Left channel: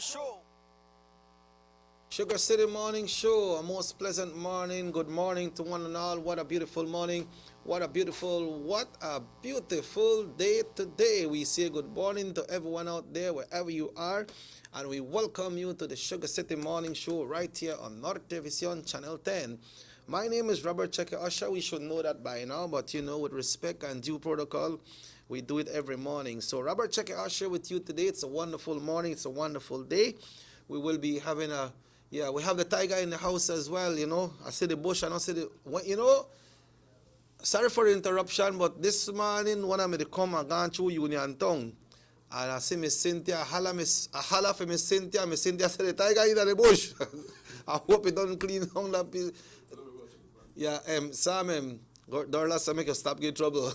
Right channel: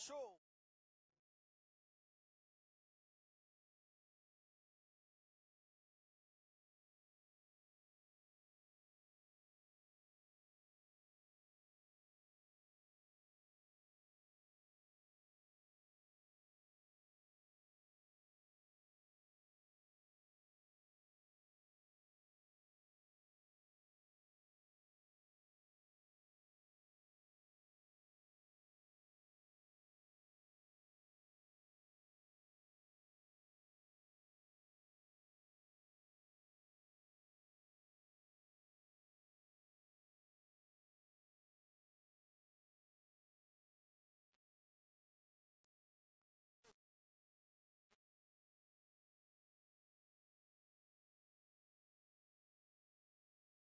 Show. Sugar City Morning Show, a most pleasant morning. Good morning to one and all. What a beautiful morning. What a beautiful day today. We say good morning to everyone out there, wherever you are. And we welcome you to the Sugar City Morning Show right here on North Television Channel 10. My name is Robert Checker Usher. We should know that by now, but with respect and due protocol, we do it every morning. So, Robert Checker Usher with you today. It's a wonderful morning. It's a wonderful day. We will be having we have the tiger in the house as well. I see the bush and I see sorry for the interruption, but this morning when I'm come and gone through Union Town, and I see Miss Cynthia, I holla for Miss Cynthia said the tiger in the bush. I hope it don't clean down that piece. Yeah, Sam, Dorlas, I make you stop get trouble.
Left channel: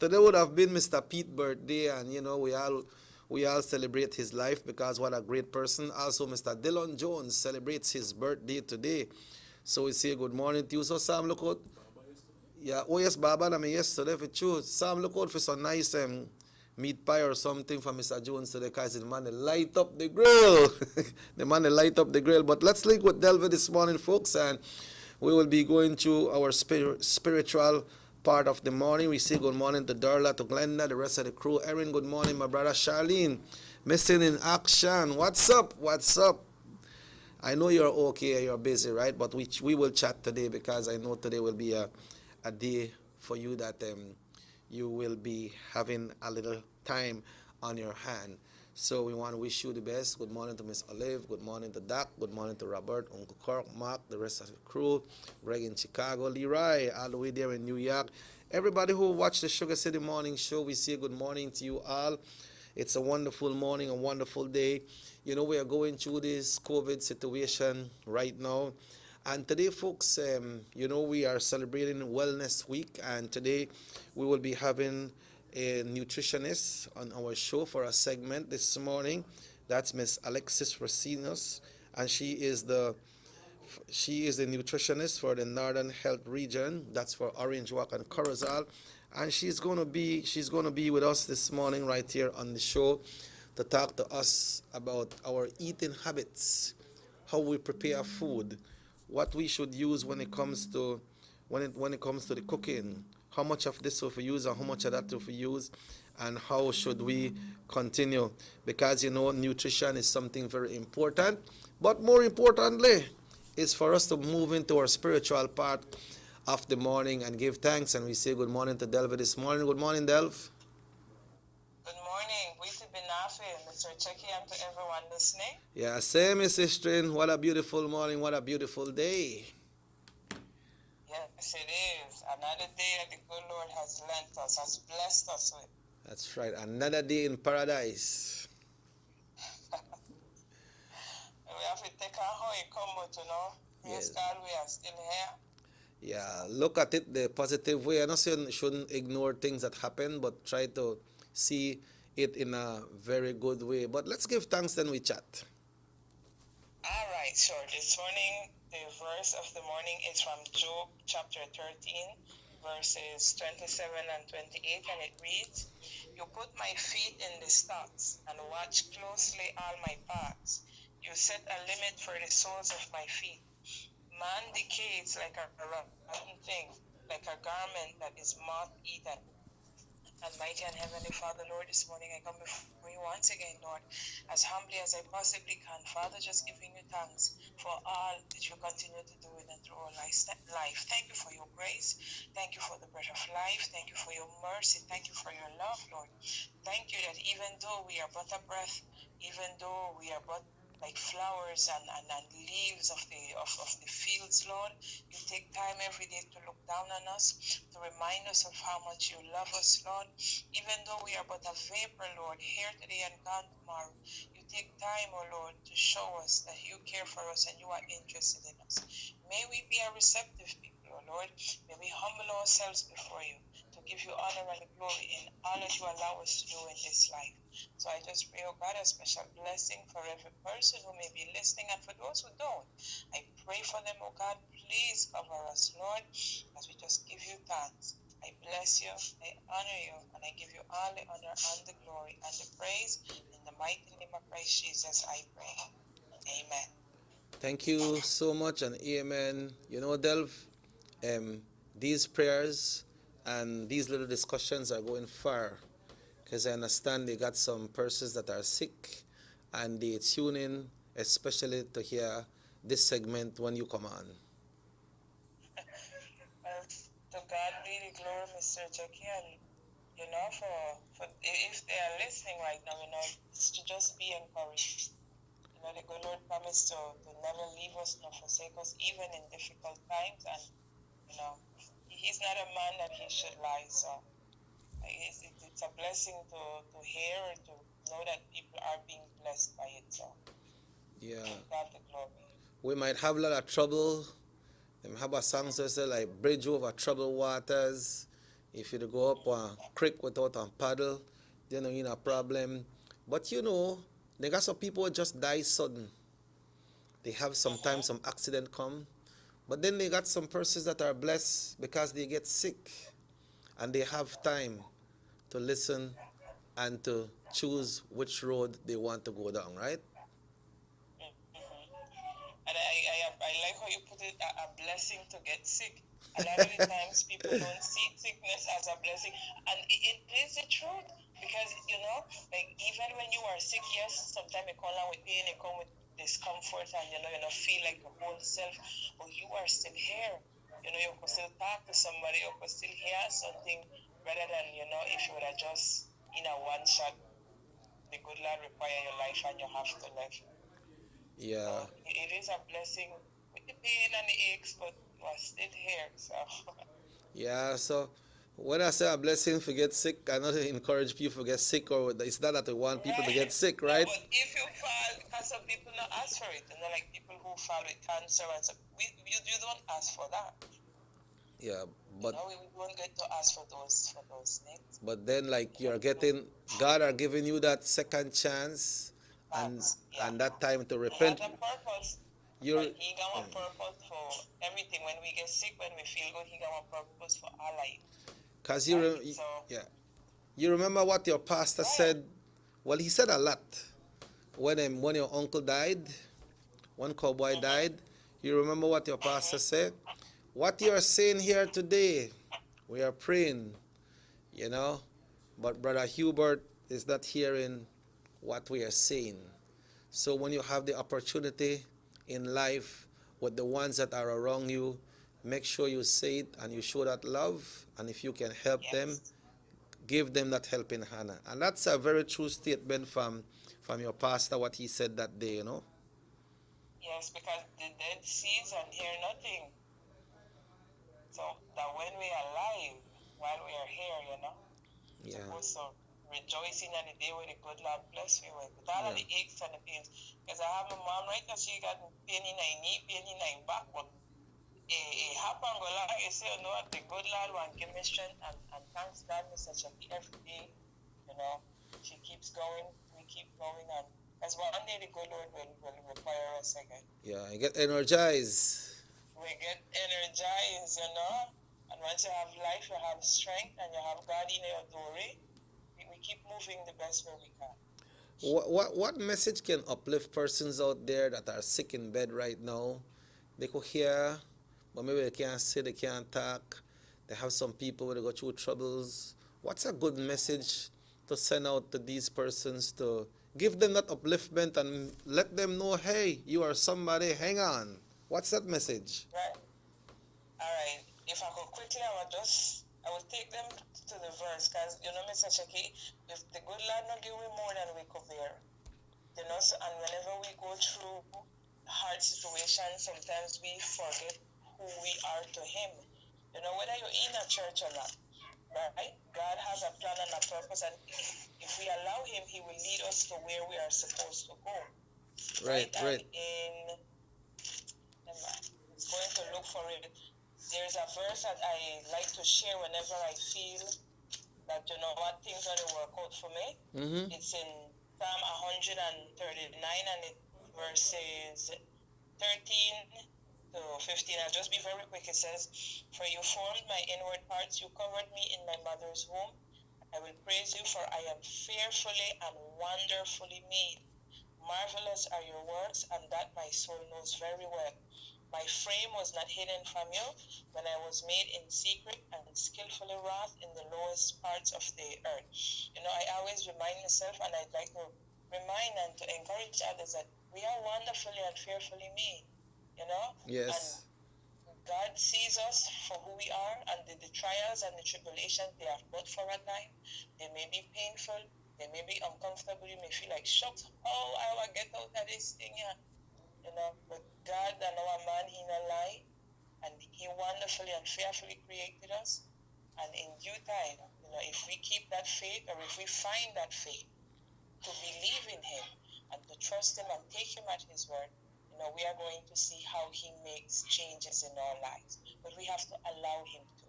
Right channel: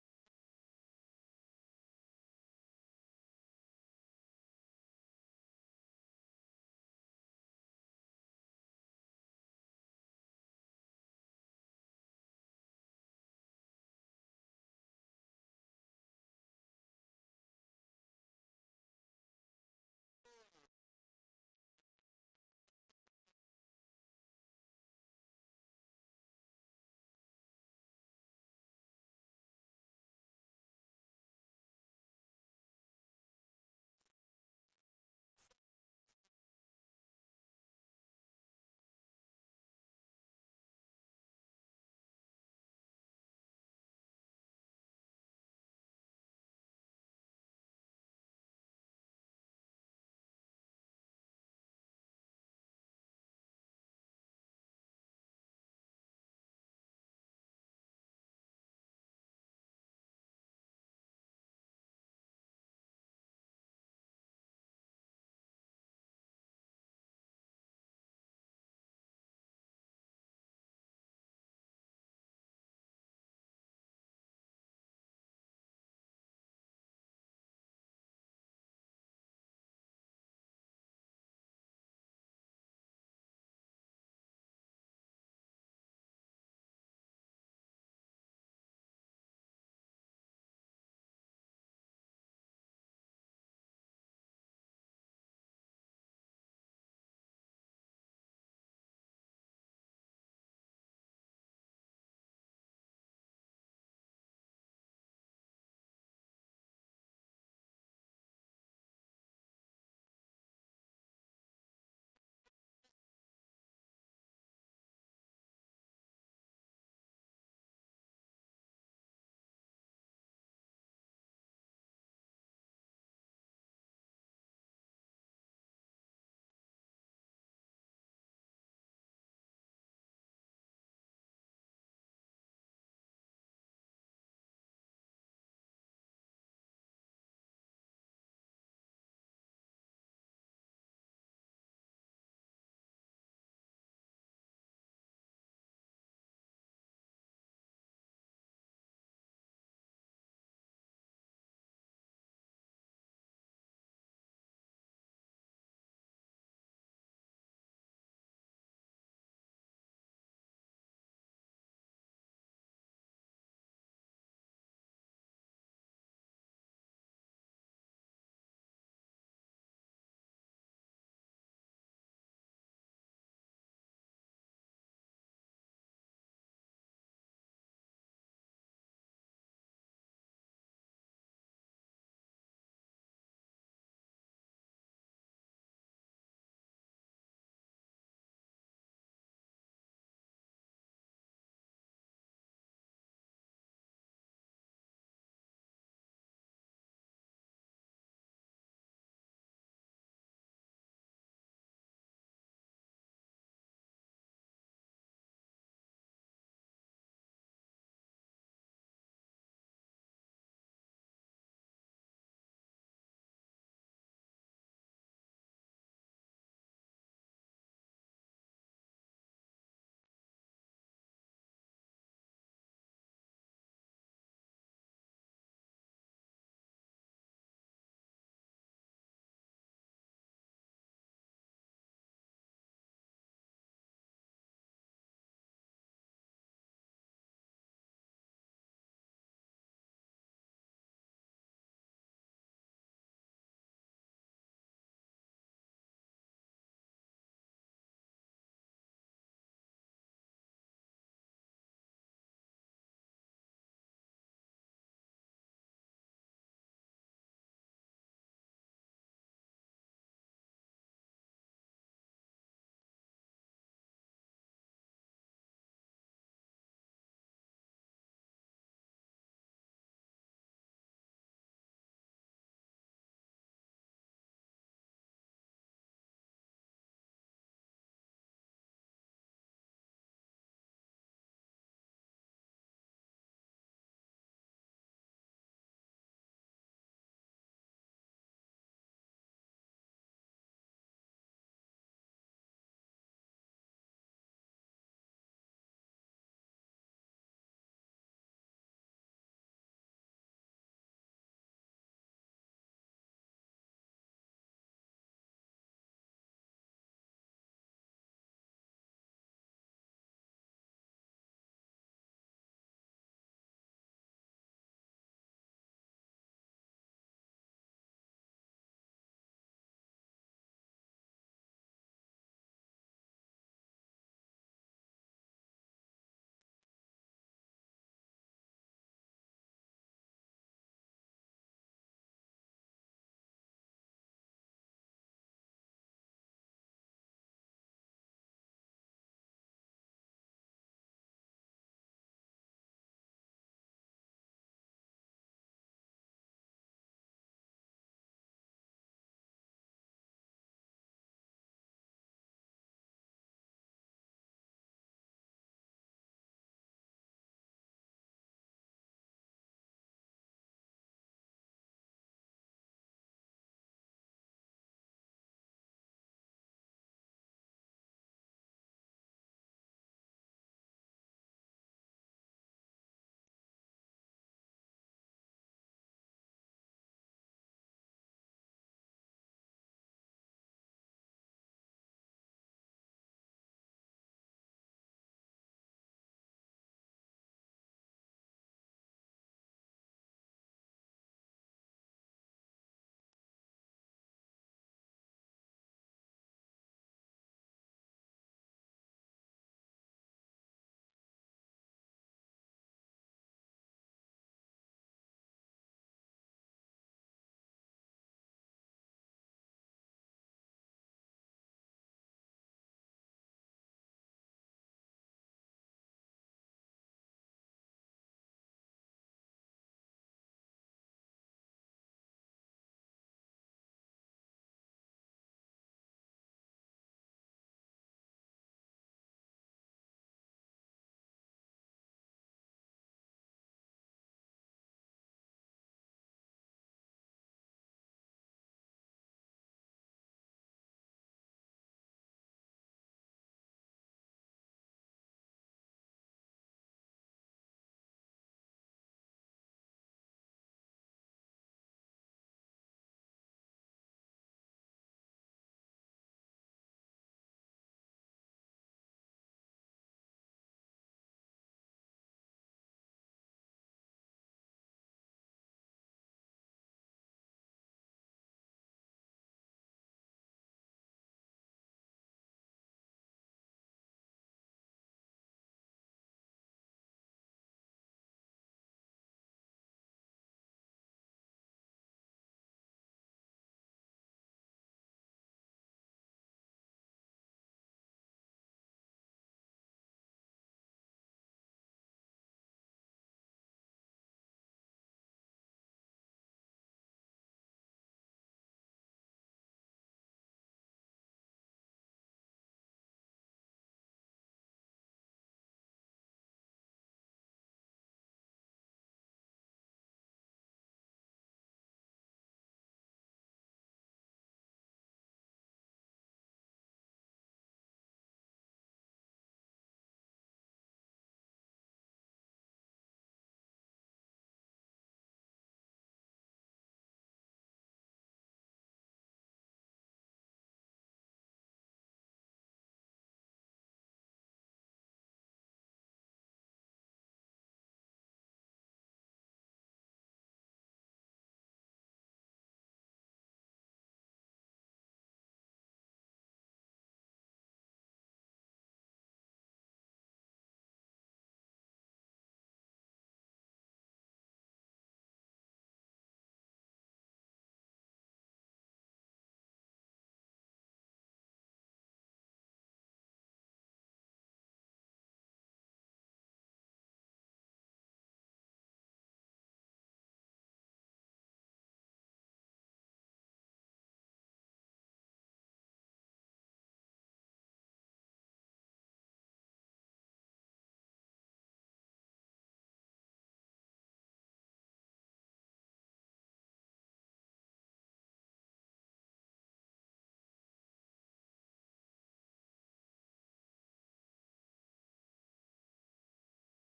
Today would have been Mr. Pete's birthday, and we all celebrate his life because what a great person. Also, Mr. Dylan Jones celebrates his birthday today. So we say good morning to you. So Sam, look out. Yeah, oh yes, Baba, I mean yesterday for sure. Sam, look out for some nice meat pie or something for Mr. Jones today because the man light up the grill. The man light up the grill. But let's link with Delva this morning, folks, and we will be going through our spiritual part of the morning. We say good morning to Darla, to Glenda, the rest of the crew. Erin, good morning. My brother Charlene, missing in action. What's up? What's up? I know you're okay, you're busy, right? But we will chat today because I know today will be a day for you that you will be having a little time on your hand. So we want to wish you the best. Good morning to Miss Olive. Good morning to Doc. Good morning to Robert, Uncle Kirk, Mark, the rest of the crew. Greg in Chicago, Leroy, all the way there in New York. Everybody who watched the Sugar City Morning Show, we say good morning to you all. It's a wonderful morning, a wonderful day. We are going through this COVID situation right now. And today, folks, we are celebrating Wellness Week. And today we will be having a nutritionist on our show for a segment this morning. That's Miss Alexis Racinos. And she is a nutritionist for the Northern Health Region. That's for Orange Walk and Corozal. And she's gonna be with us this morning right here on the show to talk to us about our eating habits, how we prepare food, what we should use when it comes to the cooking, how much of this will we use and how much of that will we use, and how should we continue, because nutrition is something very important. But more importantly, is for us to move into our spiritual part of the morning and give thanks. And we say good morning to Delva this morning. Good morning, Delv. Good morning. Witi Binafi, Mr. Checky, and to everyone listening. Yeah, same, Mrs. Strin. What a beautiful morning. What a beautiful day. Yes, it is. Another day that the good Lord has lent us, has blessed us with. That's right. Another day in paradise. We have to take our how it come, but praise God, we are still here. Yeah, look at it the positive way. I'm not saying you shouldn't ignore things that happen, but try to see it in a very good way. But let's give thanks, then we chat. All right, so this morning, the verse of the morning is from Job chapter 13, verses 27 and 28, and it reads, "You put my feet in the stocks and watch closely all my paths. You set a limit for the soles of my feet. Man decays like a rotten thing, like a garment that is moth-eaten." And mighty and heavenly Father, Lord, this morning I come before you once again, Lord, as humbly as I possibly can. Father, just giving you thanks for all that you continue to do in and through our life. Thank you for your grace. Thank you for the breath of life. Thank you for your mercy. Thank you for your love, Lord. Thank you that even though we are but a breath, even though we are but like flowers and leaves of the fields, Lord, you take time every day to look down on us, to remind us of how much you love us, Lord. Even though we are but a vapor, Lord, here today and gone tomorrow, you take time, oh Lord, to show us that you care for us and you are interested in us. May we be a receptive people, oh Lord. May we humble ourselves before you to give you honor and glory in all that you allow us to do in this life. So I just pray, oh God, a special blessing for every person who may be listening, and for those who don't, I pray for them, oh God. Please cover us, Lord, as we just give you thanks. I bless you, I honor you, and I give you all the honor and the glory and the praise in the mighty name of Christ Jesus, I pray. Amen. Thank you so much and amen. You know, Delv, these prayers and these little discussions are going far because I understand they got some persons that are sick and they tune in especially to hear this segment when you come on. Well, to God be the glory, Mr. Jackie, and for if they are listening right now, it's to just be encouraged. The good Lord promised to never leave us nor forsake us, even in difficult times, and He's not a man that he should lie. So it's a blessing to hear and to know that people are being blessed by it. So Yeah. God the glory. We might have a lot of trouble. Them have a song that say like bridge over troubled waters. If you go up a creek without a paddle, then you're in a problem. But they got some people who just die sudden. They have sometimes some accident come. But then they got some persons that are blessed because they get sick and they have time to listen and to choose which road they want to go down, right? And I like how you put it, a blessing to get sick. A lot of the times people don't see sickness as a blessing. And it is the truth. Because, like even when you are sick, yes, sometimes it comes along with pain, it comes with discomfort, and you don't feel like your whole self, but you are still here. You could still talk to somebody, you could still hear something rather than, if you would have just in a one shot, the good Lord require your life and you have to live. Yeah. So it is a blessing with the pain and the aches, but you are still here. So Yeah, so when I say a blessing for get sick, I not encourage people to get sick, or it's not that I want people to get sick, right? No, but if you fall, because some people not ask for it, like people who fall with cancer and stuff, you don't ask for that. Yeah, but we won't get to ask for those things. But then, like God are giving you that second chance, and that time to repent. He has a purpose. He got a purpose for everything. When we get sick, when we feel good, he got a purpose for our life. Cause you remember what your pastor said. Well, he said a lot when your uncle died, when cowboy died. You remember what your pastor said? What you are saying here today, we are praying, but Brother Hubert is not hearing what we are saying. So when you have the opportunity in life with the ones that are around you, make sure you say it and you show that love. And if you can help them, give them that helping hand. And that's a very true statement from your pastor, what he said that day, Yes, because the dead sees and hear nothing. So that when we are alive, while we are here, supposed to rejoice in the day where the good Lord bless me with all of the aches and the pains. Because I have a mom right now, she got pain in her knee, pain in her back, but it happened go like you say, the good Lord will give me strength, and thanks God for such a every day, she keeps going, we keep going, and as one day the good Lord will require us again. Yeah, I get energized. We get energized, and once you have life, you have strength, and you have God in your glory, we keep moving the best way we can. What message can uplift persons out there that are sick in bed right now? They could hear, but maybe they can't say, they can't talk. They have some people where they go through troubles. What's a good message to send out to these persons to give them that upliftment and let them know, hey, you are somebody, hang on. What's that message? Right. All right. If I could quickly, I would take them to the verse, because, Mr. Chucky, if the good Lord not give we more than we could bear, so, and whenever we go through hard situations, sometimes we forget who we are to Him. Whether you're in a church or not, right? God has a plan and a purpose, and if we allow Him, He will lead us to where we are supposed to go. Right. And it's going to look for it. There's a verse that I like to share whenever I feel that, what things are to work out for me. Mm-hmm. It's in Psalm 139, and it verses 13 to 15. I'll just be very quick. It says, "For you formed my inward parts, you covered me in my mother's womb. I will praise you, for I am fearfully and wonderfully made. Marvelous are your works, and that my soul knows very well. My frame was not hidden from you when I was made in secret and skillfully wrought in the lowest parts of the earth. I always remind myself, and I'd like to remind and to encourage others that we are wonderfully and fearfully made, and Yes. God sees us for who we are, and the trials and the tribulations, they are but for a time. They may be painful, they may be uncomfortable, you may feel like, shucks, how I will get out of this thing here, but God and our man, he no lie, and he wonderfully and fearfully created us, and in due time, if we keep that faith, or if we find that faith, to believe in him and to trust him and take him at his word, we are going to see how he makes changes in our lives. But we have to allow him to.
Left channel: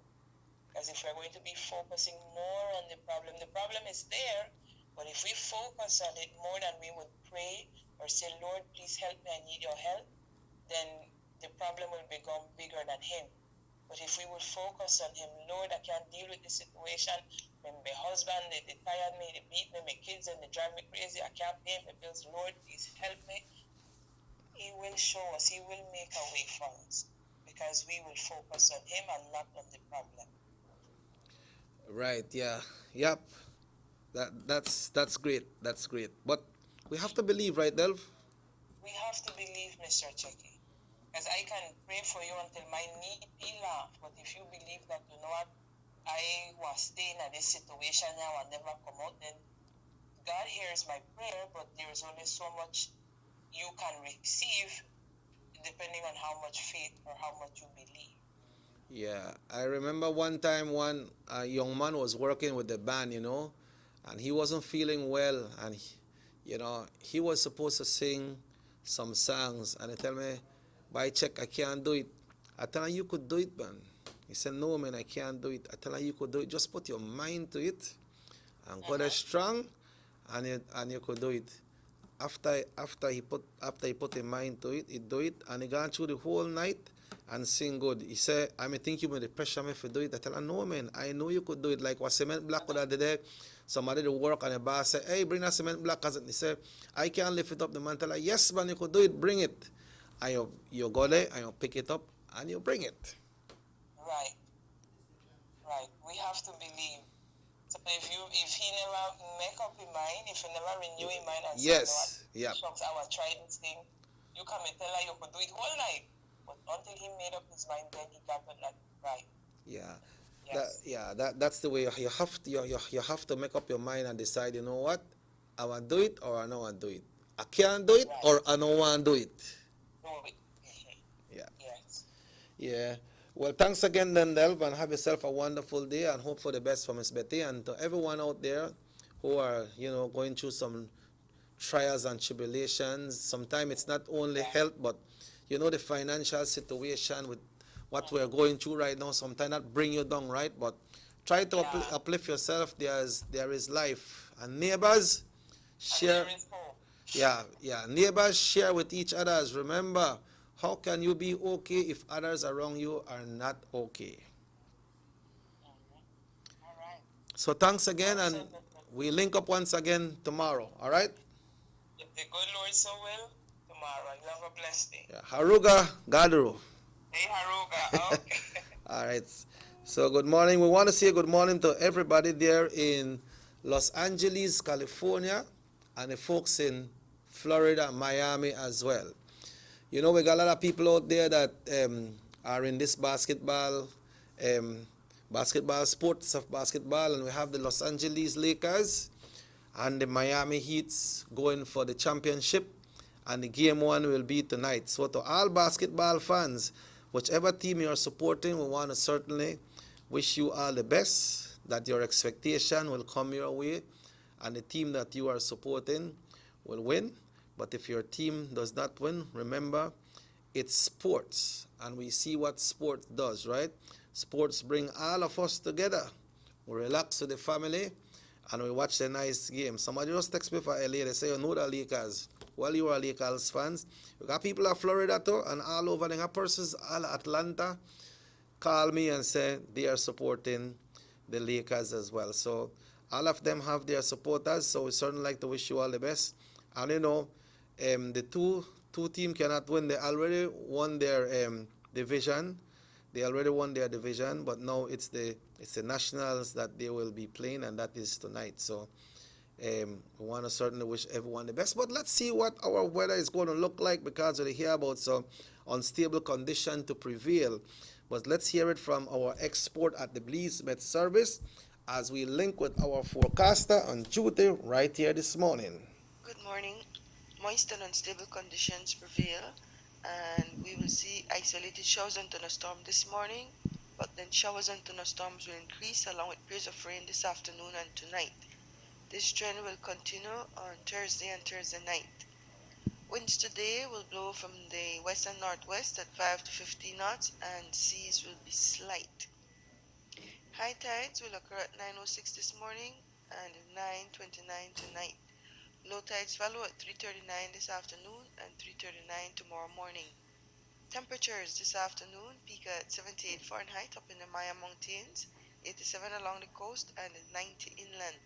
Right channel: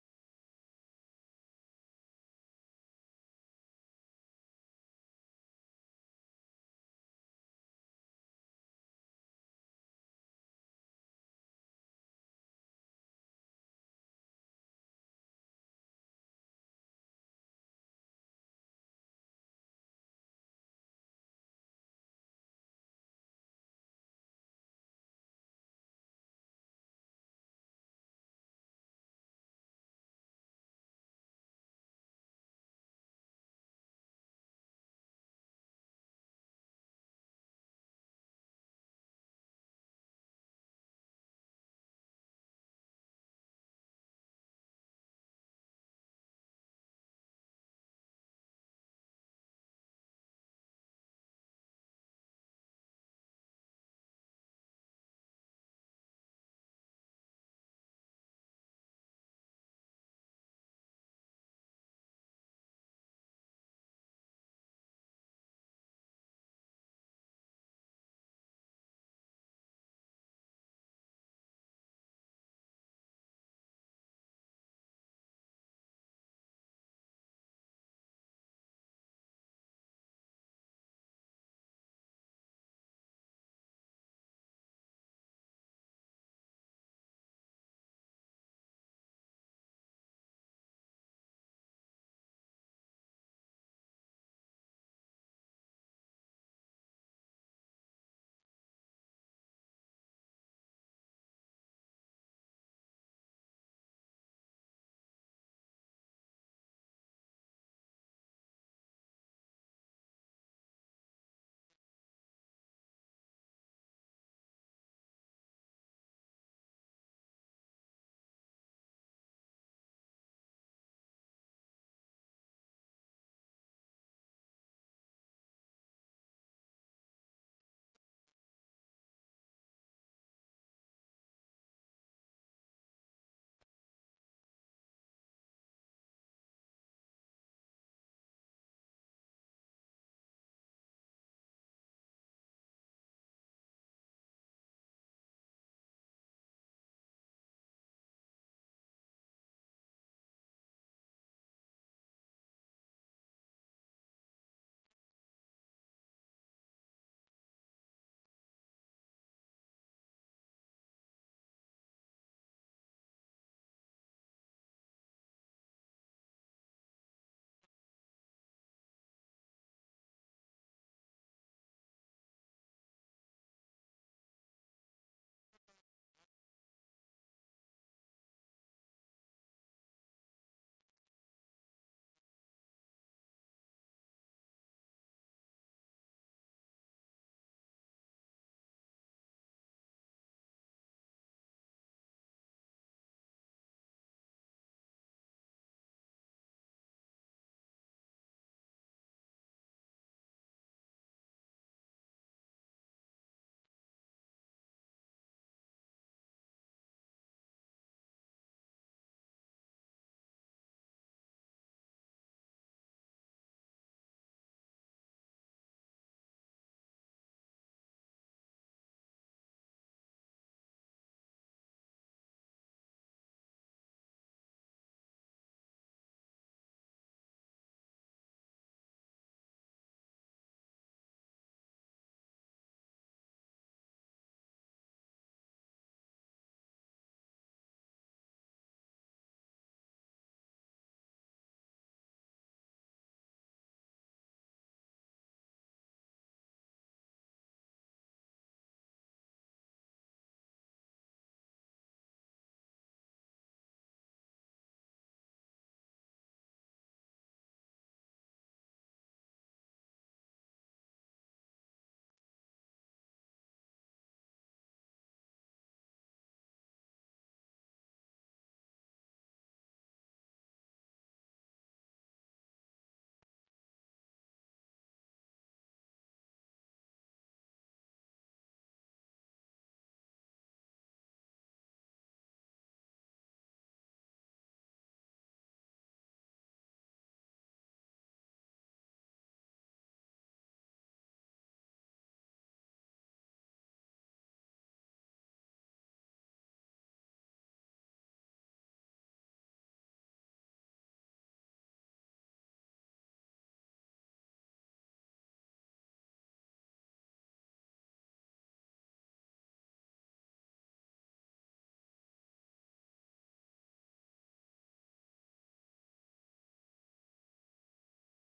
Because if we're going to be focusing more on the problem is there, but if we focus on it more than we would pray or say, Lord, please help me, I need your help, then the problem will become bigger than him. But if we will focus on him, Lord, I can't deal with this situation. My husband, they tired me, they beat me, my kids, and they drive me crazy. I can't pay my bills. Lord, please help me. He will show us, he will make a way for us, because we will focus on him and not on the problem. Right, yeah. Yep. That's great. That's great. But we have to believe, right, Delv? We have to believe, Mr. Checky. Because I can pray for you until my knee be laugh, but if you believe that, I was staying in this situation now and never come out, then God hears my prayer, but there is only so much you can receive depending on how much faith or how much you believe. Yeah, I remember one time one young man was working with the band, and he wasn't feeling well, and he was supposed to sing some songs, and he tell me, "By check, I can't do it." I tell him, "You could do it, man." He said, "No, man, I can't do it." I tell him, "You could do it. Just put your mind to it, and God is strong, and you could do it." After he put his mind to it, he do it, and he gone through the whole night and sing good. He said, "I may think you may pressure me for do it." I tell him, "No, man, I know you could do it." Like what cement block could have did there. Somebody to work, and the boss said, "Hey, bring that cement block." He said, "I can't lift it up." The man tell her, "Yes, man, you could do it. Bring it." And you go there and you pick it up and you bring it. Right. We have to believe. So if he never make up his mind, if he never renew his mind and yes, say, shucks, I will try this thing, you come and tell her you could do it whole night. But until he made up his mind, then he got it right. Yeah. Yes. That's the way you have to make up your mind and decide, you know what? I want to do it or I don't want to do it. I can't do it or I don't want to do it. Do it. Yeah. Yes. Yeah. Well, thanks again, then, Delv, and have yourself a wonderful day, and hope for the best for Miss Betty and to everyone out there who are, going through some trials and tribulations. Sometimes it's not only health, but the financial situation with what we're going through right now. Sometimes that bring you down, right? But try to uplift yourself. There is life, and neighbors share. Neighbors share with each others. Remember, how can you be okay if others around you are not okay? All right. So thanks again, and we link up once again tomorrow. All right? If the good Lord so will, tomorrow. You have a blessed day. Yeah. Haruga Gaduru. Hey, Haruga. Okay. All right. So good morning. We want to say good morning to everybody there in Los Angeles, California, and the folks in Florida, Miami as well. We got a lot of people out there that are in this basketball sports of basketball, and we have the Los Angeles Lakers and the Miami Heats going for the championship, and the game one will be tonight. So to all basketball fans, whichever team you are supporting, we want to certainly wish you all the best, that your expectation will come your way, and the team that you are supporting will win. But if your team does not win, remember, it's sports, and we see what sports does, right? Sports bring all of us together. We relax with the family, and we watch a nice game. Somebody just text me for LA. They say, you know the Lakers. Well, you are Lakers fans. We got people in Florida too, and all over. They got persons all Atlanta call me and say they are supporting the Lakers as well. So all of them have their supporters, so we certainly like to wish you all the best. And you know, the two team cannot win. They already won their division. They already won their division, but now it's the nationals that they will be playing, and that is tonight. So we want to certainly wish everyone the best. But let's see what our weather is going to look like, because we hear about some unstable condition to prevail. But let's hear it from our expert at the Belize Met Service as we link with our forecaster on duty right here this morning. Good morning. Moist and unstable conditions prevail, and we will see isolated showers and thunderstorms this morning, but then showers and thunderstorms will increase along with periods of rain this afternoon and tonight. This trend will continue on Thursday and Thursday night. Winds today will blow from the west and northwest at 5 to 15 knots, and seas will be slight. High tides will occur at 9:06 this morning and 9:29 tonight. Low tides follow at 3:39 this afternoon and 3:39 tomorrow morning. Temperatures this afternoon peak at 78 Fahrenheit up in the Maya Mountains, 87 along the coast, and 90 inland.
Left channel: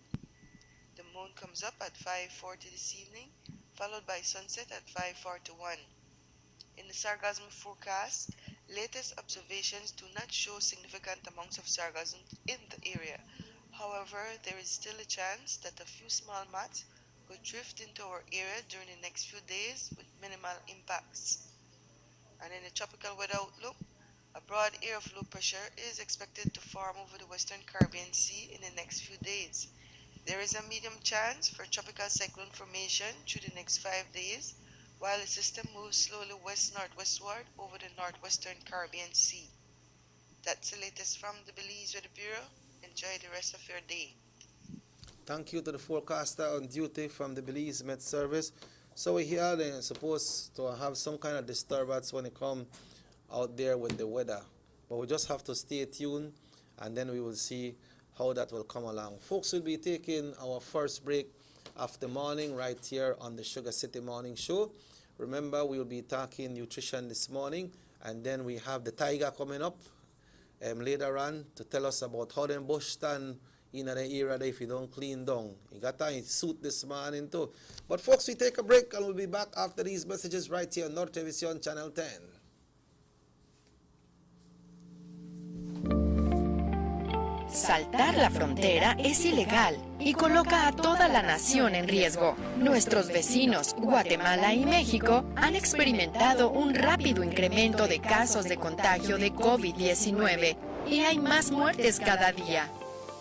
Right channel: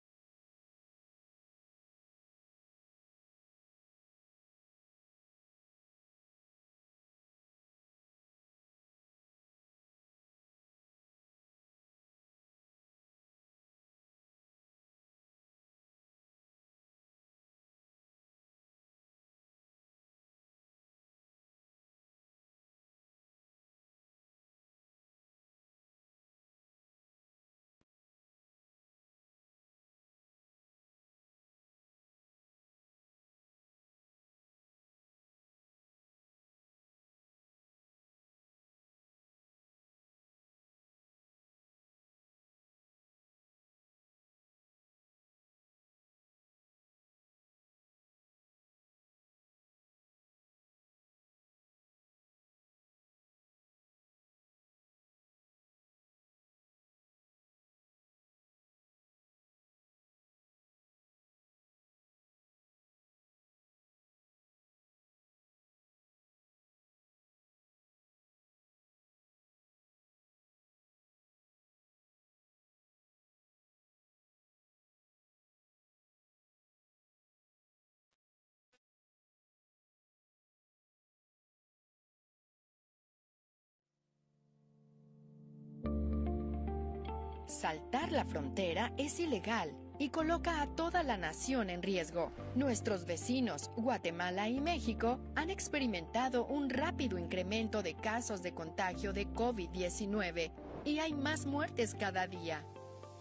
The moon comes up at 5:40 this evening, followed by sunset at 5:41. In the sargassum forecast, latest observations do not show significant amounts of sargassum in the area. However, there is still a chance that a few small mats will drift into our area during the next few days with minimal impacts. And in the tropical weather outlook, a broad area of low pressure is expected to form over the western Caribbean Sea in the next few days. There is a medium chance for tropical cyclone formation through the next 5 days, while the system moves slowly west-northwestward over the northwestern Caribbean Sea. That's the latest from the Belize Weather Bureau. Enjoy the rest of your day. Thank you to the forecaster on duty from the Belize Met Service. So we here they're supposed to have some kind of disturbance when it comes out there with the weather. But we just have to stay tuned, and then we will see how that will come along. Folks, will be taking our first break of the morning right here on the Sugar City Morning Show. Remember, we will be talking nutrition this morning, and then we have the tiger coming up later on to tell us about how them bush stand in the area that if you don't clean down. You got a suit this morning too. But folks, we take a break and we'll be back after these messages right here on North Television Channel 10. Saltar la frontera es ilegal y coloca a toda la nación en riesgo. Nuestros vecinos, Guatemala y México, han experimentado un rápido incremento de casos de contagio de COVID-19 y hay más muertes cada día.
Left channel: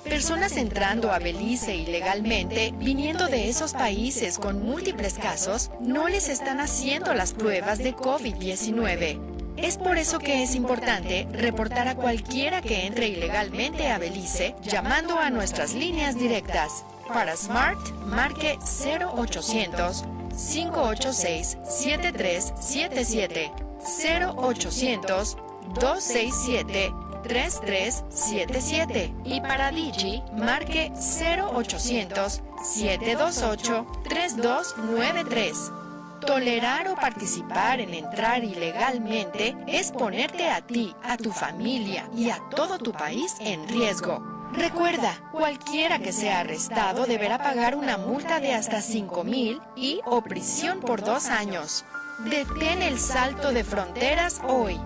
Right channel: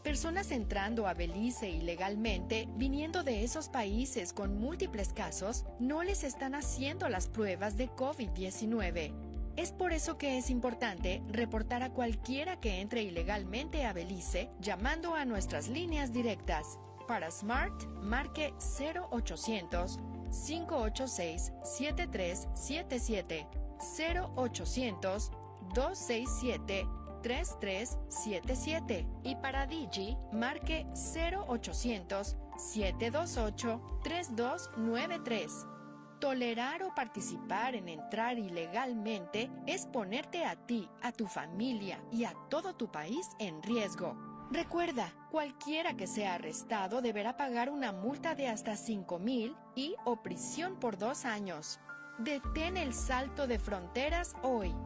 Personas entrando a Belice ilegalmente, viniendo de esos países con múltiples casos, no les están haciendo las pruebas de COVID-19. Es por eso que es importante reportar a cualquiera que entre ilegalmente a Belice llamando a nuestras líneas directas. Para Smart, marque 0800-586-7377, 0800-267-3377 y para Digi, marque 0800-728-3293. Tolerar o participar en entrar ilegalmente es ponerte a ti, a tu familia y a todo tu país en riesgo. Recuerda, cualquiera que sea arrestado deberá pagar una multa de hasta 5,000 y o prisión por 2 años. Detén el salto de fronteras hoy.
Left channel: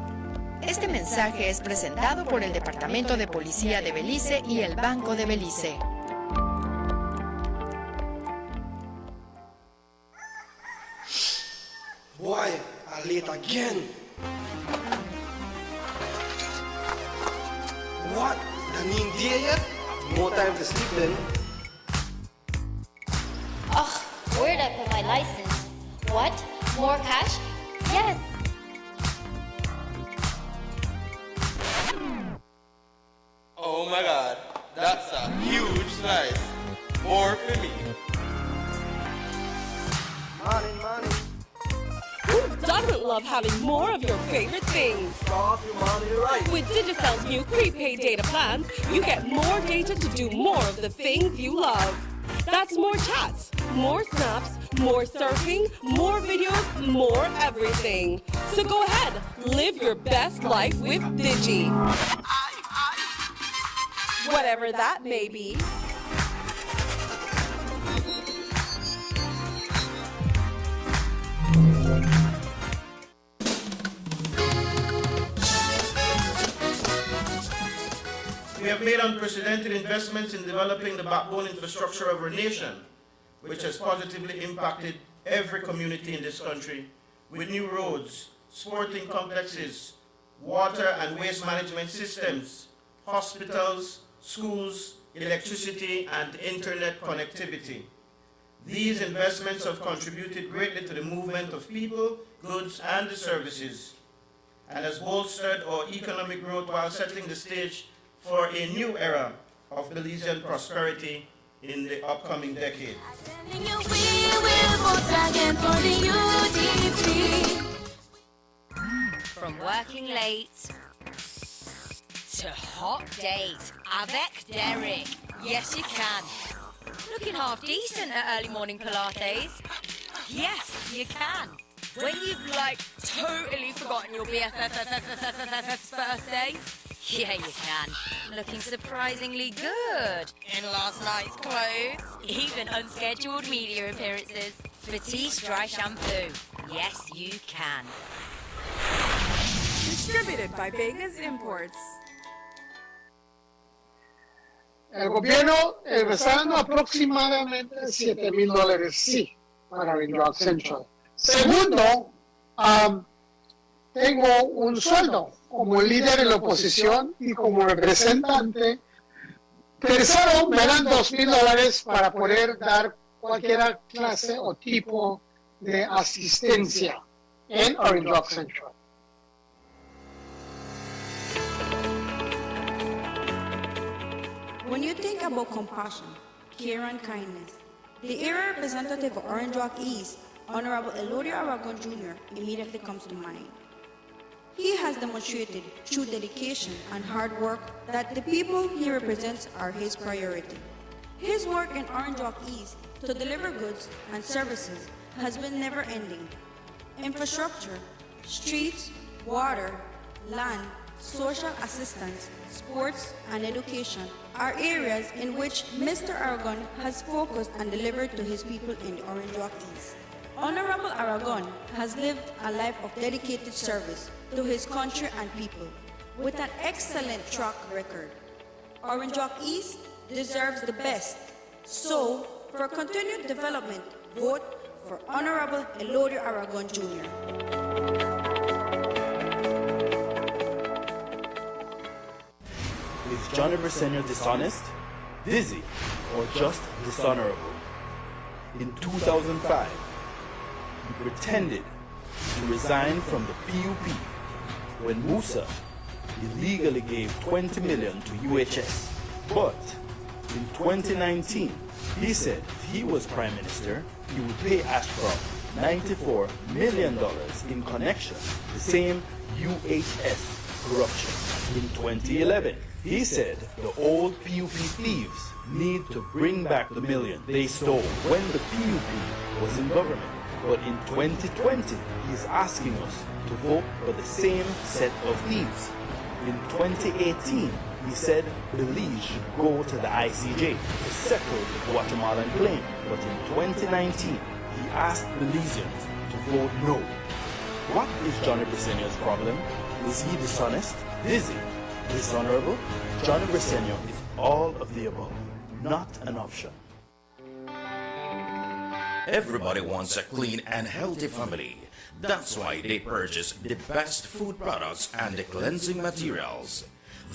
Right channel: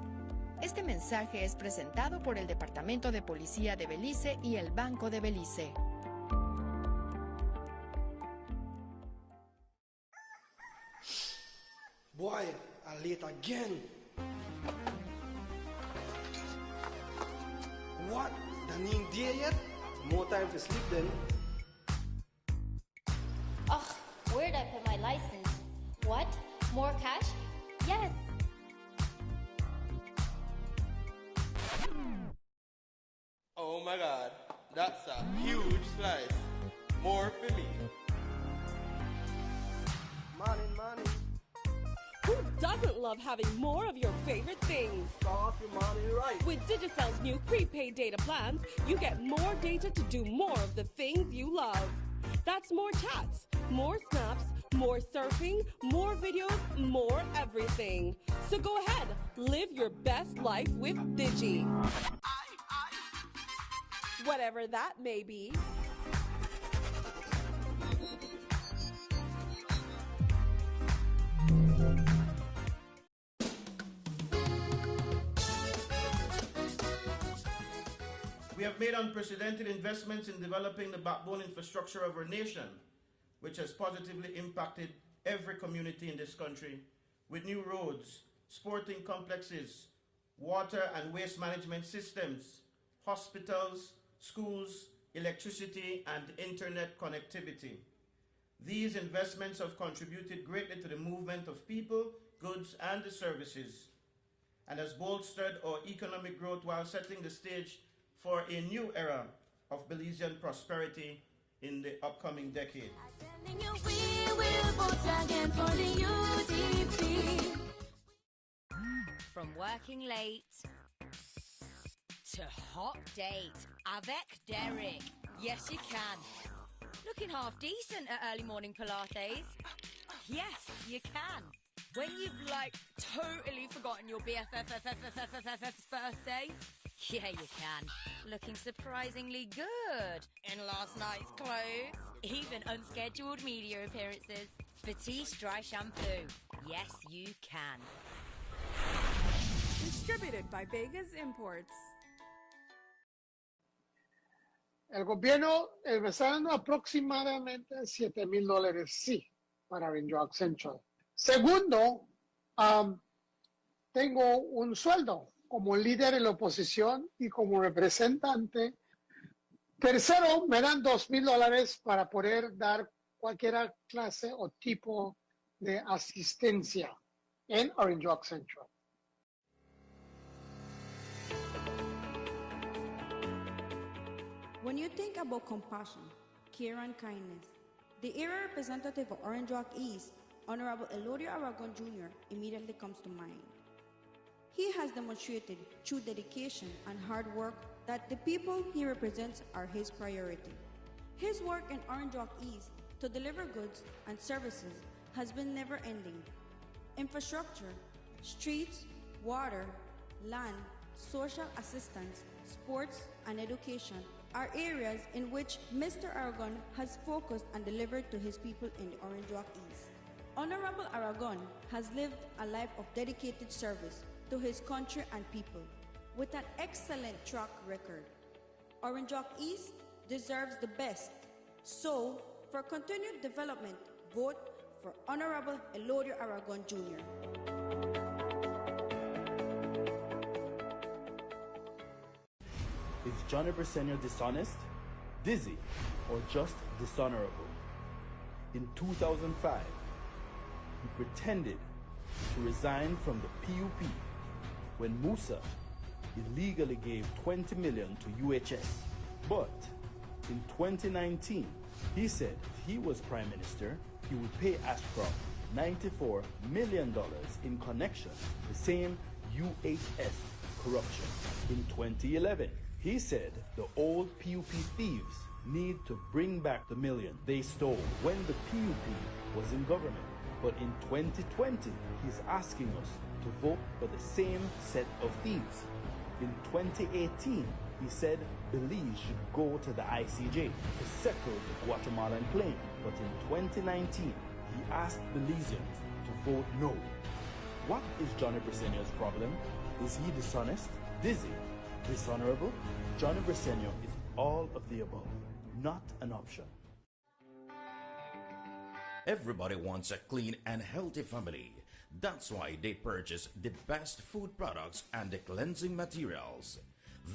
Este mensaje es presentado por el Departamento de Policía de Belice y el Banco de Belice. Boy, I'm late again. What? I mean, dear yet? No time to sleep then. Ugh, where did I put my license? What? More cash? Yes. Oh my god, that's a huge slice. More for me. Money, money. Who doesn't love having more of your favorite things? Stop your money right. With Digicel's new prepaid data plans, you get more data to do more of the things you love. That's more chats, more snaps, more surfing, more videos, more everything. So go ahead, live your best life with Digi. Whatever that may be. We have made unprecedented investments in developing the backbone infrastructure of our nation, which has positively impacted every community in this country, with new roads, sporting complexes, water and waste management systems, hospitals, schools, electricity, and internet connectivity. These investments have contributed greatly to the movement of people, goods, and services, and has bolstered our economic growth while setting the stage for a new era of Belizean prosperity in the upcoming decade. From working late to hot days, avec Derek. Yes, you can. Looking half decent at early morning Pilates. Yes, you can. When you've totally forgotten your BFF's birthday. Yeah, you can. Looking surprisingly good in last night's clothes. Even unscheduled media appearances. Batiste Dry Shampoo. Yes, you can. Distributed by Vegas Imports. El gobierno regresando aproximadamente $7,000, sí, para Drug Central. Segundo, tengo un sueldo como líder de la oposición y como representante. Tercero, me dan $2,000 para poder dar cualquier clase o tipo de asistencia en Orange Drug Central. When you think about compassion, care, and kindness, the area representative of Orange Rock East, Honorable Elodia Aragon Jr., immediately comes to mind. He has demonstrated through dedication and hard work that the people he represents are his priority. His work in Orange Rock East to deliver goods and services has been never-ending. Infrastructure, streets, water, land, social assistance, sports, and education are areas in which Mr. Aragon has focused and delivered to his people in Orange Rock East. Honorable Aragon has lived a life of dedicated service to his country and people with an excellent track record. Orange Rock East deserves the best. So, for continued development, vote for Honorable Elodia Aragon Jr. Is Johnny Briseño dishonest, dizzy, or just dishonorable? In 2005, he pretended to resign from the PUP when Musa illegally gave $20 million to UHS. But in 2019, he said if he was Prime Minister, he would pay Ashcroft $94 million in connection to the same UHS corruption. In 2011, he said the old PUP thieves need to bring back the million they stole when the PUP was in government. But in 2020, he's asking us to vote for the same set of thieves. In 2018, he said Belize should go to the ICJ to settle the Guatemalan claim. But in 2019, he asked Belizeans to vote no. What is Johnny Briseño's problem? Is he dishonest, dizzy, dishonorable? Johnny Briseño is all of the above, not an option. Everybody wants a clean and healthy family. That's why they purchase the best food products and the cleansing materials.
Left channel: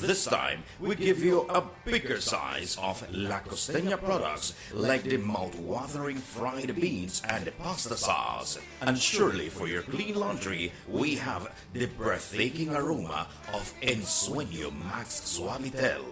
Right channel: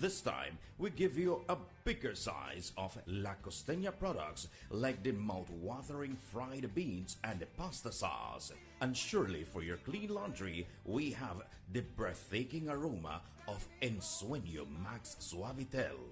This time, we give you a bigger size of La Costeña products like the mouth-watering fried beans and the pasta sauce. And surely for your clean laundry, we have the breathtaking aroma of Ensueño Max Suavitel.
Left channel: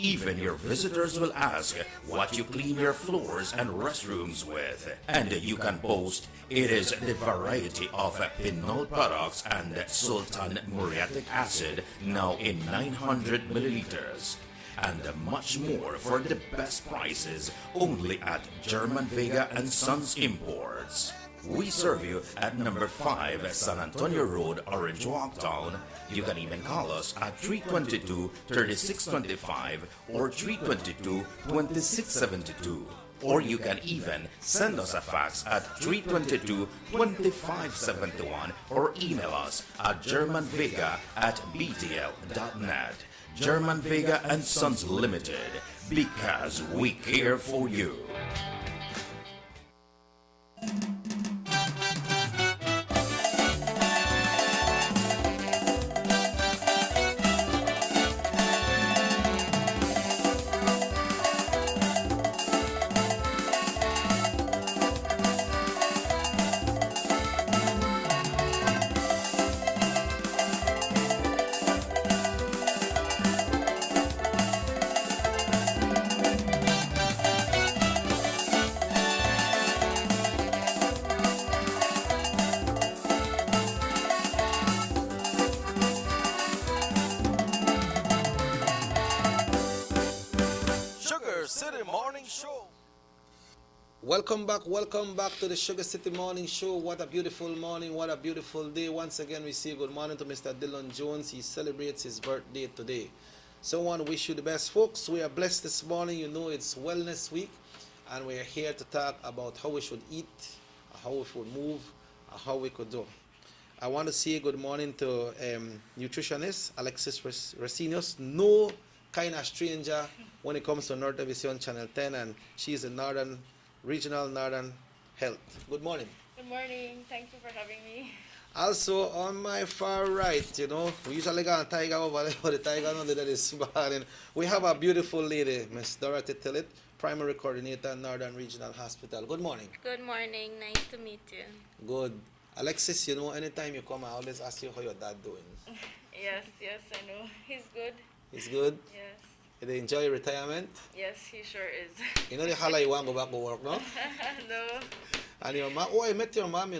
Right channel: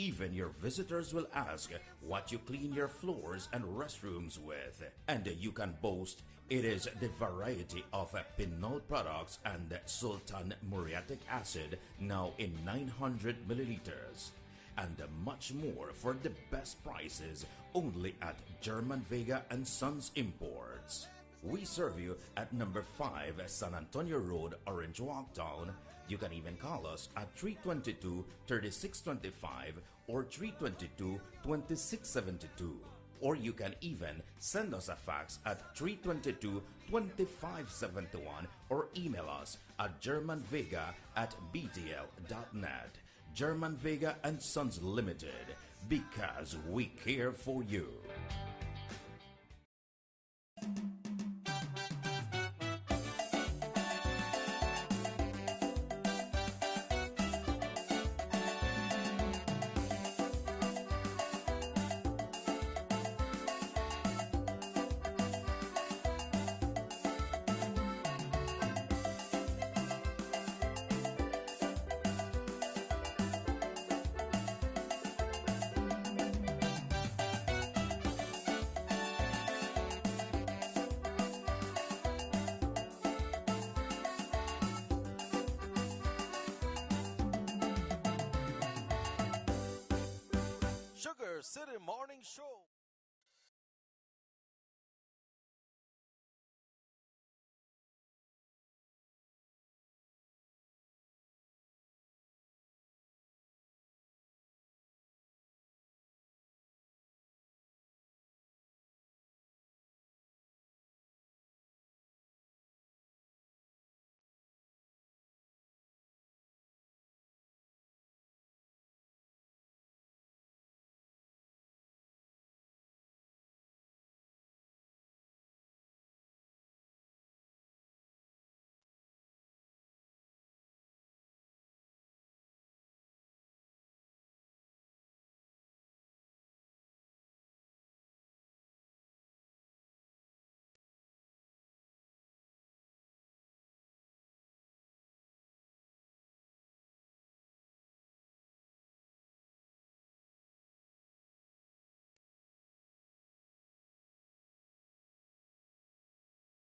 Even your visitors will ask what you clean your floors and restrooms with. And you can boast it is the variety of Pinol products and Sultan Muriatic acid now in 900 milliliters. And much more for the best prices only at German Vega and Sons Imports. We serve you at number 5 San Antonio Road, Orange Walktown. You can even call us at 322-3625 or 322-2672. Or you can even send us a fax at 322-2571 or email us at germanvega@btl.net. German Vega and Sons Limited, because we care for you. Sugar City Morning Show. Welcome back to the Sugar City Morning Show. What a beautiful morning, what a beautiful day. Once again, we say good morning to Mr. Dylan Jones. He celebrates his birthday today. So I want to wish you the best, folks. We are blessed this morning. You know it's Wellness Week, and we are here to talk about how we should eat, how we should move, how we could do. I want to say good morning to nutritionist Alexis Racinius. No kind of stranger when it comes to North Television Channel 10, and she's in Regional Northern Health. Good morning. Good morning. Thank you for having me. Also on my far right, we usually got a tiger over there, but the tiger not there this morning. We have a beautiful lady, Miss Dorothy Tillett, Primary Coordinator, Northern Regional Hospital. Good morning. Good morning. Nice to meet you. Good. Alexis, anytime you come, I always ask you how your dad doing. Yes, I know. He's good. He's good? Yes. Did they enjoy retirement? Yes, he sure is. You know the holla you want to go back to work, no? No. And your mom, I met your mom,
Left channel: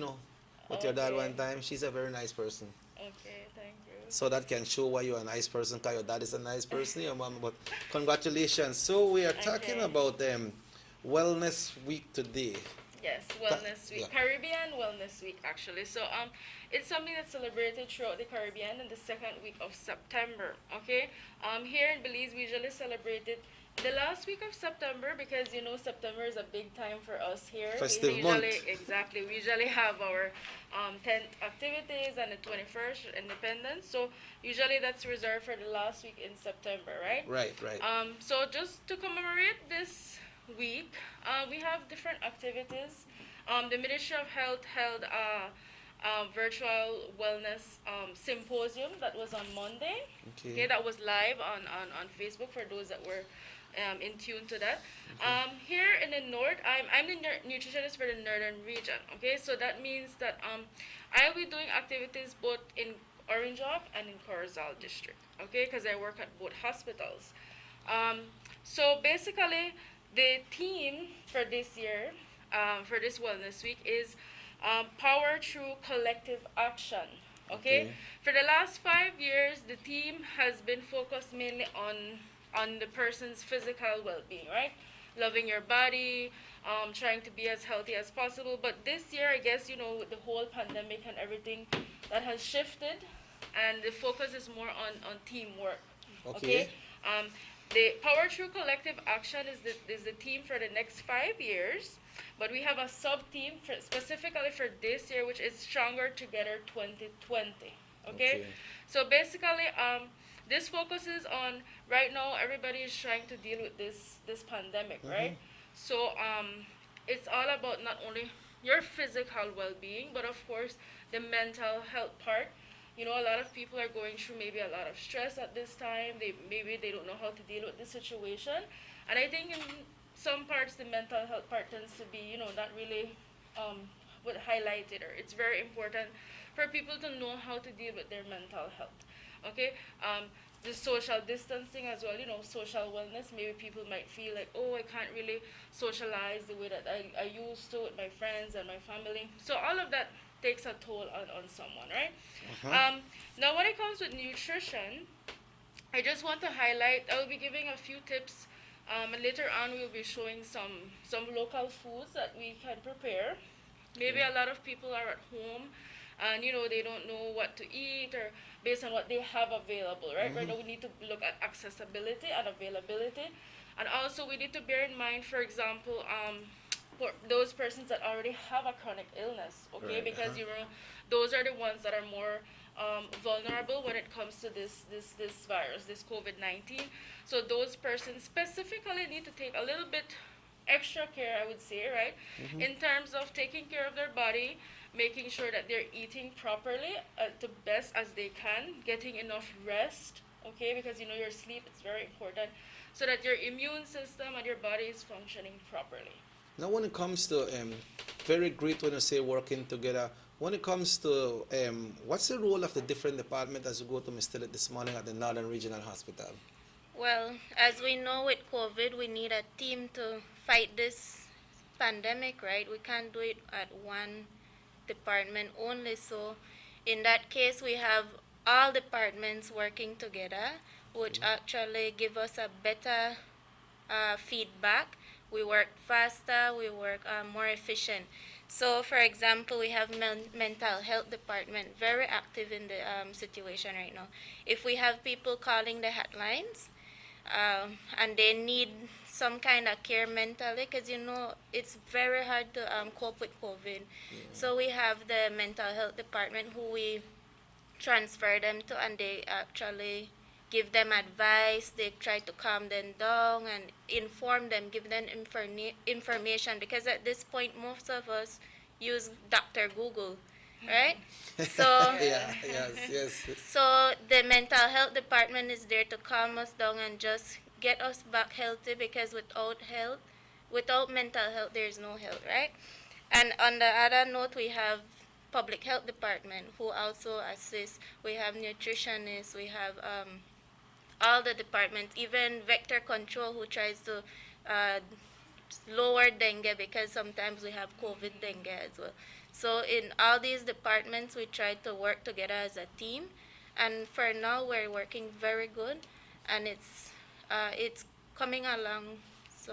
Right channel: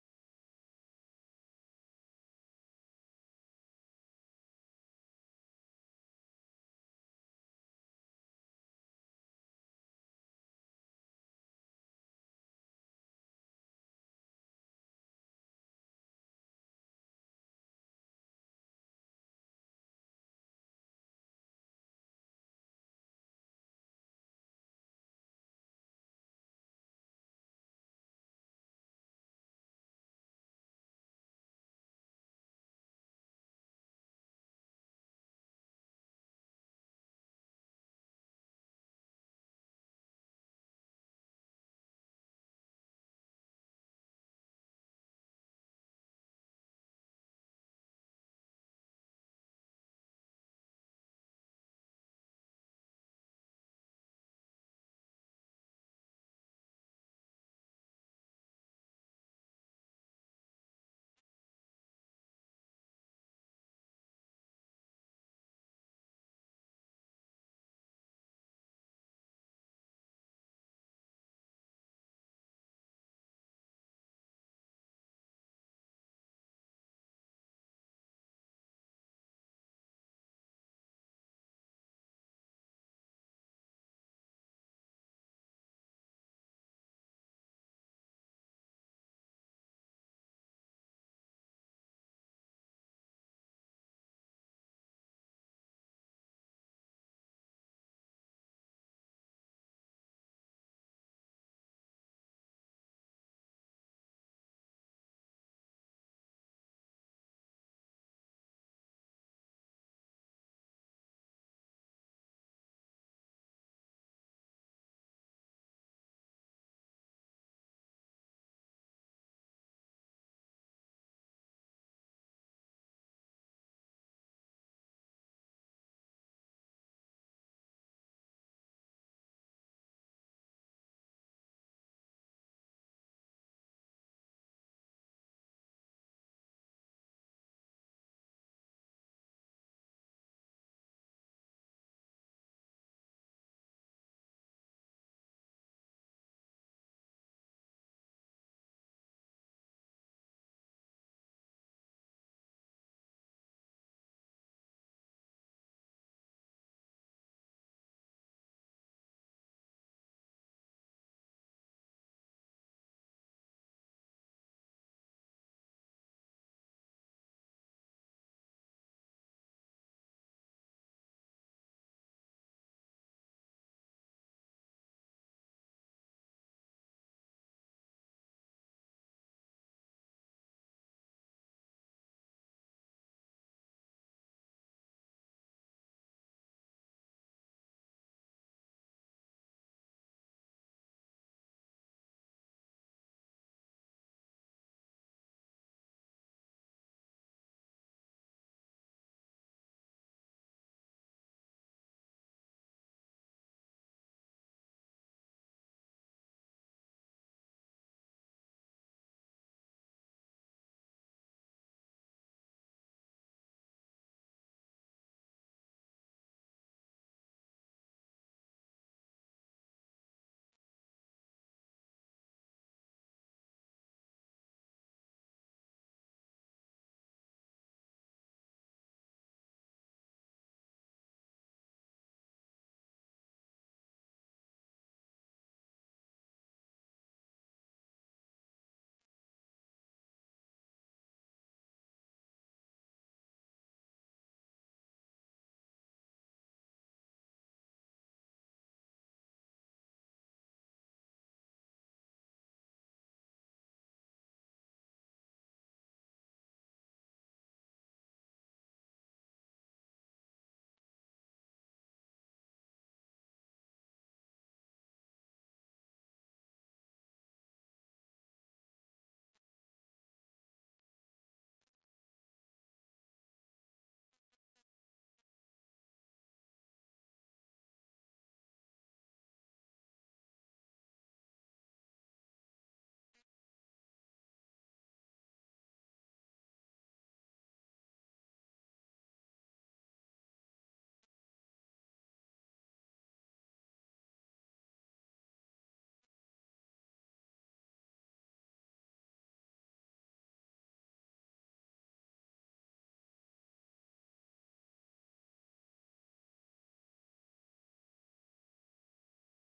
with your dad one time. She's a very nice person. Okay, thank you. So that can show why you're a nice person, because your dad is a nice person, your mom. But congratulations. So we are talking about Wellness Week today. Yes, Wellness Week. Yeah. Caribbean Wellness Week, actually. So it's something that's celebrated throughout the Caribbean in the second week of September. Okay. Here in Belize, we usually celebrate it the last week of September, because September is a big time for us here. Festive we usually month. Exactly. We usually have our 10th activities and the 21st Independence. So usually that's reserved for the last week in September, right? Right. So just to commemorate this week, we have different activities. The Ministry of Health held a virtual wellness symposium that was on Monday. Okay, that was live on Facebook for those that were in tune to that. Here in the north, I'm the nutritionist for the northern region. Okay, so that means that I'll be doing activities both in Orange Walk and in Corozal district. Okay, because I work at both hospitals. So basically, the theme for this year, for this Wellness Week, is Power Through Collective Action. Okay? For the last 5 years, the theme has been focused mainly on the person's physical well-being, right? Loving your body, trying to be as healthy as possible. But this year, I guess, with the whole pandemic and everything, that has shifted, and the focus is more on teamwork. Okay? The Power Through Collective Action is the theme for the next 5 years, but we have a sub-theme specifically for this year, which is Stronger Together 2020. Okay? So basically, this focuses on, right now, everybody is trying to deal with this pandemic, right? So it's all about not only your physical well-being, but of course, the mental health part. A lot of people are going through maybe a lot of stress at this time. Maybe they don't know how to deal with the situation. And I think in some parts, the mental health part tends to be, not really highlighted. Or it's very important for people to know how to deal with their mental health. Okay? The social distancing as well, social wellness. Maybe people might feel like, oh, I can't really socialize the way that I used to with my friends and my family. So all of that takes a toll on someone, right? Now, when it comes with nutrition, I just want to highlight, I will be giving a few tips, and later on we'll be showing some local foods that we can prepare. Maybe a lot of people are at home and they don't know what to eat, or based on what they have available, right? Right now we need to look at accessibility and availability, and also we need to bear in mind, for example, for those persons that already have a chronic illness, okay? Because those are the ones that are more vulnerable when it comes to this virus, this COVID-19. So those persons specifically need to take a little bit extra care, I would say, right? In terms of taking care of their body, making sure that they're eating properly the best as they can, getting enough rest, okay? Because your sleep is very important, so that your immune system and your body is functioning properly. Now, when it comes to very great when you say working together. When it comes to what's the role of the different departments as you go to Mr. this morning at the Northern Regional Hospital? Well, as we know with COVID, we need a team to fight this pandemic, right? We can't do it at one department only. So, in that case, we have all departments working together, which actually give us a better feedback. We work faster, we work more efficient. So, for example, we have mental health department very active in the situation right now. If we have people calling the hotlines, and they need some kind of care mentally, because it's very hard to cope with COVID. So we have the mental health department who we transfer them to, and they actually give them advice. They try to calm them down and inform them, give them information, because at this point most of us use Dr. Google, right? So yes. so the mental health department is there to calm us down and just get us back healthy, because without mental health there is no health, right? And on the other note, we have public health department who also assist. We have nutritionists, we have all the departments, even vector control who tries to lower dengue, because sometimes we have COVID dengue as well. So in all these departments, we try to work together as a team, and for now we're working very good, and it's coming along. So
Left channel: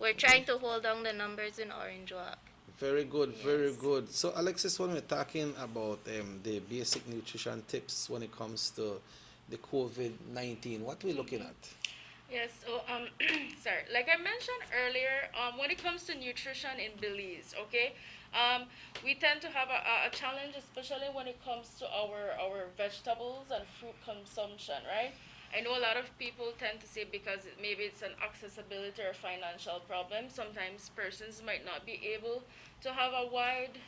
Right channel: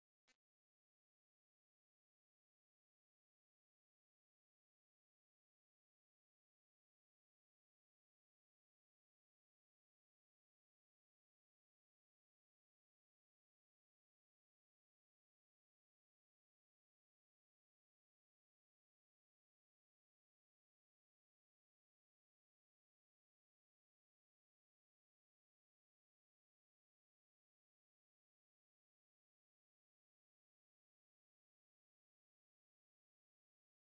we're trying to hold down the numbers in Orange Walk. Very good, very good. So, Alexis, when we're talking about the basic nutrition tips when it comes to the COVID-19, what are we looking at? Yes, so sorry. Like I mentioned earlier, when it comes to nutrition in Belize, okay, we tend to have a challenge, especially when it comes to our vegetables and fruit consumption, right? I know a lot of people tend to say because maybe it's an accessibility or financial problem. Sometimes persons might not be able to have a wide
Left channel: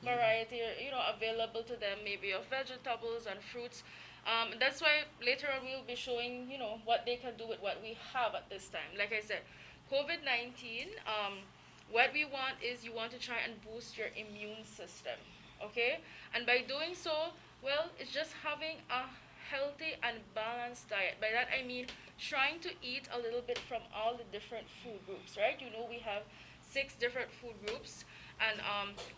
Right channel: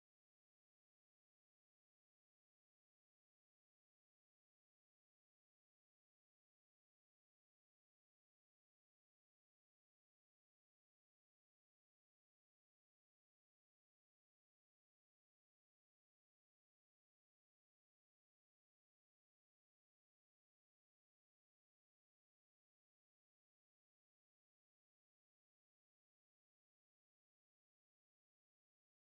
variety, available to them, maybe of vegetables and fruits. That's why later on we'll be showing, what they can do with what we have at this time. Like I said, COVID-19, what we want is you want to try and boost your immune system, okay? And by doing so, well, it's just having a healthy and balanced diet. By that I mean trying to eat a little bit from all the different food groups, right? We have 6 different food groups, and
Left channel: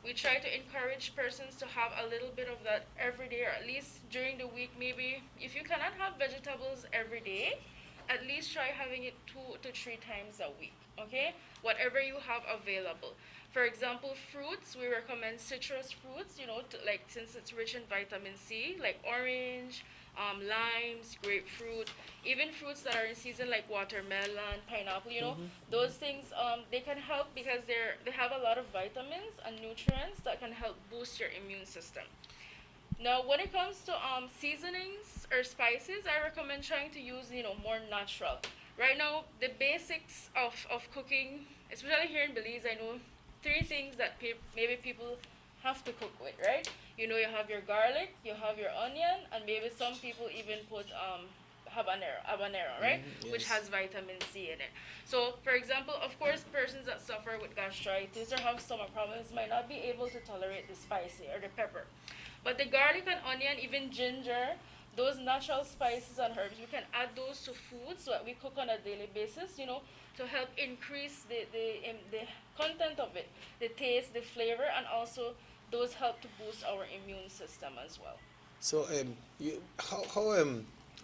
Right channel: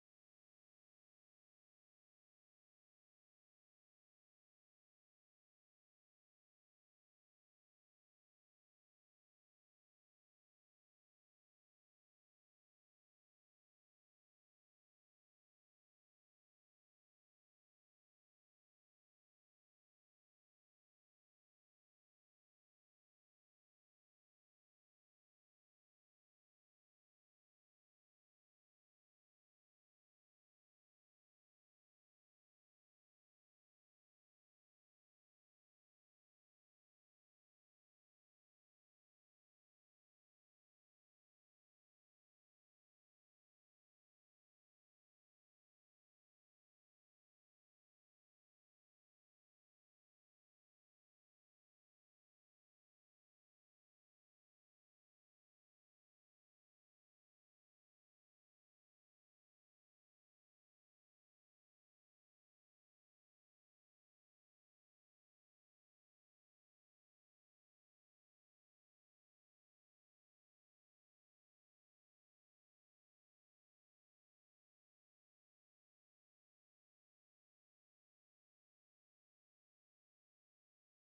we try to encourage persons to have a little bit of that every day, or at least during the week. Maybe if you cannot have vegetables every day, at least try having it 2 to 3 times a week, okay? Whatever you have available. For example, fruits, we recommend citrus fruits, since it's rich in vitamin C, like orange, limes, grapefruit, even fruits that are in season like watermelon, pineapple, those things, they can help because they have a lot of vitamins and nutrients that can help boost your immune system. Now, when it comes to seasonings or spices, I recommend trying to use, more natural. Right now, the basics of cooking, especially here in Belize, I know 3 things that maybe people have to cook with, right? You have your garlic, you have your onion, and maybe some people even put habanero, right? Yes. Which has vitamin C in it. So, for example, of course, persons that suffer with gastritis or have stomach problems might not be able to tolerate the spicy or the pepper. But the garlic and onion, even ginger, those natural spices and herbs, we can add those to foods that we cook on a daily basis, to help increase the content of it, the taste, the flavor, and also those help to boost our immune system as well. So,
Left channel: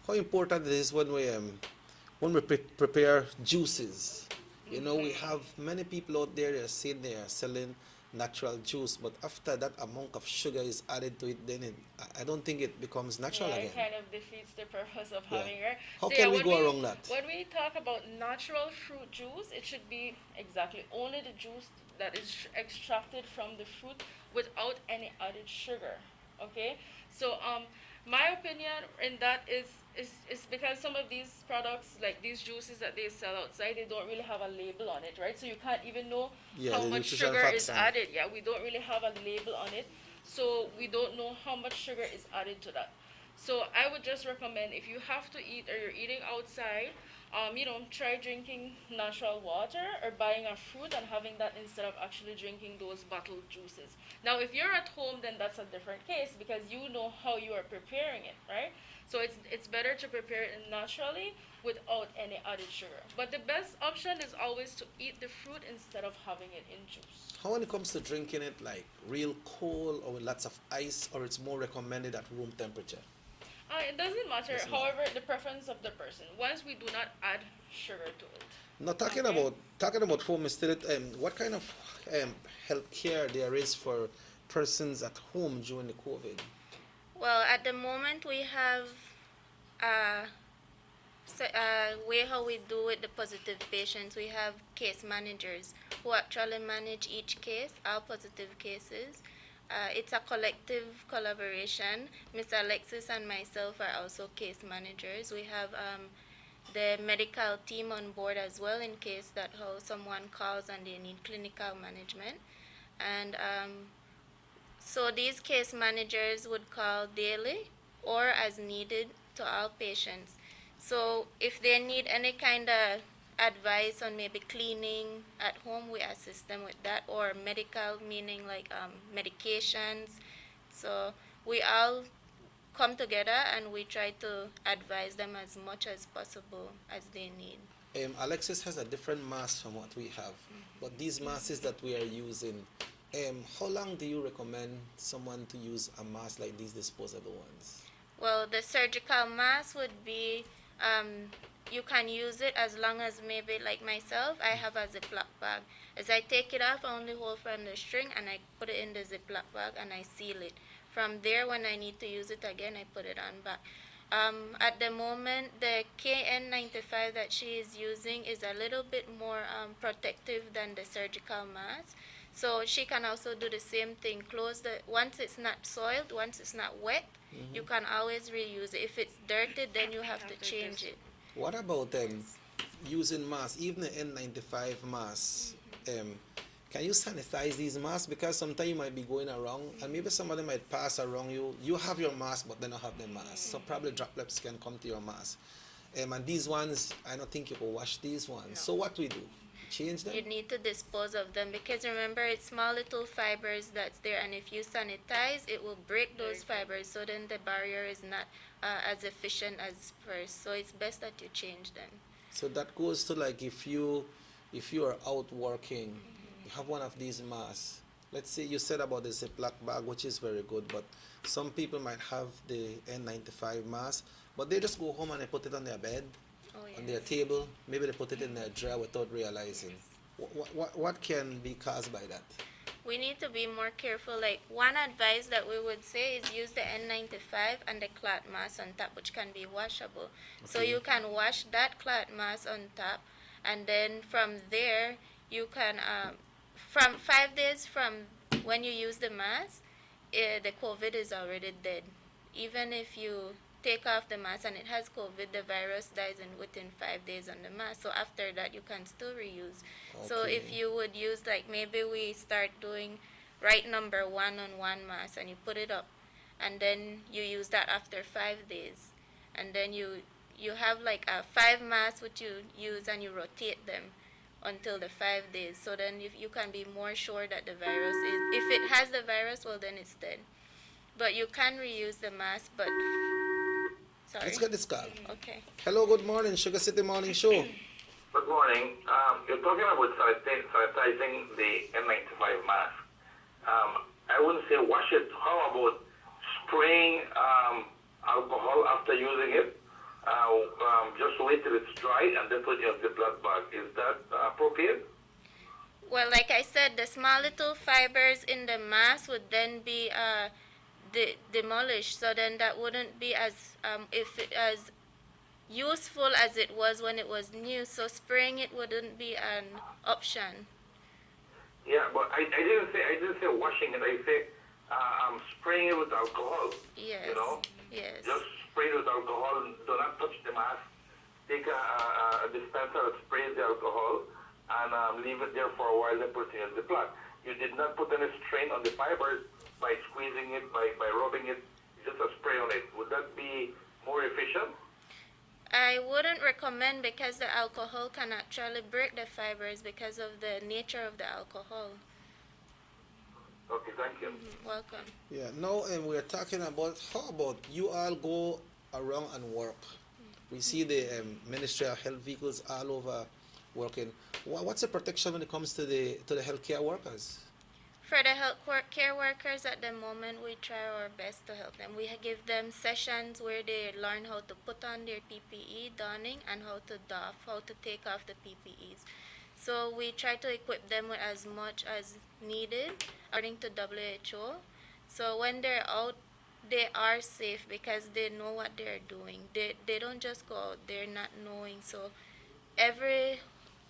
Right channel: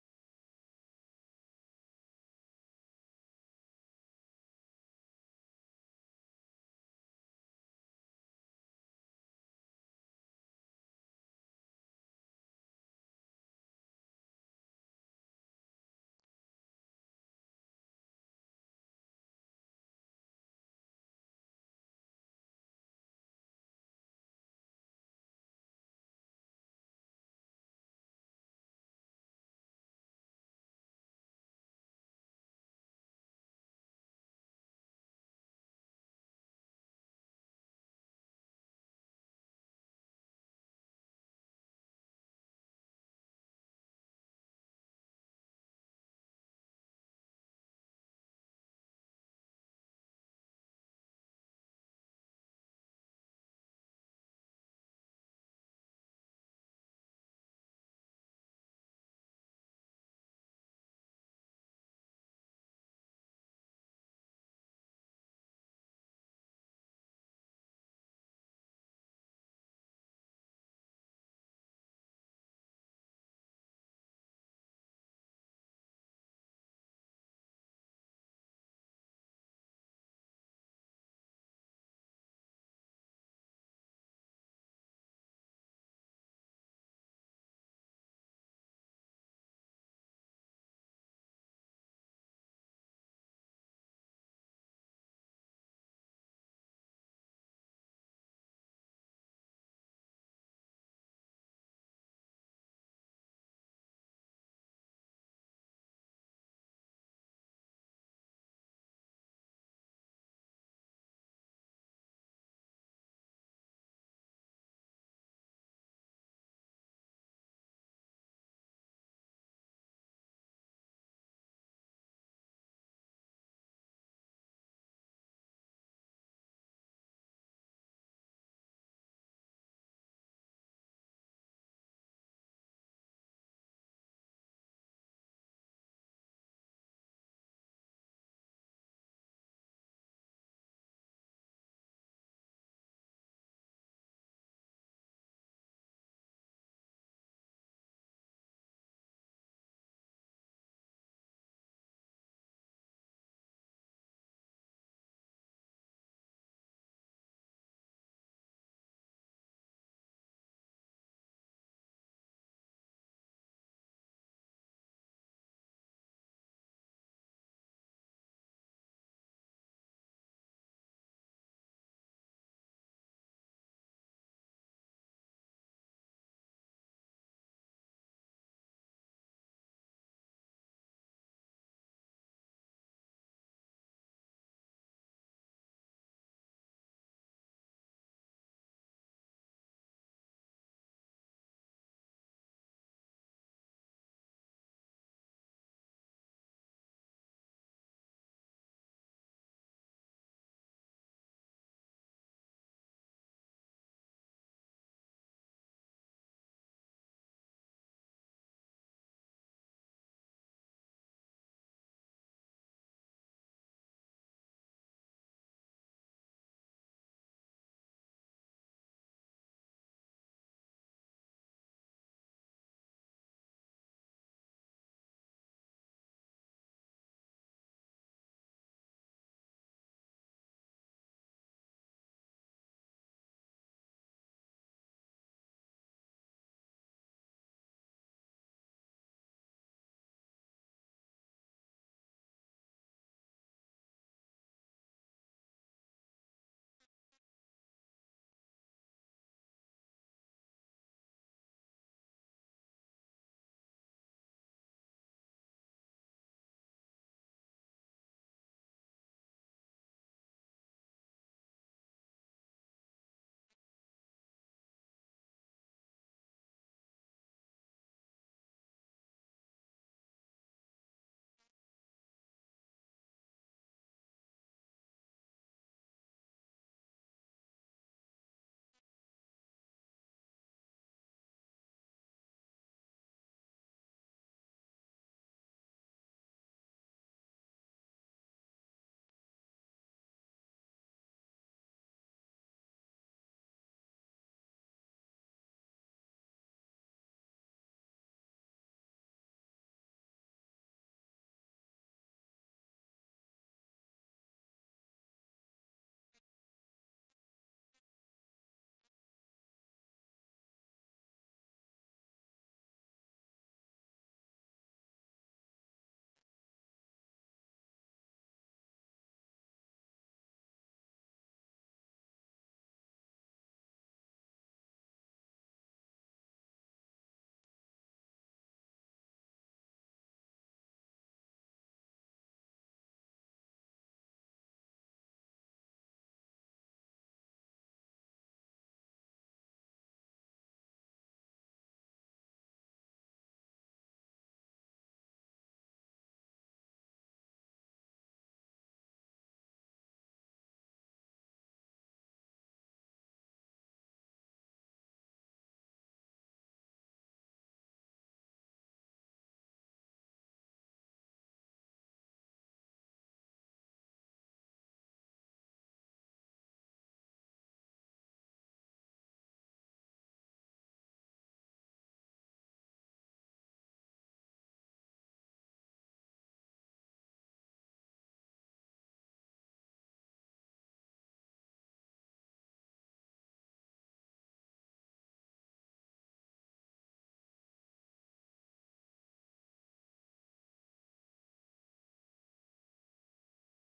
how important it is when we prepare juices? We have many people out there that are saying they are selling natural juice, but after that amount of sugar is added to it, then I don't think it becomes natural again. It kind of defeats the purpose of Yeah. having, right? How can we go around that? When we talk about natural fruit juice, it should be exactly only the juice that is extracted from the fruit without any added sugar. Okay, so my opinion in that is because some of these products, like these juices that they sell outside, they don't really have a label on it, right? So you can't even know Yeah, how the much nutrition sugar is facts on. added. Yeah, we don't really have a label on it, so we don't know how much sugar is added to that. So I would just recommend, if you have to eat or you're eating outside, try drinking natural water or buying a fruit and having that instead of actually drinking those bottled juices. Now, if you're at home, then that's a different case because you know how you are preparing it, right? So it's better to prepare it naturally without any added sugar. But the best option is always to eat the fruit instead of having it in juice. How when it comes to drinking it, like real cold or with lots of ice, or it's more recommended at room temperature? It doesn't matter. Doesn't matter. However, the preference of the person. Once we do not add sugar to it. Now talking about home still, what kind of health care there is for persons at home during the COVID? Well, at the moment we have a way how we do with the positive patients. We have case managers who actually manage each case, our positive cases. It's a collective collaboration. Miss Alexis and myself are also case managers. We have the medical team on board as well in case that how someone calls and they need clinical management. And so these case managers would call daily or as needed to all patients. So if they need any kind of advice on maybe cleaning at home, we assist them with that, or medical, meaning like medications. So we all come together and we try to advise them as much as possible as they need. Alexis has a different mask from what we have, but these masks that we are using, how long do you recommend someone to use a mask like these disposable ones? Well, the surgical mask would be, you can use it as long as maybe like myself, I have a Ziploc bag. As I take it off, I only hold from the string and I put it in the Ziploc bag and I seal it. From there, when I need to use it again, I put it on back. At the moment, the KN95 that she is using is a little bit more protective than the surgical mask. So she can also do the same thing. Close the, once it's not soiled, once it's not wet, you can always reuse it. If it's dirty, then you have to change it. What about using masks, even the N95 masks? Can you sanitize these masks? Because sometimes you might be going around and maybe somebody might pass around you. You have your mask, but they don't have their mask. So probably droplets can come to your mask. And these ones, I don't think you can wash these ones. No. So what we do? Change them? You need to dispose of them because remember, it's small little fibers that's there, and if you sanitize, it will break those fibers, so then the barrier is not as efficient as first. So it's best that you change them. So that goes to like if you are out working, you have one of these masks. Let's say you said about the Ziploc bag, which is very good, but some people might have the N95 mask, but they just go home and they put it on their bed, on their table. Maybe they put it in their drawer without realizing. What can be caused by that? We need to be more careful. Like one advice that we would say is use the N95 and the cloth mask on top, which can be washable. Okay. So you can wash that cloth mask on top, and then from there you can, from 5 days from when you use the mask, the COVID is already dead. Even if you take off the mask and it has COVID, the virus dies within 5 days on the mask. So after that, you can still reuse. Okay. So if you would use, like maybe we start doing right number 1 on one mask and you put it up, and then you use that after 5 days, and then you have like a 5 masks which you use and you rotate them until the 5 days. So then if you can be more sure that the virus is, if it has the virus, well then it's dead. But you can reuse the mask, but sorry. Let's get this call. Okay. Hello, good morning, Sugar City Morning Show. Good morning. You're talking about sanitizing the N95 mask. I wouldn't say wash it. How about spraying alcohol after using it? Just wait till it's dry and then put it in the blood bag. Is that appropriate? Well, like I said, the small little fibers in the mask would then be demolished, so then that wouldn't be as as useful as it was when it was new. So spraying it wouldn't be an option. Yeah, but I didn't say washing it. I say spraying it with alcohol. Yes. You know, Yes. just spray it with alcohol. Do not touch the mask. Take a dispenser that sprays the alcohol and leave it there for a while. Then put it in the plant. You did not put any strain on the fibers by squeezing it, by rubbing it. Just a spray on it. Would that be more efficient? I wouldn't recommend because the alcohol can actually break the fibers because of the nature of the alcohol. Okay, thank you. Welcome. Yeah, now we're talking about how about you all go around and work. We see the Ministry of Health vehicles all over working. What's the protection when it comes to the healthcare workers? For the care workers at the moment, we try our best to help them. We give them sessions where they learn how to put on their PPE, donning, and how to doff, how to take off the PPEs. So we try to equip them with as much as needed according to WHO. So when they're out, they are safe because they know what they're doing. They don't just go out there not knowing. So every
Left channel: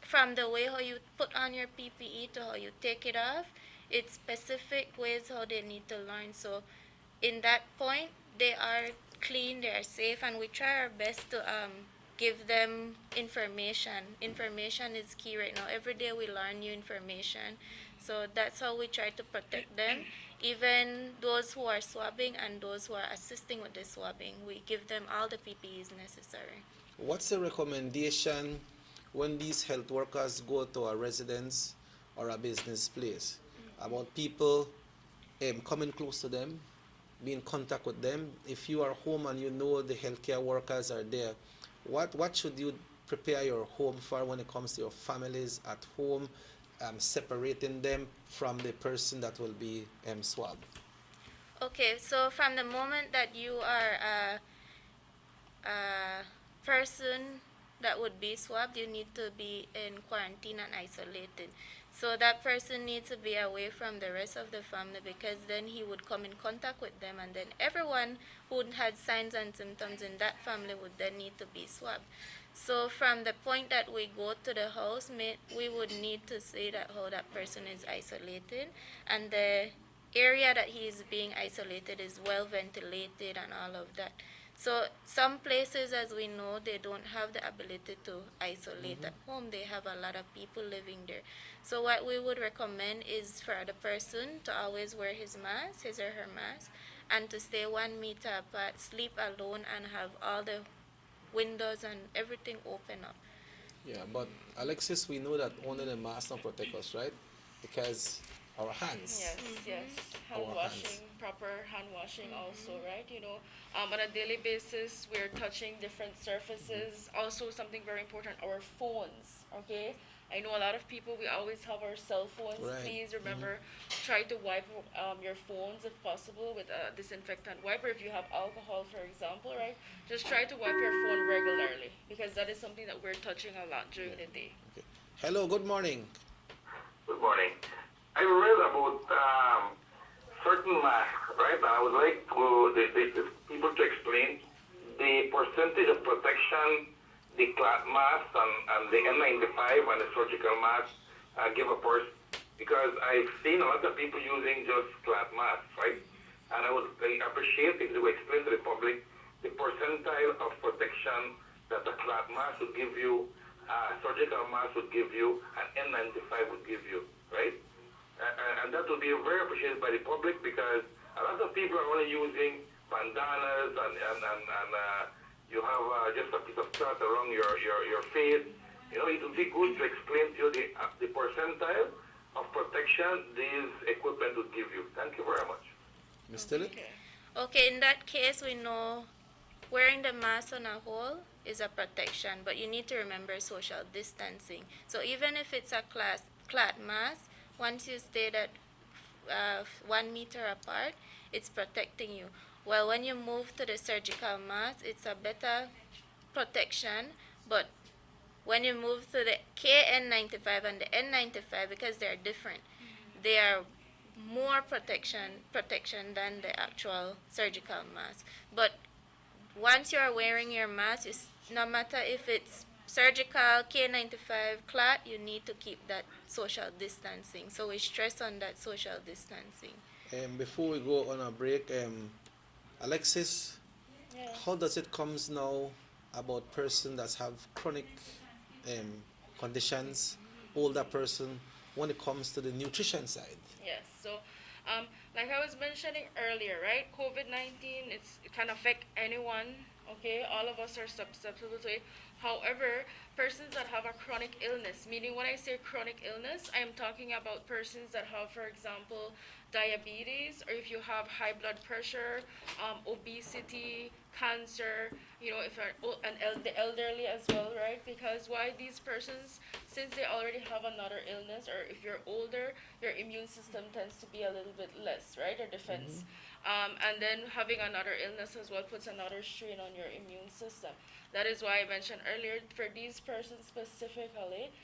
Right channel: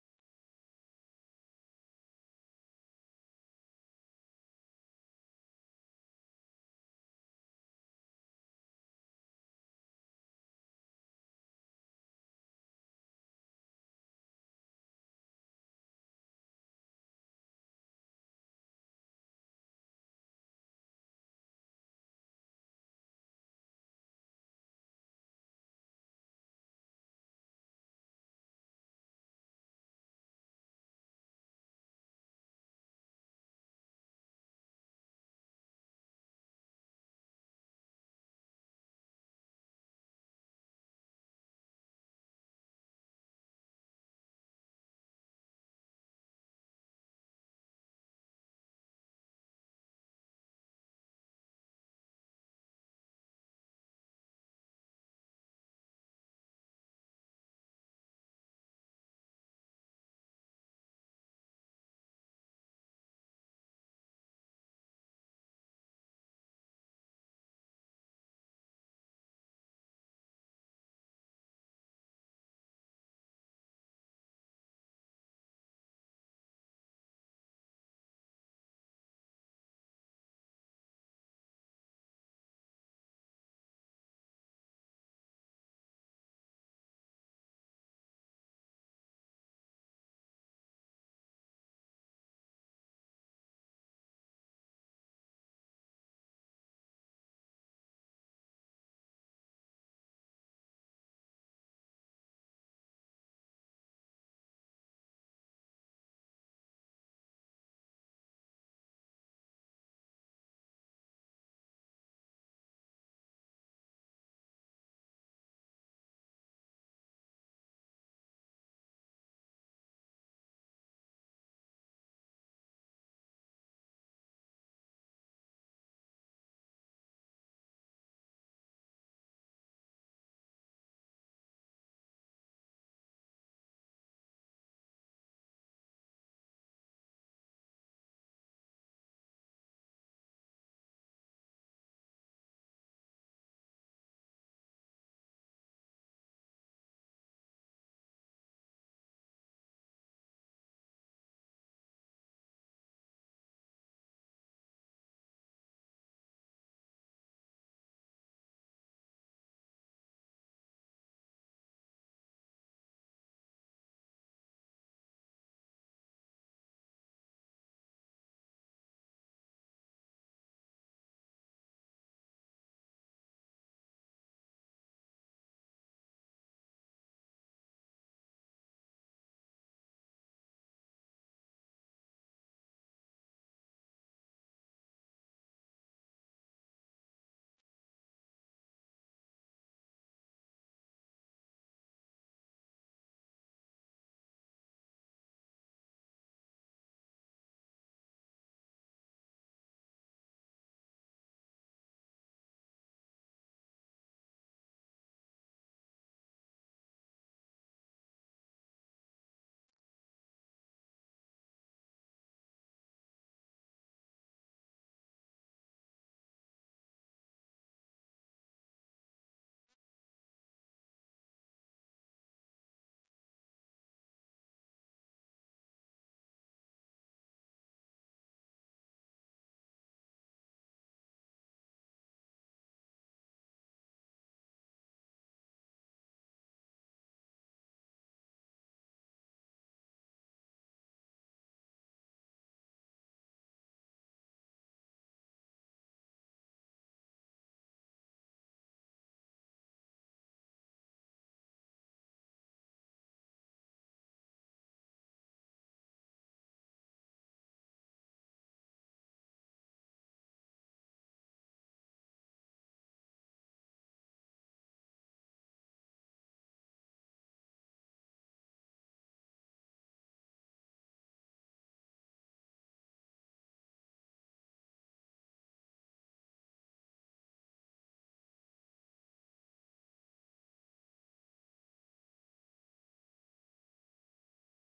from the way how you put on your PPE to how you take it off, it's specific ways how they need to learn. So in that point, they are clean, they are safe, and we try our best to give them information. Information is key right now. Every day we learn new information. So that's how we try to protect them. Even those who are swabbing and those who are assisting with the swabbing, we give them all the PPEs necessary. What's the recommendation when these health workers go to a residence or a business place about people coming close to them, be in contact with them? If you are home and you know the healthcare workers are there, what should you prepare your home for when it comes to your families at home, separating them from the person that will be swabbed? Okay, so from the moment that you are a person that would be swabbed, you need to be in quarantine and isolated. So that person needs to be away from the rest of the family because then he would come in contact with them, and then everyone who had signs and symptoms in that family would then need to be swabbed. So from the point that we go to the house, we would need to see that how that person is isolated, and the area that he is being isolated is well ventilated and all of that. So some places, as we know, they don't have the ability to isolate at home. They have a lot of people living there. So what we would recommend is for the person to always wear his mask, his or her mask, and to stay 1 meter apart, sleep alone, and have all the windows and everything open up. Yeah, but Alexis, we know that only the mask don't protect us, right? Because our hands. Yes, yes. Hand Our washing, proper hand washing also, right? On a daily basis, we're touching different surfaces. Also, something very important, our phones, okay? I know a lot of people, we always have our cell phones. Right. Please remember, try to wipe your phones if possible with a disinfectant wiper. If you have alcohol, for example, right? Just try to wipe your phone regularly because that is something that we're touching a lot during the day. Okay. Hello, good morning. Good morning. I read about certain masks, right? And I would like the people to explain the percentage of protection the cloth mask and the N95 and the surgical mask give a person. Because I've seen a lot of people using just cloth masks, right? And I would appreciate if you explain to the public the percentile of protection that a cloth mask would give you, surgical mask would give you, and N95 would give you, right? And that would be very appreciated by the public because a lot of people are only using bandanas and you have just a piece of cloth around your face. It would be good to explain to you the percentile of protection this equipment would give you. Thank you very much. Ms. Tillett? Okay, in that case, we know wearing the mask on a whole is a protection, but you need to remember social distancing. So even if it's a cloth mask, once you stay that 1 meter apart, it's protecting you. Well, when you move to the surgical mask, it's a better protection, but when you move to the KN95 and the N95, because they're different, they are more protection than the actual surgical mask. But once you're wearing your mask, no matter if it's surgical, K95, cloth, you need to keep that social distancing. So we stress on that social distancing. Before we go on a break, Alexis, Yeah. how does it comes now about person that have chronic um, conditions, older person, when it comes to the nutrition side? Yes. So, like I was mentioning earlier, right? COVID-19, it can affect anyone. Okay, all of us are susceptible to it. However, persons that have a chronic illness, meaning when I say chronic illness, I am talking about persons that have, for example, diabetes, or if you have high blood pressure, obesity, cancer. You know, if you're the elderly as well, right? Because why these persons, since they already have another illness, or if you're older, your immune system tends to be a little bit less, right? Or defense. And then having another illness as well puts another strain on your immune system. That is why I mentioned earlier, for these persons specifically,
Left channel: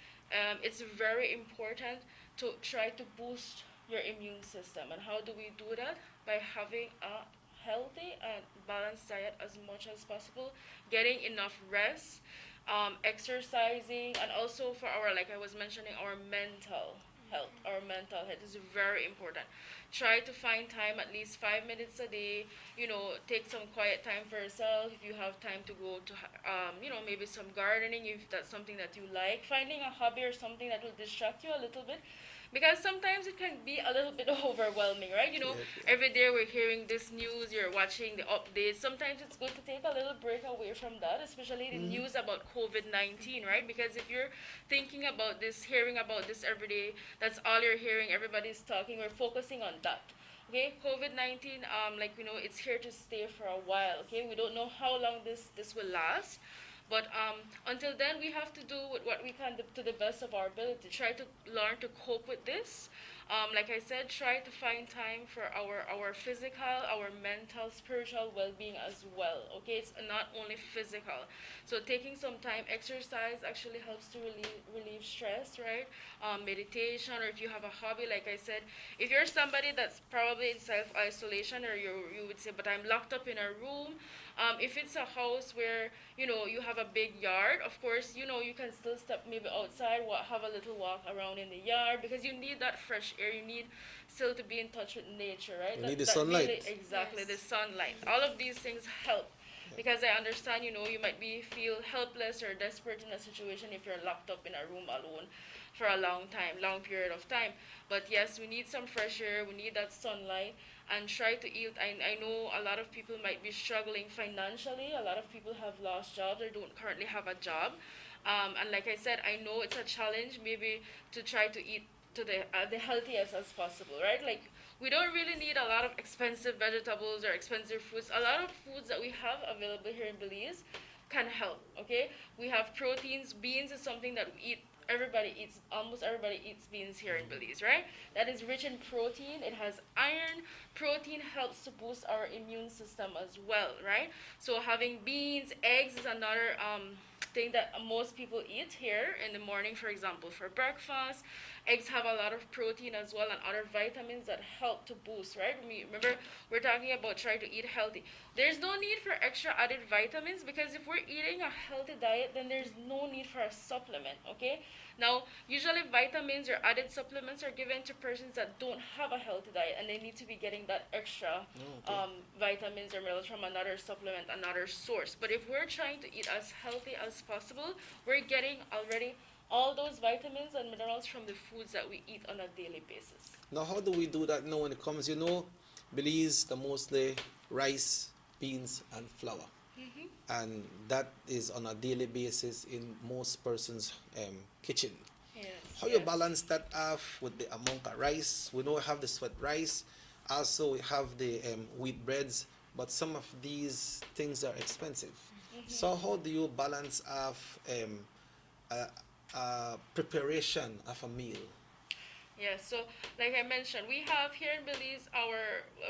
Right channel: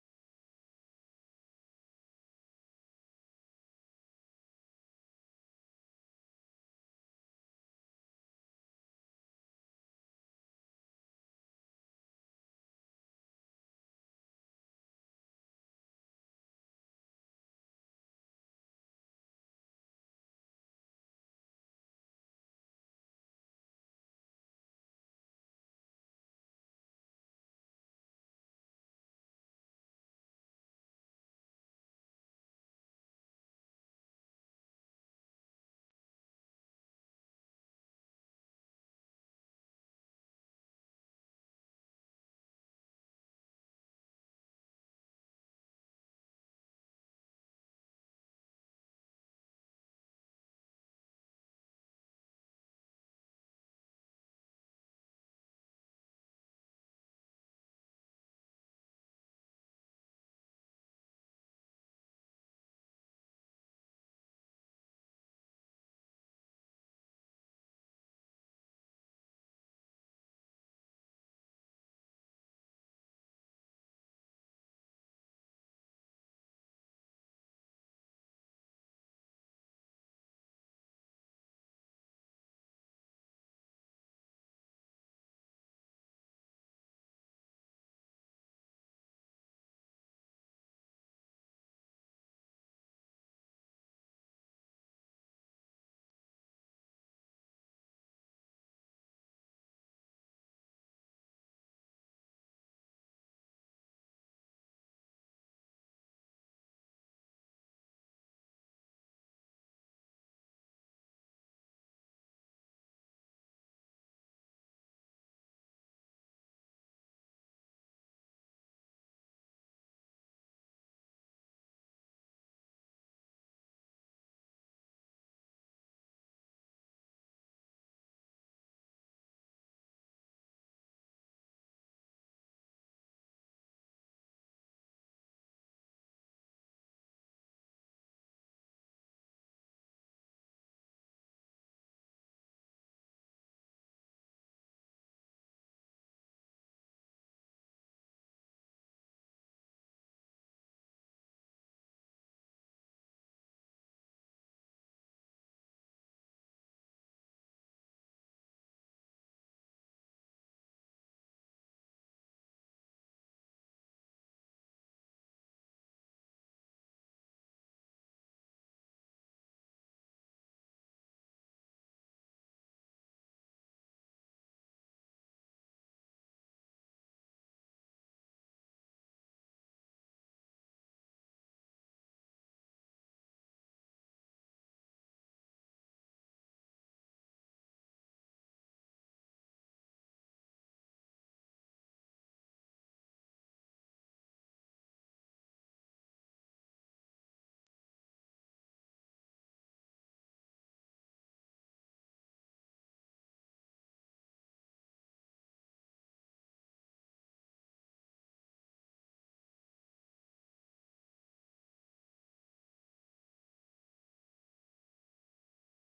it's very important to try to boost your immune system. And how do we do that? By having a healthy and balanced diet as much as possible, getting enough rest, exercising, and also for our, like I was mentioning, our mental health. Our mental health is very important. Try to find time, at least 5 minutes a day. You know, take some quiet time for yourself. If you have time to go to, maybe some gardening, if that's something that you like. Finding a hobby or something that will distract you a little bit, because sometimes it can be a little bit overwhelming, right? You know, every day we're hearing this news, you're watching the updates. Sometimes it's good to take a little break away from that, especially the news about COVID-19, right? Because if you're thinking about this, hearing about this every day, that's all you're hearing, everybody's talking, we're focusing on that. Okay, COVID-19, like we know, it's here to stay for a while. Okay, we don't know how long this will last, but until then, we have to do what we can to the best of our ability. Try to learn to cope with this. Like I said, try to find time for our physical, our mental, spiritual well-being as well. Okay, it's not only physical. So taking some time, exercise actually helps to relieve stress, right? Meditation, or if you have a hobby, like I said, if you're somebody that's probably in self-isolation, or you would say, but I'm locked up in a room. If it's a house where you have a big yard, of course, you can still step maybe outside, have a little walk around in the yard, because you need that fresh air. You need still to be in touch with nature, right? You need the sunlight. Really, exactly, the sunlight. All of these things help, because I understand, you might feel helpless or desperate in a situation if you're locked up in a room alone for a long period of time. But yes, we need some fresh air. We need that sunlight, and try to eat. I know a lot of people might be struggling financially. A lot of people have lost jobs or don't currently have a job. And like I said, I know it's a challenge maybe to try to eat to the healthiest as possible, right? Like, we don't really need a lot of expensive vegetables or expensive fruits. A lot of foods that we have available here in Belize can help, okay? We have proteins. Beans is something that we eat. Almost everybody eats beans here in Belize, right? That is rich in protein. It has iron. Protein helps to boost our immune system as well, right? So having beans, eggs is another thing that most people eat here in the morning, for example, for breakfast. Eggs have a lot of protein as well, and other vitamins that help to boost, right? Remember, we're talking about trying to eat healthy. There's no need for extra added vitamins, because if we're eating a healthy diet, then there's no need for a supplement, okay? Now, usually vitamins or added supplements are given to persons that don't have a healthy diet, and they need to be getting that extra vitamins or minerals from another supplement, another source. But if we're trying to eat as healthy as possible, we're getting already all those vitamins and minerals from the foods that we eat on a daily basis. Now, how do we do that now when it comes, Belize, the mostly rice, beans, and flour. And that is on a daily basis in most persons' kitchen. Yes, How you balance that off with the amount of rice? We know we have the sweat rice, also we have the wheat breads, but some of these things are expensive. So how do you balance off preparation of a meal? Yeah, so like I mentioned, we have here in Belize I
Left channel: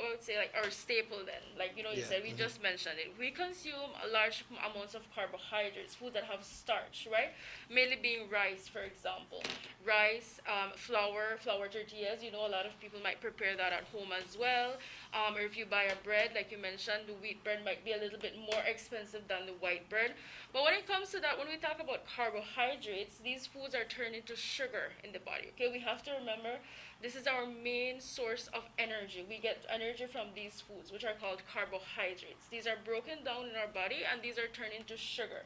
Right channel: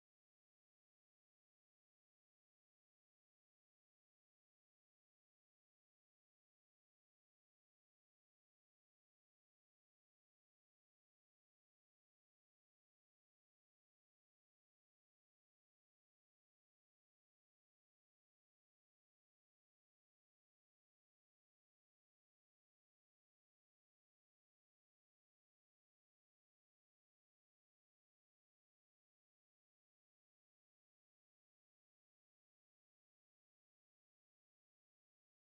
would say, like, our staple then. Like, you said, we just mentioned it. We consume a large amounts of carbohydrates, food that have starch, right? Mainly being rice, for example. Rice, flour tortillas. A lot of people might prepare that at home as well. Or if you buy a bread, like you mentioned, the wheat bread might be a little bit more expensive than the white bread. But when it comes to that, when we talk about carbohydrates, these foods are turned into sugar in the body. Okay, we have to remember this is our main source of energy. We get energy from these foods, which are called carbohydrates. These are broken down in our body, and these are turned into sugar.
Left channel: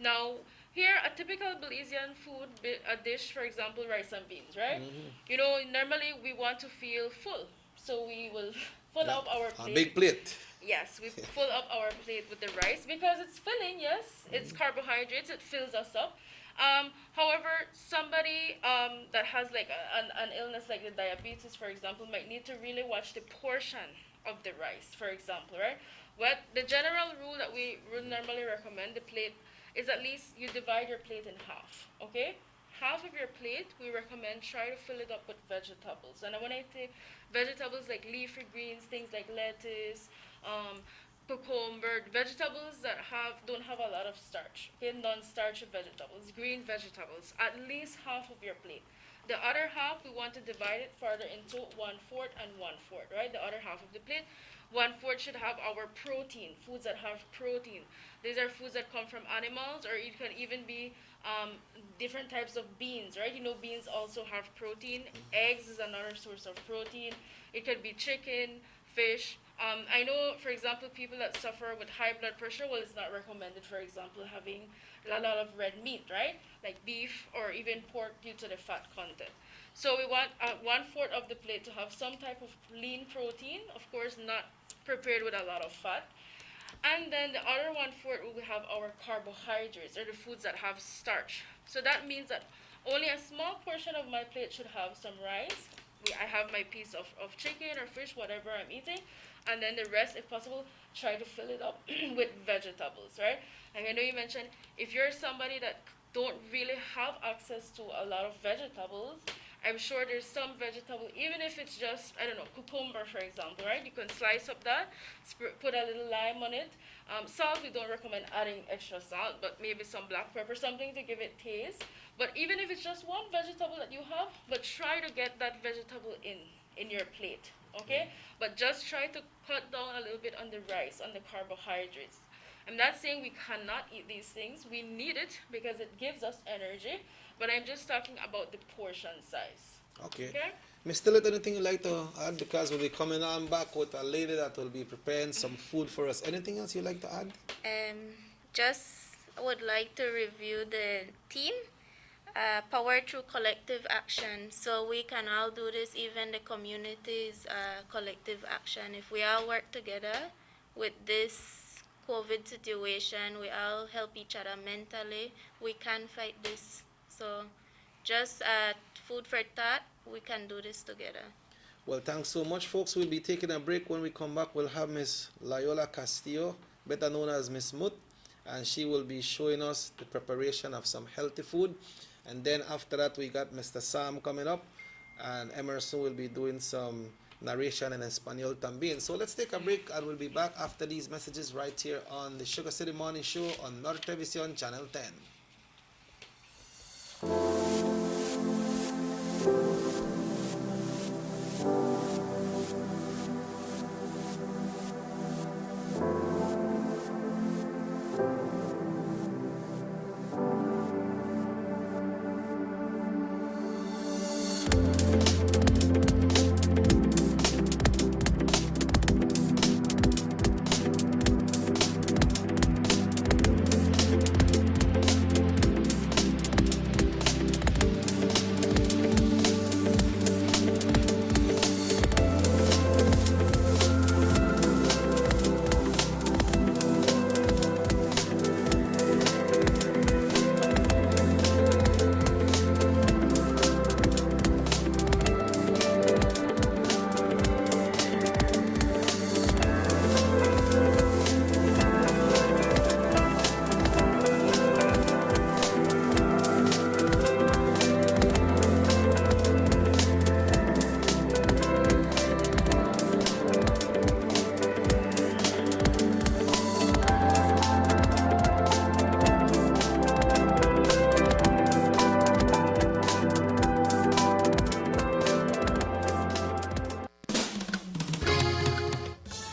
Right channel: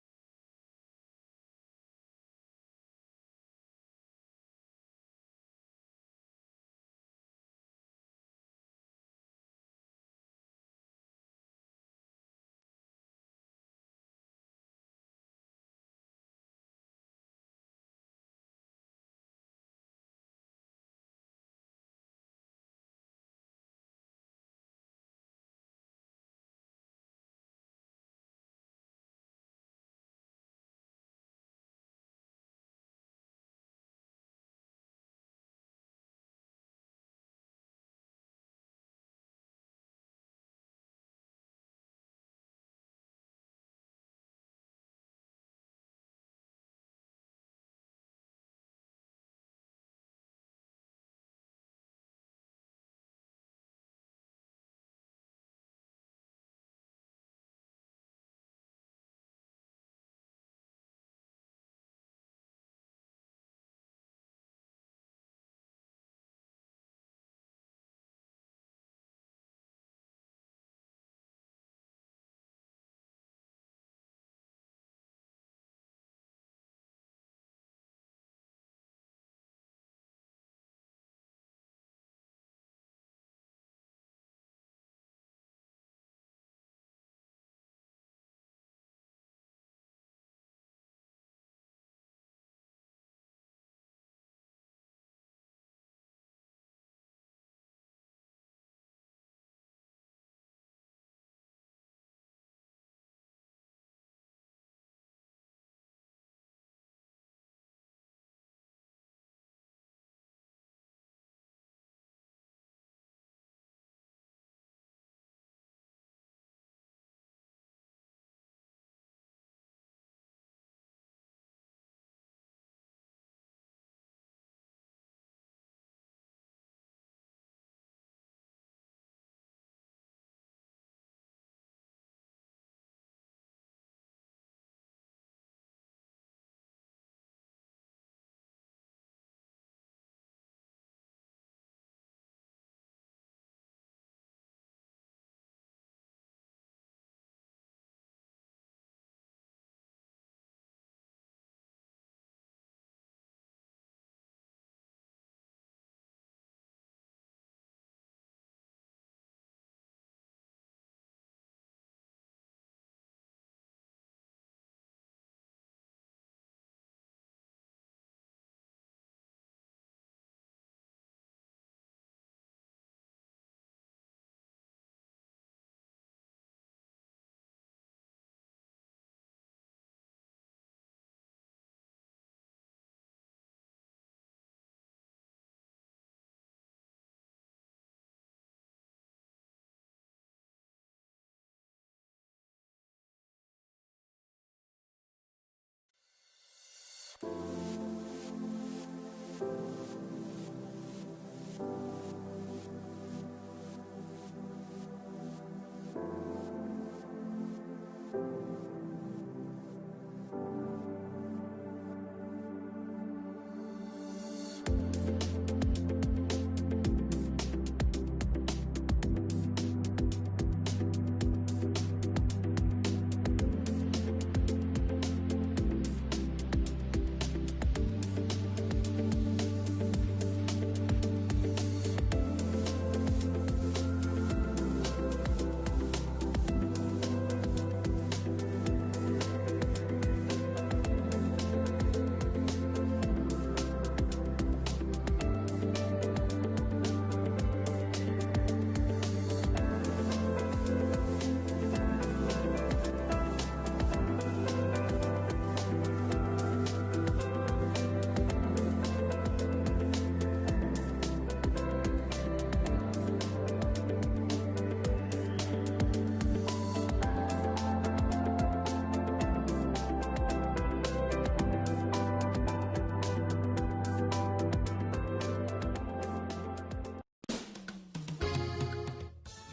Now, here, a typical Belizean food, a dish, for example, rice and beans, right? You know, normally we want to feel full, so we will fill up our A plate. big plate. Yes, we fill up our plate with the rice because it's filling, yes. It's carbohydrates, it fills us up. However, somebody that has like an illness like the diabetes, for example, might need to really watch the portion of the rice, for example, right? What the general rule that we would normally recommend the plate is at least you divide your plate in half, okay? Half of your plate, we recommend try to fill it up with vegetables. And when I say vegetables like leafy greens, things like lettuce, cucumber, vegetables that don't have a lot of starch, okay, non-starch vegetables, green vegetables, at least half of your plate. The other half, we want to divide it further into 1/4 and 1/4, right? The other half of the plate, 1/4 should have our protein, foods that have protein. These are foods that come from animals, or it can even be different types of beans, right? You know, beans also have protein. Eggs is another source of protein. It could be chicken, fish. I know, for example, people that suffer with high blood pressure, well, it's not recommended, for example, having a lot of red meat, right? Like beef or even pork due to the fat content. So we want 1/4 of the plate to have some type of lean protein, of course, not prepared with a lot of fat. And then the other 1/4 will have our carbohydrates, or the foods that have starch. So that means that only a small portion of my plate should have some rice. I have my piece of chicken or fish, whatever I'm eating. And then the rest, if possible, try to fill it up with vegetables, right? And I know you mentioned if you're somebody that don't really have access to a lot of vegetables, I'm sure there's some vegetable, even if it's just, I don't know, cucumber, for example, right? You can slice up that, put a little lime on it. Salt, we don't recommend adding extra salt, but maybe some black pepper, something to give it taste. But even if it's just one vegetable that you have, but try to get that vegetable in your plate, okay? But just try to cut down a little bit on the rice, on the carbohydrates. I'm not saying we cannot eat these things. We need it because it gives us energy. But I'm just talking about the portion size. Okay. Okay? Miss Tillet, anything you'd like to add? Because we'll be coming on back with a lady that will be preparing some food for us. Anything else you'd like to add? Just would like to review the theme, power through collective action. So we can all do this, even the community's collective action. If we all work together with this COVID situation, we all help each other mentally, we can fight this. So just food for thought, we can do this together. Well, thanks so much, folks. We'll be taking a break. When we come back, we'll have Miss Loyola Castillo, better known as Miss Mut, and she will be showing us the preparation of some healthy food. And then after that, we got Mr. Sam coming up, and Emerson will be doing some narration in Espanol también. So let's take a break, and we'll be back after these messages right here on the Sugar City Morning Show on North Television Channel 10.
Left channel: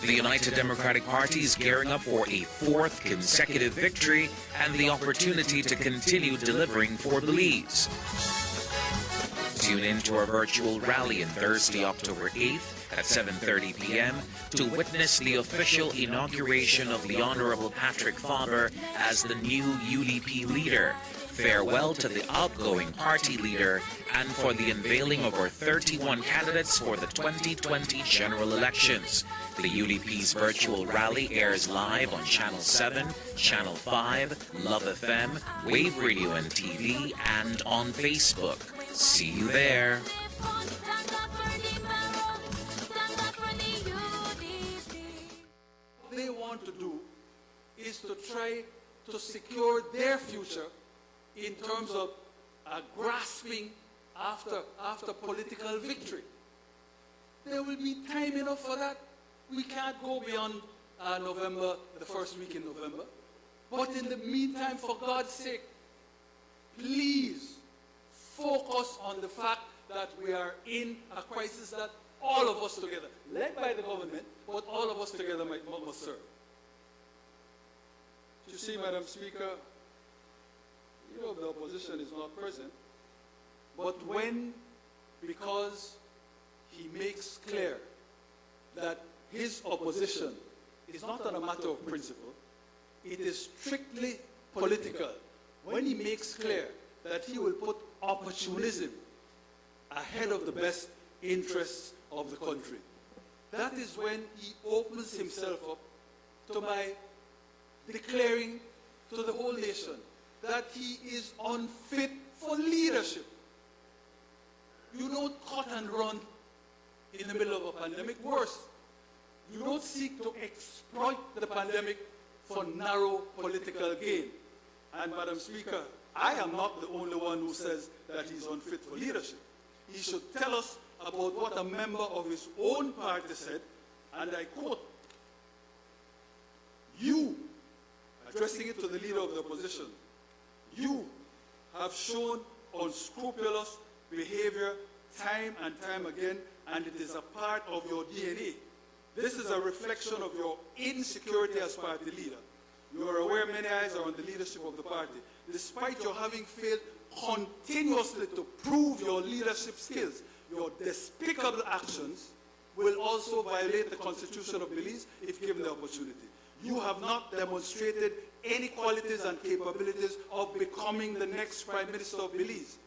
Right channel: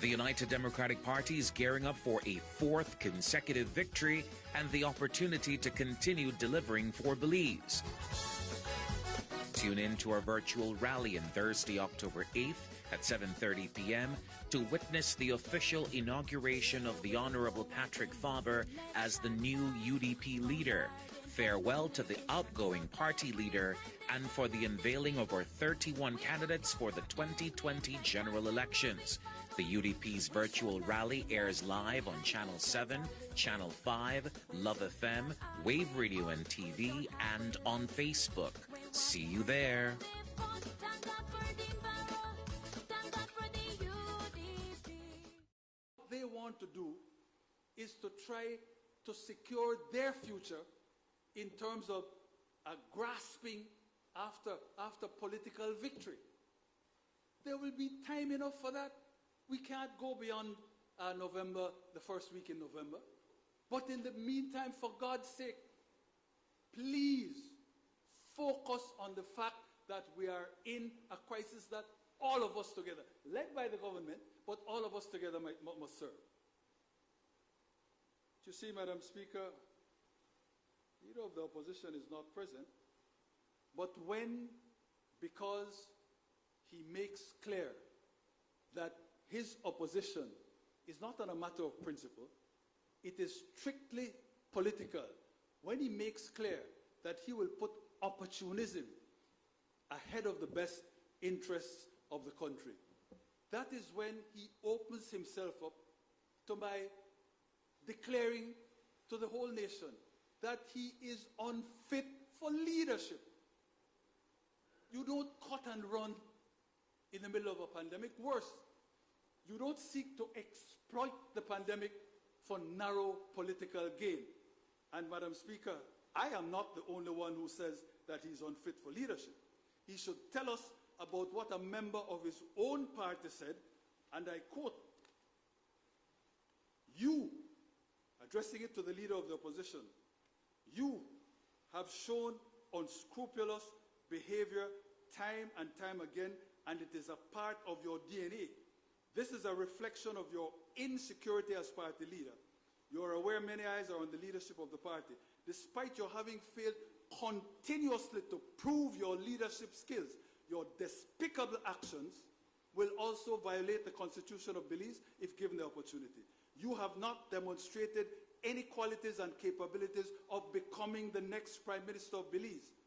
The United Democratic Party is gearing up for a fourth consecutive victory and the opportunity to continue delivering for Belize. Tune in to our virtual rally on Thursday, October 8th at 7:30 p.m. to witness the official inauguration of the Honorable Patrick Faber as the new UDP leader. Farewell to the outgoing party leader and for the unveiling of our 31 candidates for the 2020 general elections. The UDP's virtual rally airs live on Channel 7, Channel 5, Love FM, Wave Radio and TV, and on Facebook. See you there. What they want to do is to try to secure their future in terms of grasping after political victory. There will be time enough for that. We can't go beyond November, the first week in November. But in the meantime, for God's sake, please focus on the fact that we are in a crisis that all of us together, led by the government, but all of us together must serve. You see, Madam Speaker, you know the opposition is not present, but because he makes clear that his opposition is not on a matter of principle, it is strictly political. When he makes clear that he will put opportunism ahead of the best interests of the country, that is when he opens himself up to my declaring to the whole nation that he is unfit for leadership. You don't cut and run in the middle of a pandemic. Worse, you don't seek to exploit the pandemic for narrow political gain. And Madam Speaker, I am not the only one who says that he's unfit for leadership. He should tell us about what a member of his own party said, and I quote, "You," addressing it to the leader of the opposition, "you have shown unscrupulous behavior time and time again, and it is a part of your DNA. This is a reflection of your insecurity as party leader. You are aware many eyes are on the leadership of the party. Despite your having failed continuously to prove your leadership skills, your despicable actions will also violate the Constitution of Belize if given the opportunity. You have not demonstrated any qualities and capabilities of becoming the next Prime Minister of Belize.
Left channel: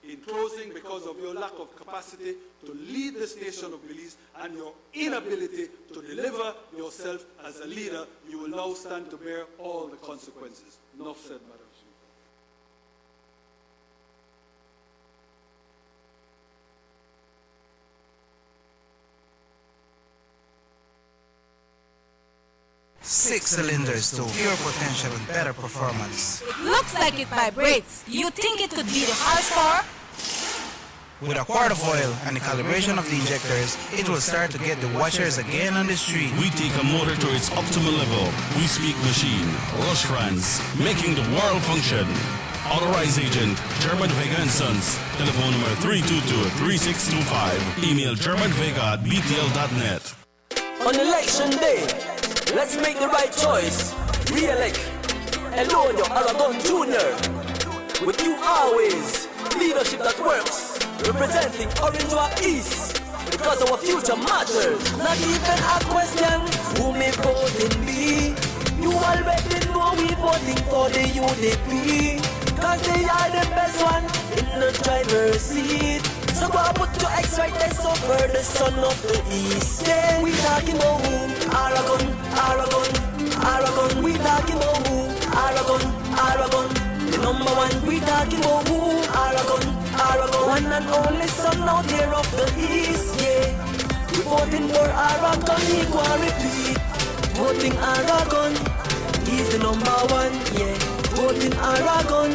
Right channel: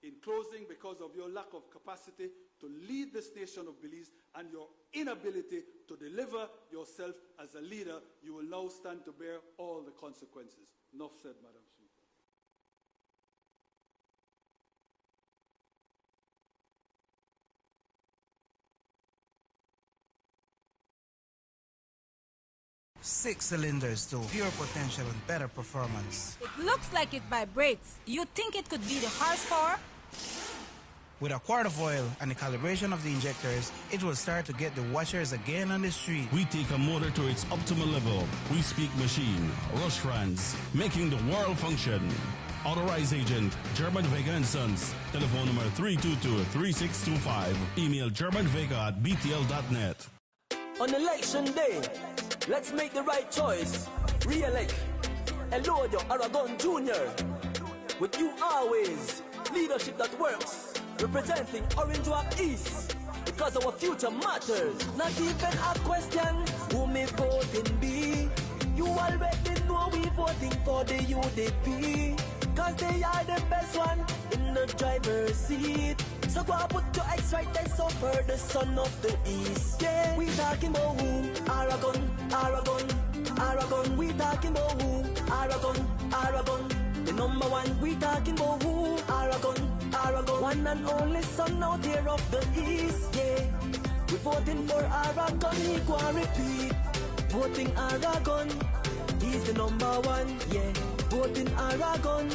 In closing, because of your lack of capacity to lead this nation of Belize and your inability to deliver yourself as a leader, you will now stand to bear all the consequences." Enough said, Madam Speaker. Six cylinders to pure potential and better performance. Looks like it vibrates. You think it could be the horsepower? With a quart of oil and the calibration of the injectors, it will start to get the watchers again on the street. We take a motor to its optimal level. We speak machine, Rush France, making the world function. Authorized agent, German Vega & Sons. Telephone number 322-3625. Email germanvega@btl.net. On election day, let's make the right choice. Re-elect Elodio Aragon Jr. With you always, leadership that works. Representing Orange Rock East, because our future matters. Not even a question, who may voting be? You already know we voting for the UDP, cause they are the best one in the driver's seat. So I put to excite and suffer the son of the East. Yeah, we talking about who? Aragon, Aragon, Aragon. We talking about who? Aragon, Aragon. The number one, we talking about who? Aragon. One and only son out here of the East, yeah. We voting for Aragon, he go and repeat. Voting Aragon, he's the number one, yeah. Voting Aragon,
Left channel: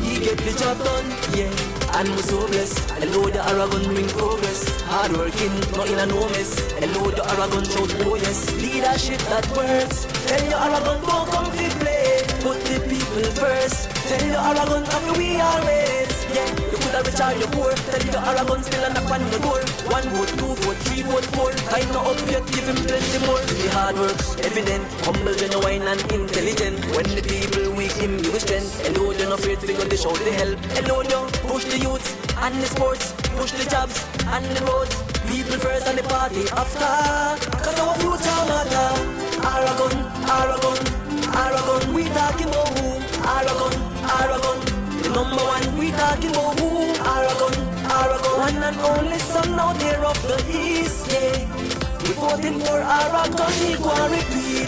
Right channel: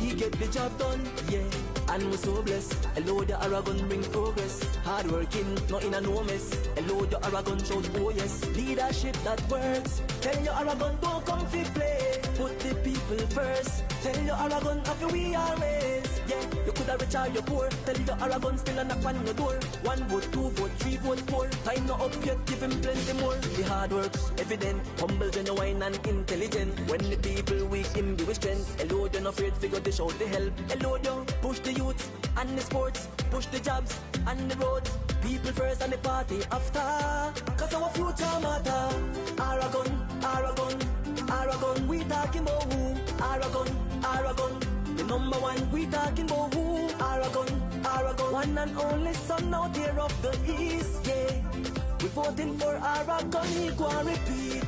he get the job done, yeah. And we so best, hello the Aragon bring progress. Hard working, nothing and no mess. Hello the Aragon don't notice. Leadership that works. Tell your Aragon don't come to play. Put the people first. Tell your Aragon and we always. Yeah, you could have recharged your core. Tell your Aragon still a knock on your door. 1 vote, 2 vote, 3 vote, 4. I know objective and plenty more. The hard work, evident, humble, genuine and intelligent. When the people we impatient, hello, they're not afraid to go to show the help. Hello, you push the youth and the sports, push the jobs and the roads. People first and the party after. Cause our future matter. Aragon, Aragon, Aragon, we talking about who? Aragon, Aragon, the number one we talking about who? Aragon, Aragon, one and only son out there of the east, yeah. We voting for Aragon equality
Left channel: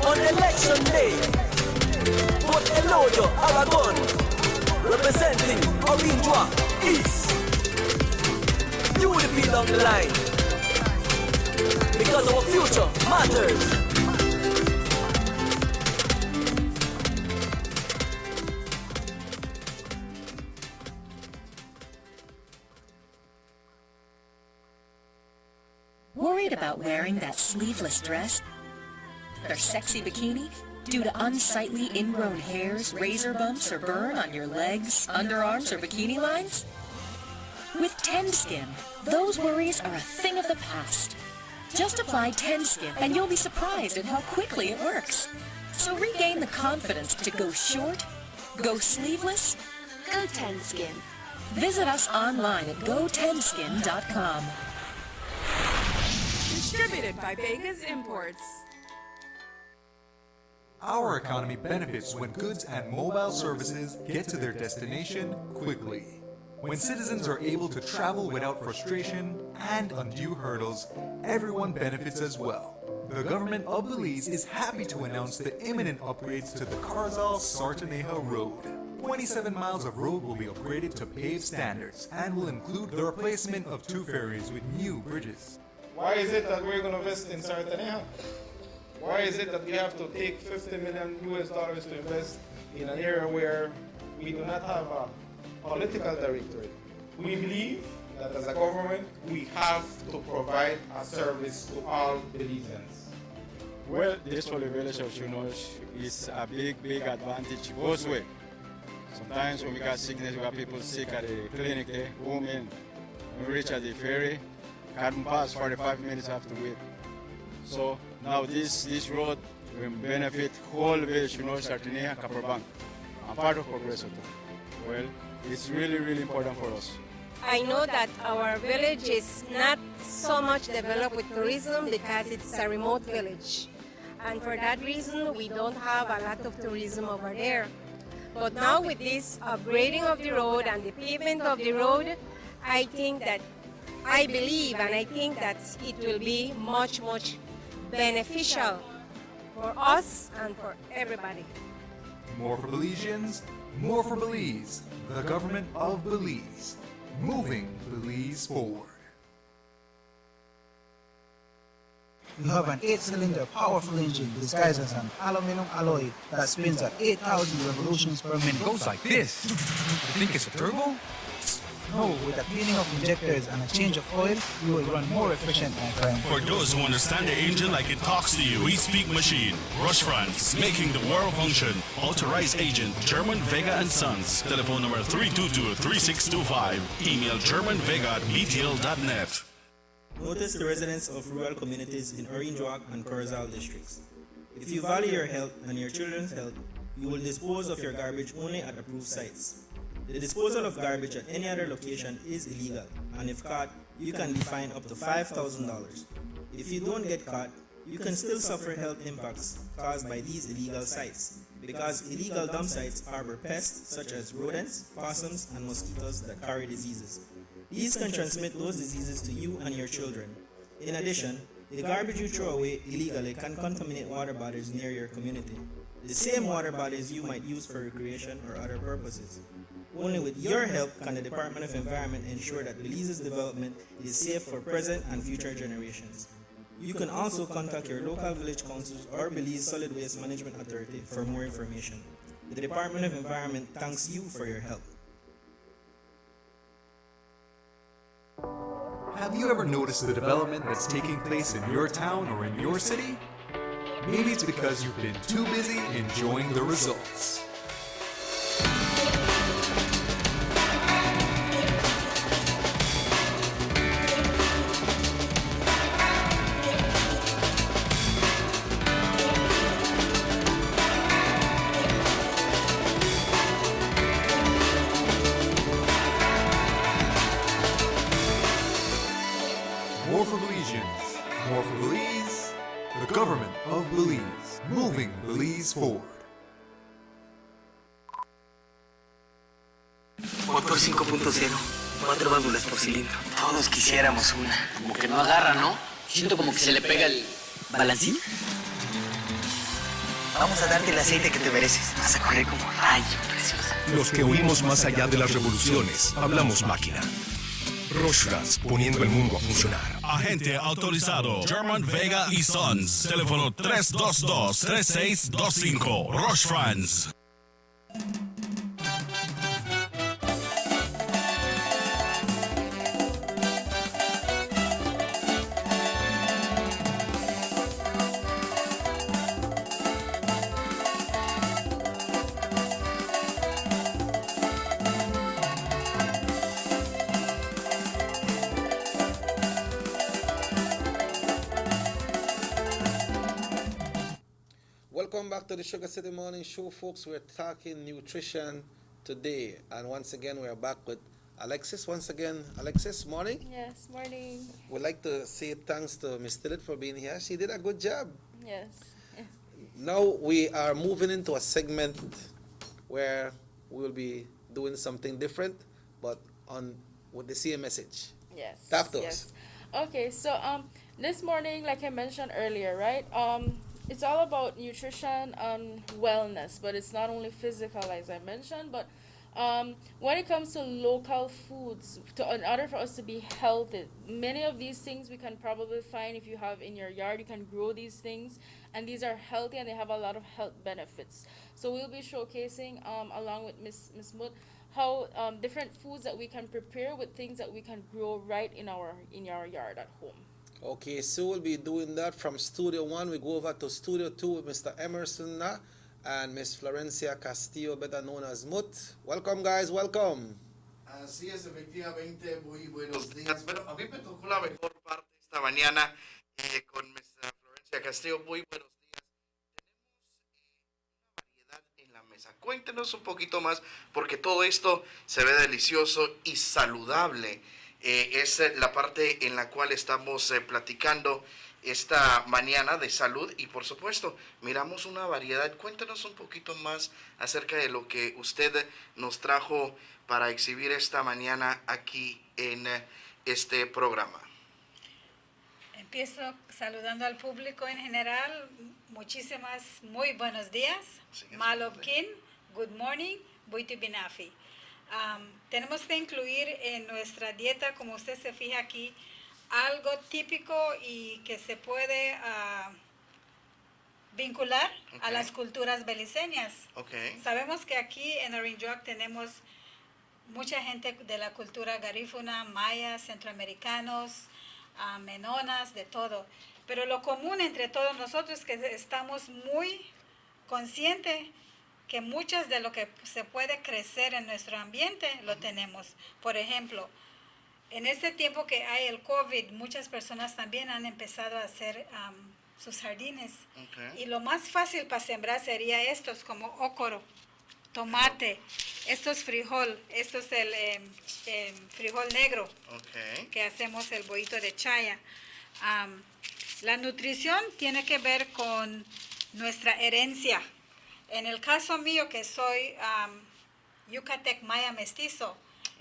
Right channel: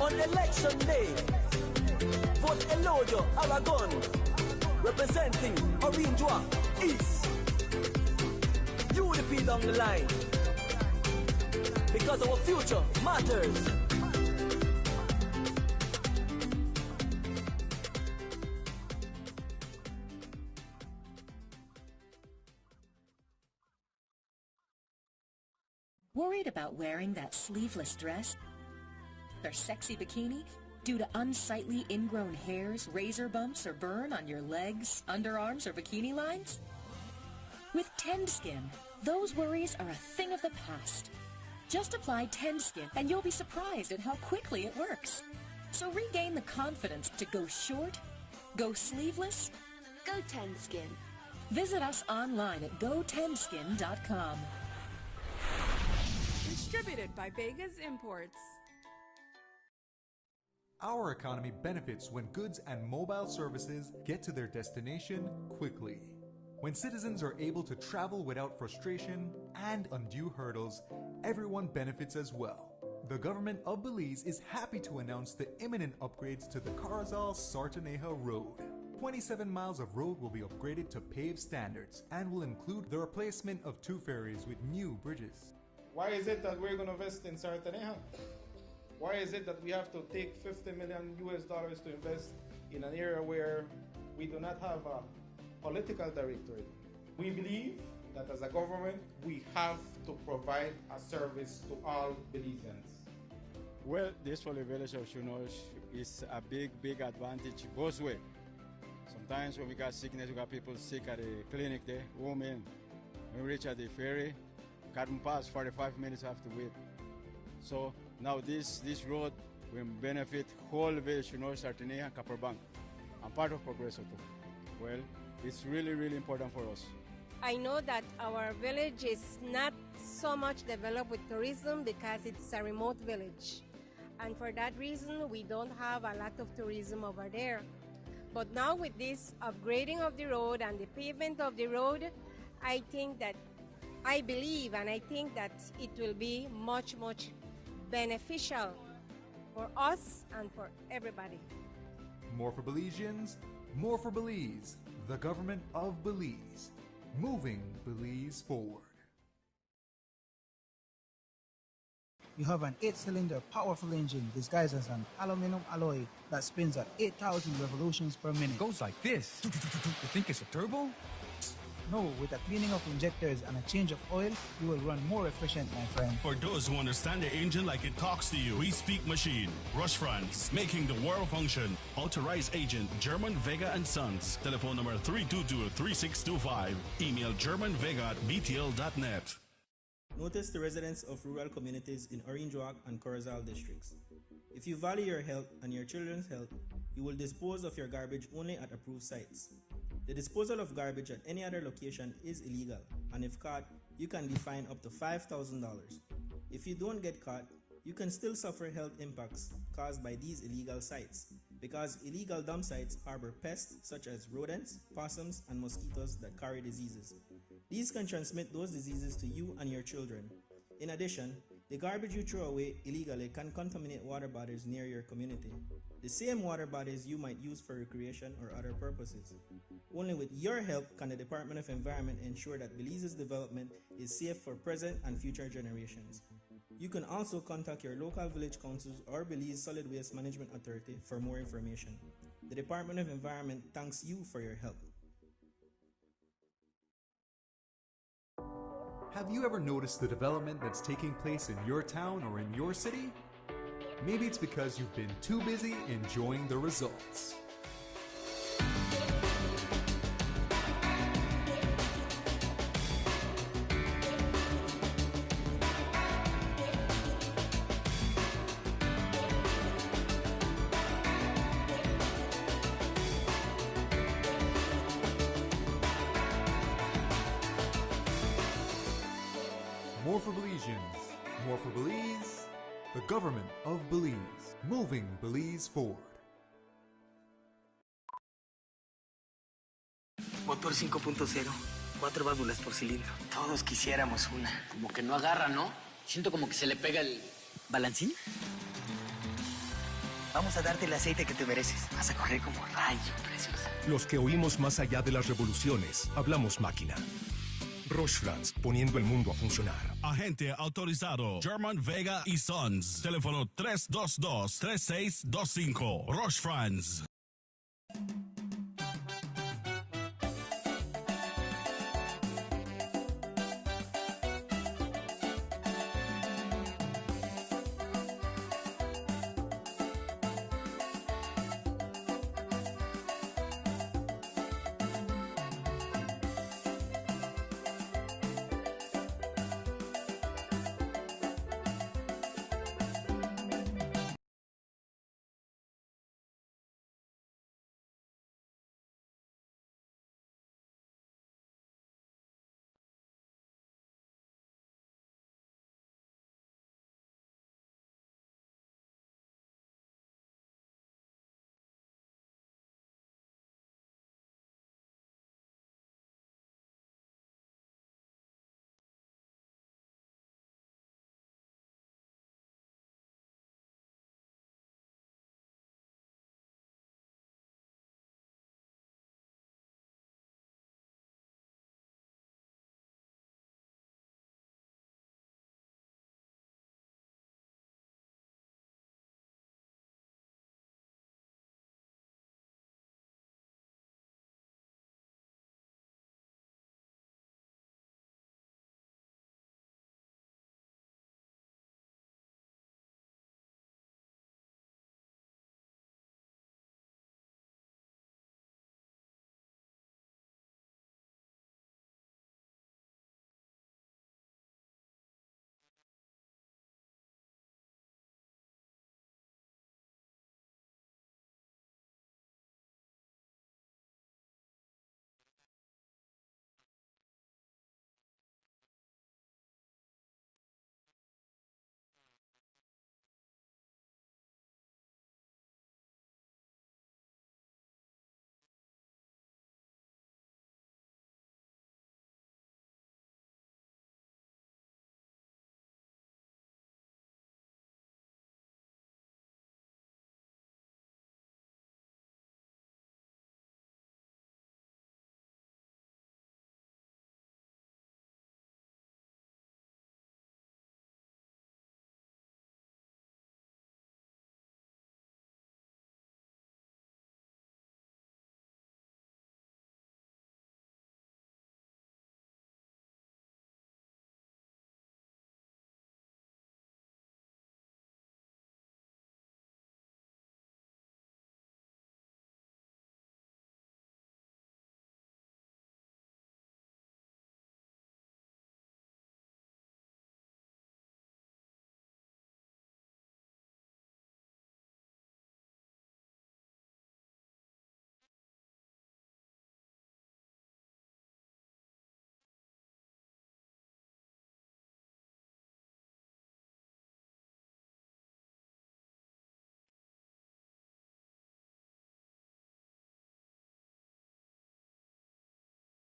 on election day. Vote Eloyo, Aragon, representing Orange East. You will be down the line because our future matters. Worried about wearing that sleeveless dress or sexy bikini due to unsightly ingrown hairs, razor bumps, or burn on your legs, underarms, or bikini lines? With TenSkin, those worries are a thing of the past. Just apply TenSkin and you'll be surprised at how quickly it works. So regain the confidence to go short, go sleeveless, go TenSkin. Visit us online at gotenskin.com. Distributed by Vegas Imports. Our economy benefits when goods and mobile services get to their destination quickly. When citizens are able to travel without frustration and undue hurdles, everyone benefits as well. The government of Belize is happy to announce the imminent upgrades to the Carzal-Sartaneja Road. 27 miles of road will be upgraded to paved standards and will include the replacement of 2 ferries with new bridges. Why is it that we're going to invest in Sartaneja? Why is it that we have to take $50 million to invest in an area where we do not have a political directory? We believe that as a government, we have to provide a service to all Belizeans. Well, this for the village of Chunosh is a big advantage both ways. Sometimes when we got sickness, we have people sick at the clinic there, home in. When we reach at the ferry, can't pass 45 minutes have to wait. So now this road will benefit whole village, Sartaneja, Kaprabang, and part of Progreso. Well, it's really important for us. I know that our village is not so much developed with tourism because it's a remote village. And for that reason, we don't have a lot of tourism over there. But now with this upgrading of the road and the pavement of the road, I believe and I think that it will be much beneficial for us and for everybody. More for Belizeans, more for Belize. The government of Belize, moving Belize forward. You have an 8-cylinder powerful engine disguised as an aluminum alloy that spins at 8,000 revolutions per minute. It goes like this. You think it's a turbo? No, with a cleaning of injectors and a change of oil, you will run more efficient, my friend. For those who understand the engine like it talks to you, we speak machine. Rush France, making the world function. Authorized agent, German Vega and Sons. Telephone number 322-3625. Email germanvega@btl.net. Notice the residents of rural communities in Orange Rock and Carzal districts. If you value your health and your children's health, you will dispose of your garbage only at approved sites. The disposal of garbage at any other location is illegal, and if caught, you can be fined up to $5,000. If you don't get caught, you can still suffer health impacts caused by these illegal sites, because illegal dump sites harbor pests such as rodents, possums, and mosquitoes that carry diseases. These can transmit those diseases to you and your children. In addition, the garbage you throw away illegally can contaminate water bodies near your community, the same water bodies you might use for recreation or other purposes. Only with your help can the Department of Environment ensure that Belize's development is safe for present and future generations. You can also contact your local village councils or Belize Solid Waste Management Authority for more information. The Department of Environment thanks you for your help. Have you ever noticed the development that's taking place in your town or in your city? Maybe it's because you've been too busy enjoying the results. More for Belize, the government of Belize, moving Belize forward. Otro 5.0, 4 válvulas por cilindro. Todos quisiéramos una. Como que no agarra, ¿no? Siento como que se le pega el balancín. Vamos a darte el aceite que te mereces. Vas a correr como rayo, preciosa. Los que huimos más allá de las revoluciones, hablamos máquina. Rostras, poniendo el mundo a funcionar. Agente autorizado, German Vega y Sons. Teléfono 322-3625. Rostrans. Welcome back to the SugarCity Morning Show, folks. We're talking nutrition today, and once again we're back with Alexis. Once again, Alexis, morning. Yes, morning. We'd like to say thanks to Miss Tillet for being here. She did a good job. Yes. Now we are moving into a segment where we will be doing something different, but on with the same message. Yes. Talk to us. Yes. Okay, so this morning, like I mentioned earlier, right? It's all about nutrition and wellness, but it's not only physical, as I mentioned, but when it comes to local foods, in order for us to be healthy, many of these things we can probably find if you have in your yard. You can grow these things, and these are healthy and they have a lot of health benefits. So we'll be showcasing, along with Miss Mut, how different foods that we can prepare with things that we can grow right in our yard at home. Okay, so we'll be doing that from Studio 1. We go over to Studio 2 with Mr. Emerson and Miss Florencia Castillo, better known as Mut. Welcome, guys, welcome. Así es, efectivamente, muy buenos días. Bueno, a mí me tocó la mejor parte esta mañana con Miss Florencia Castillo. Muy buenos días. Tenemos una variedad en la mesa. Cuéntenos un poquito más, porque todo esto se ve delicioso y saludable. Es la parte en la cual estamos platicando esta mañana de salud y por supuesto miramos una variedad. Cuéntanos un poquito más acerca de lo que usted nos trajo para exhibir esta mañana aquí en este programa. Empiezo saludando al público en general. Muchísimas, muy buenos días. Malobkin, good morning, Buiti Binafi. Tenemos que incluir en nuestra dieta, como usted se fija aquí, algo típico y que se puede vincular a las culturas beliceñas. Sabemos que aquí en Orange Rock tenemos mucha gente de la cultura garífuna, mayas, centroamericanos, menonas, de todo. Pero lo común entre todos nosotros es que estamos muy conscientes que muchas de lo que se puede crecer en nuestro ambiente lo tenemos. Por ejemplo, en este tiempo que hay el COVID, muchas personas también han empezado a hacer sus jardines. Y lo más fácil para sembrar sería estos, como ócoro, tomate, esto es frijol, esto es el frijol negro, que hacemos el bollito de chaya. La nutrición tiene que ver con nuestra herencia. En el caso mío, que soy Yucatec Maya mestizo,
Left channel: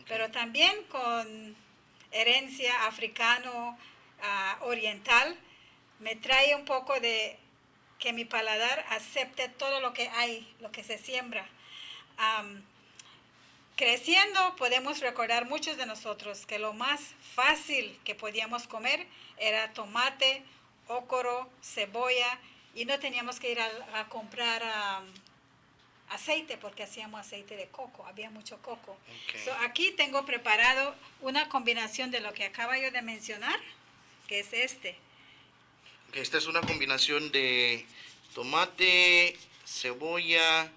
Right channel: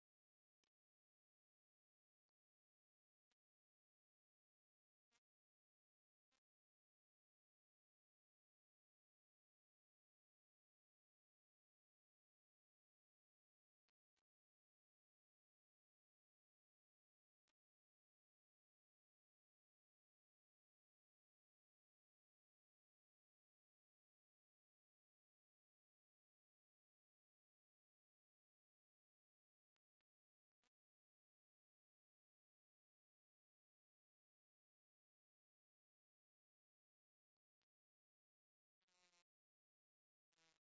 pero también con herencia africano, oriental, me trae un poco de que mi paladar acepte todo lo que hay, lo que se siembra. Creciendo podemos recordar muchos de nosotros que lo más fácil que podíamos comer era tomate, ócoro, cebolla, y no teníamos que ir a comprar aceite porque hacíamos aceite de coco, había mucho coco. So, aquí tengo preparado una combinación de lo que acaba yo de mencionar, que es este. Esta es una combinación de tomate, cebolla,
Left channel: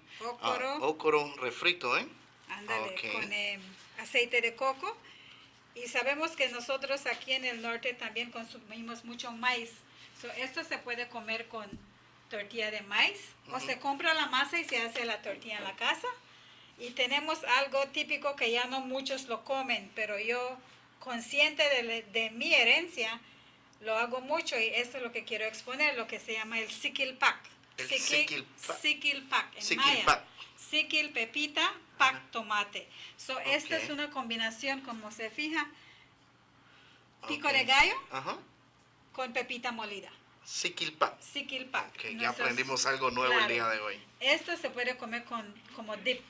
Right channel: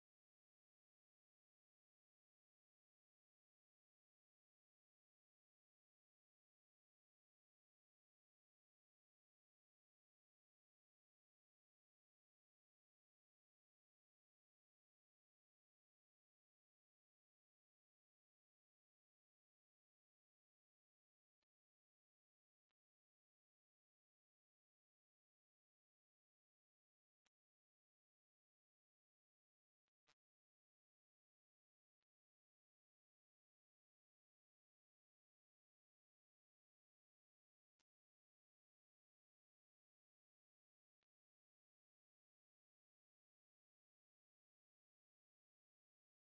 ócoro refrito, ¿eh? Ándale, con aceite de coco. Y sabemos que nosotros aquí en el norte también consumimos mucho maíz. So, esto se puede comer con tortilla de maíz, o se compra la masa y se hace la tortilla en la casa. Y tenemos algo típico que ya no muchos lo comen, pero yo, consciente de mi herencia, lo hago mucho y esto es lo que quiero exponer, lo que se llama el sikil pak. Sikil pak en maya. Sikil, pepita, pak, tomate. So, esta es una combinación, como se fija, pico de gallo con pepita molida. Sikil pak. Sikil pak. Okay, ya aprendimos algo nuevo el día de hoy. Esto se puede comer como dip.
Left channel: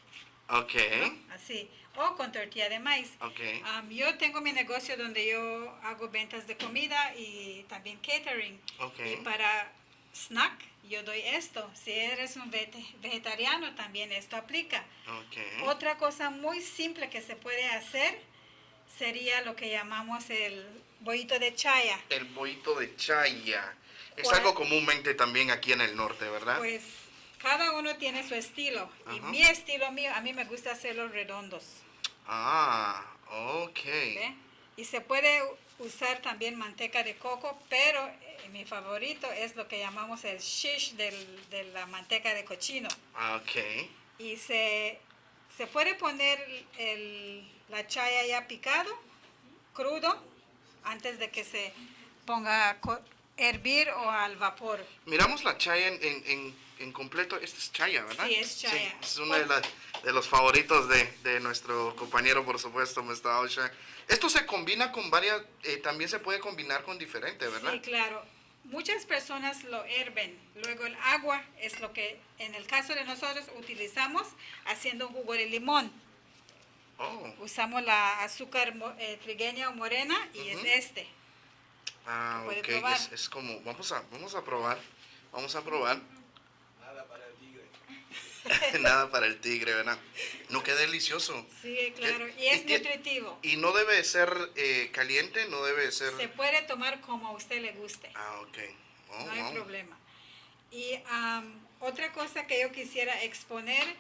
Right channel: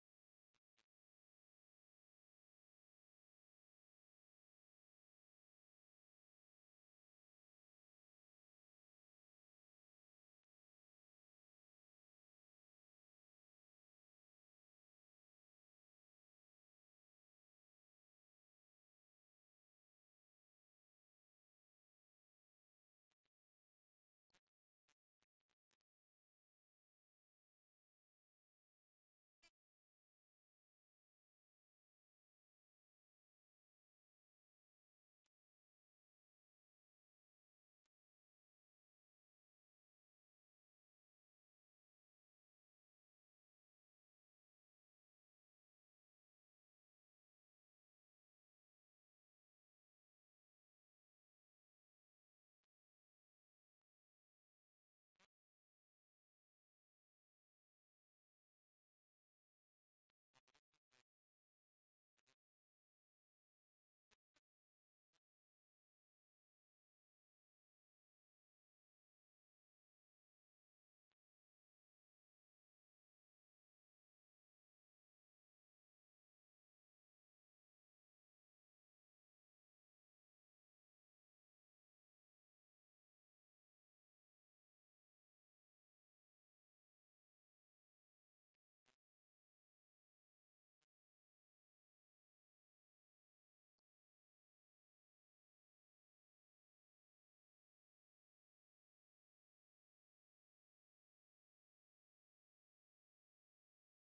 Ok. ¿No? Así. O con tortilla de maíz. Okay. Yo tengo mi negocio donde yo hago ventas de comida y también catering. Okay. Y para snack yo doy esto. Si eres un vegetariano también esto aplica. Okay. Otra cosa muy simple que se puede hacer sería lo que llamamos el bollito de chaya. El bollito de chaya. Es algo comúnmente también aquí en el norte, ¿verdad? Pues cada uno tiene su estilo. Y mi estilo mío, a mí me gusta hacerlos redondos. Ah, ok. ¿Ve? Y se puede usar también manteca de coco, pero mi favorito es lo que llamamos el shish de la manteca de cochino. Ok. Y se puede poner la chaya ya picado, crudo, antes de que se ponga a hervir o al vapor. Miramos la chaya en completo. Esta es chaya, ¿verdad? Sí, es chaya. Sí, es uno de los favoritos de nuestro compañero, por supuesto, Mr. Osha. Esto se combina con varias, también se puede combinar con diferentes, ¿verdad? Sí, claro. Muchas personas lo herven. Luego el agua es lo que, en el caso de nosotros, utilizamos haciendo un jugo de limón. Oh. Usamos la azúcar trigueña o morena y es este. Ah, ok. Es como, vamos a probar. Vamos a probar. Nada para el tigre. Nada para el tigre, ¿verdad? No, qué delicioso. Sí, claro. Y es nutritivo. Y no debe ser caliente, no debe ser... Se puede tomar como a usted le guste. Ah, ok. Oh, no hay problema. Y otra cosa que yo quisiera exponer,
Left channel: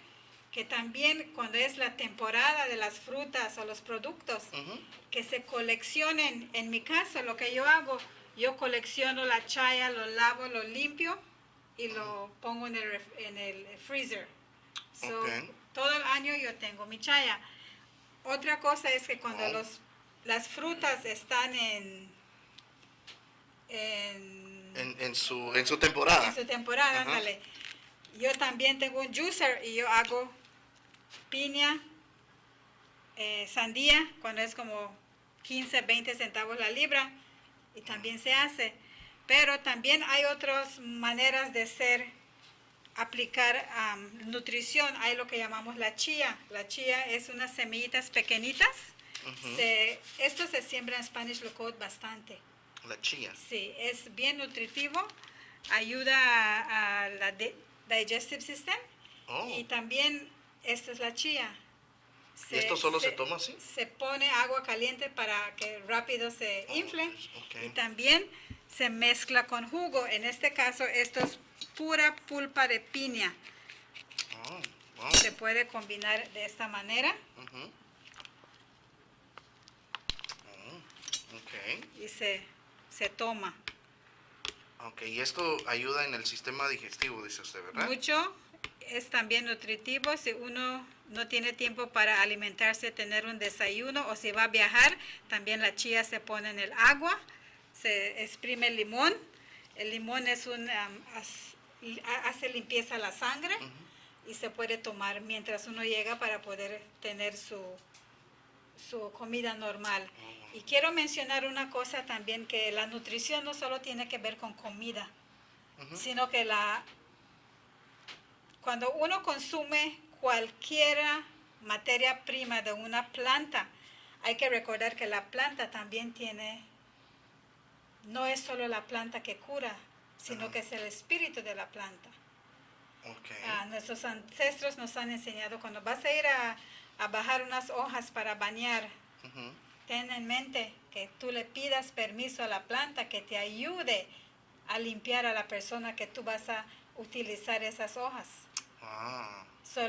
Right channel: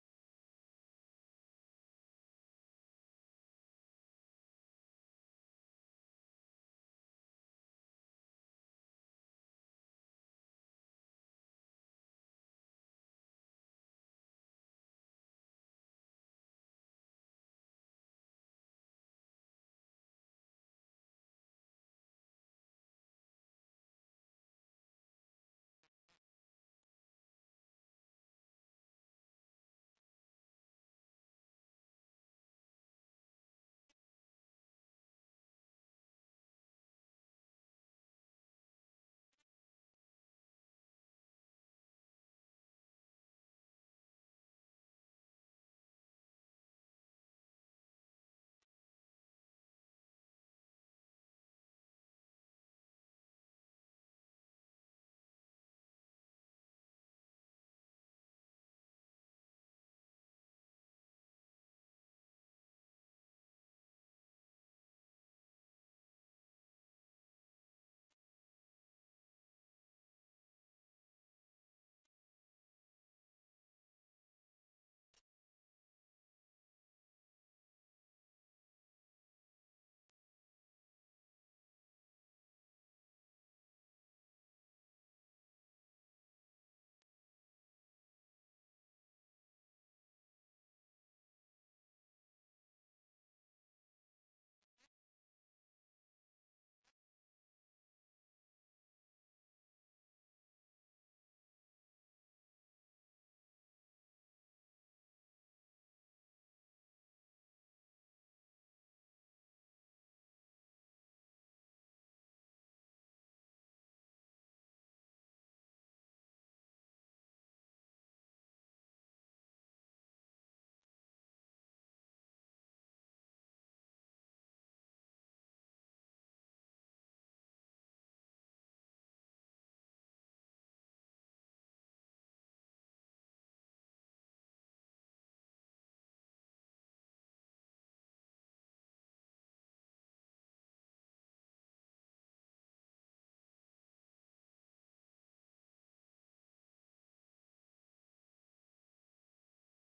que también cuando es la temporada de las frutas o los productos, que se coleccionen. En mi caso, lo que yo hago, yo colecciono la chaya, lo lavo, lo limpio y lo pongo en el freezer. So, todo el año yo tengo mi chaya. Otra cosa es que cuando las frutas están en su temporada. En su temporada, ándale. Yo también tengo un juicer y yo hago piña, sandía, cuando es como 15, 20 centavos la libra, y también se hace. Pero también hay otras maneras de aplicar nutrición. Hay lo que llamamos la chía. La chía es unas semillitas pequeñitas. Esto se siembra en Spanish Locode bastante. La chía. Sí, es bien nutritivo, ayuda a la digestive system y también esta es la chía. ¿Y esto solo se toma así? Se pone agua caliente para que rápido se infle y también se mezcla con jugo. En este caso esto es pura pulpa de piña. Se puede combinar de esta manera. Y se toma. Ok, y esto ayuda en el sistema digestivo, dice usted, ¿verdad? Mucho, es también nutritivo. Si uno no tiene tiempo para alimentarse, tener un desayuno, o si va a viajar, también la chía se pone en el agua, se exprime el limón. El limón es hace limpieza a la sangre y se puede tomar mientras uno llega para poder tener su comida normal. Y quiero mencionar una cosa también, que la nutrición no solo tiene que ver con comida, sino que cuando uno consume cualquier materia prima de una planta, hay que recordar que la planta también no es solo la planta que cura, sino que es el espíritu de la planta. Nuestros ancestros nos han enseñado, cuando vas a ir a bajar unas hojas para bañar, ten en mente que tú le pidas permiso a la planta que te ayude a limpiar a la persona que tú vas a utilizar esas hojas.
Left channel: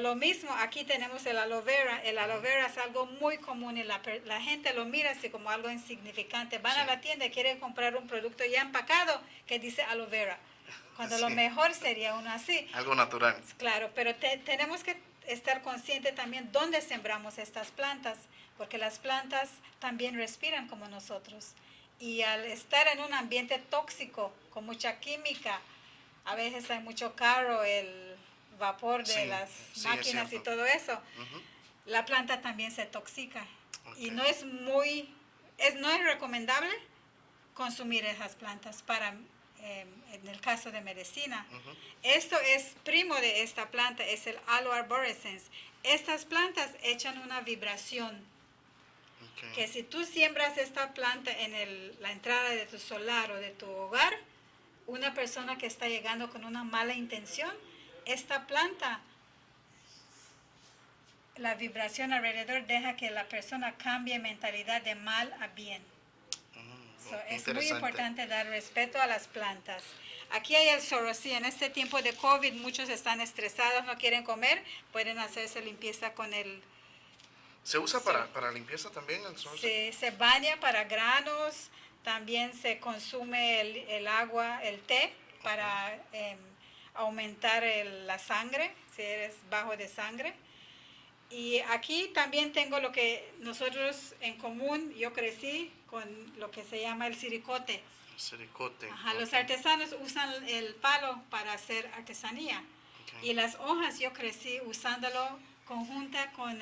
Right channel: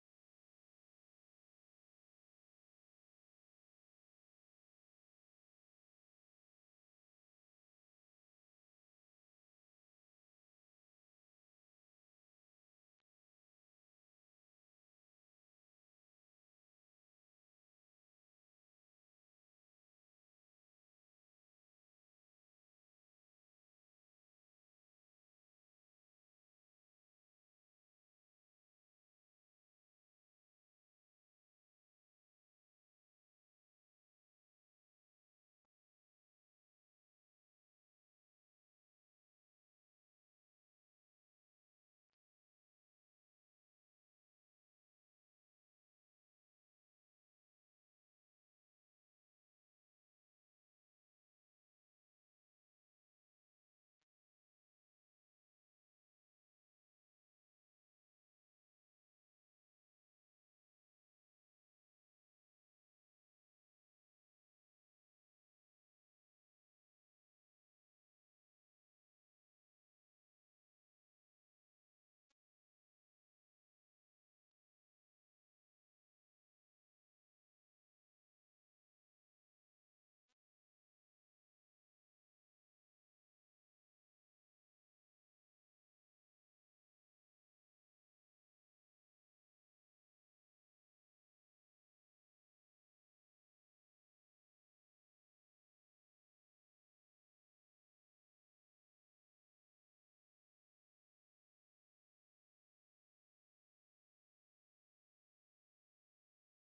Lo mismo, aquí tenemos el aloe vera. El aloe vera es algo muy común y la gente lo mira así como algo insignificante. Van a la tienda y quieren comprar un producto ya empacado que dice aloe vera, cuando lo mejor sería uno así. Algo natural. Claro, pero tenemos que estar conscientes también dónde sembramos estas plantas, porque las plantas también respiran como nosotros Y al estar en un ambiente tóxico, con mucha química, a veces hay mucho carro, el vapor de las máquinas y todo eso, la planta también se toxica. Y no es no es recomendable consumir esas plantas para, en el caso de medicina. Esto es primo de esta planta, es el Aloe arborescens. Estas plantas echan una vibración que si tú siembras esta planta en la entrada de tu solar o de tu hogar, una persona que está llegando con una mala intención, esta planta, la vibración alrededor deja que la persona cambie mentalidad de mal a bien. Es muy importante dar respeto a las plantas. Aquí hay el SugarCity. En este tiempo de COVID muchos están estresados, no quieren comer, pueden hacerse limpieza con el... ¿Se usa para limpieza también el SugarCity? Se baña para granos, también se consume el agua, el té, para aumentar la sangre, si eres bajo de sangre. Y aquí también tengo lo que nosotros en común, yo crecí con lo que se llama el siricote. Siricote. Ajá, los artesanos usan el palo para hacer artesanía. Y las hojas yo crecí usándolo conjunta con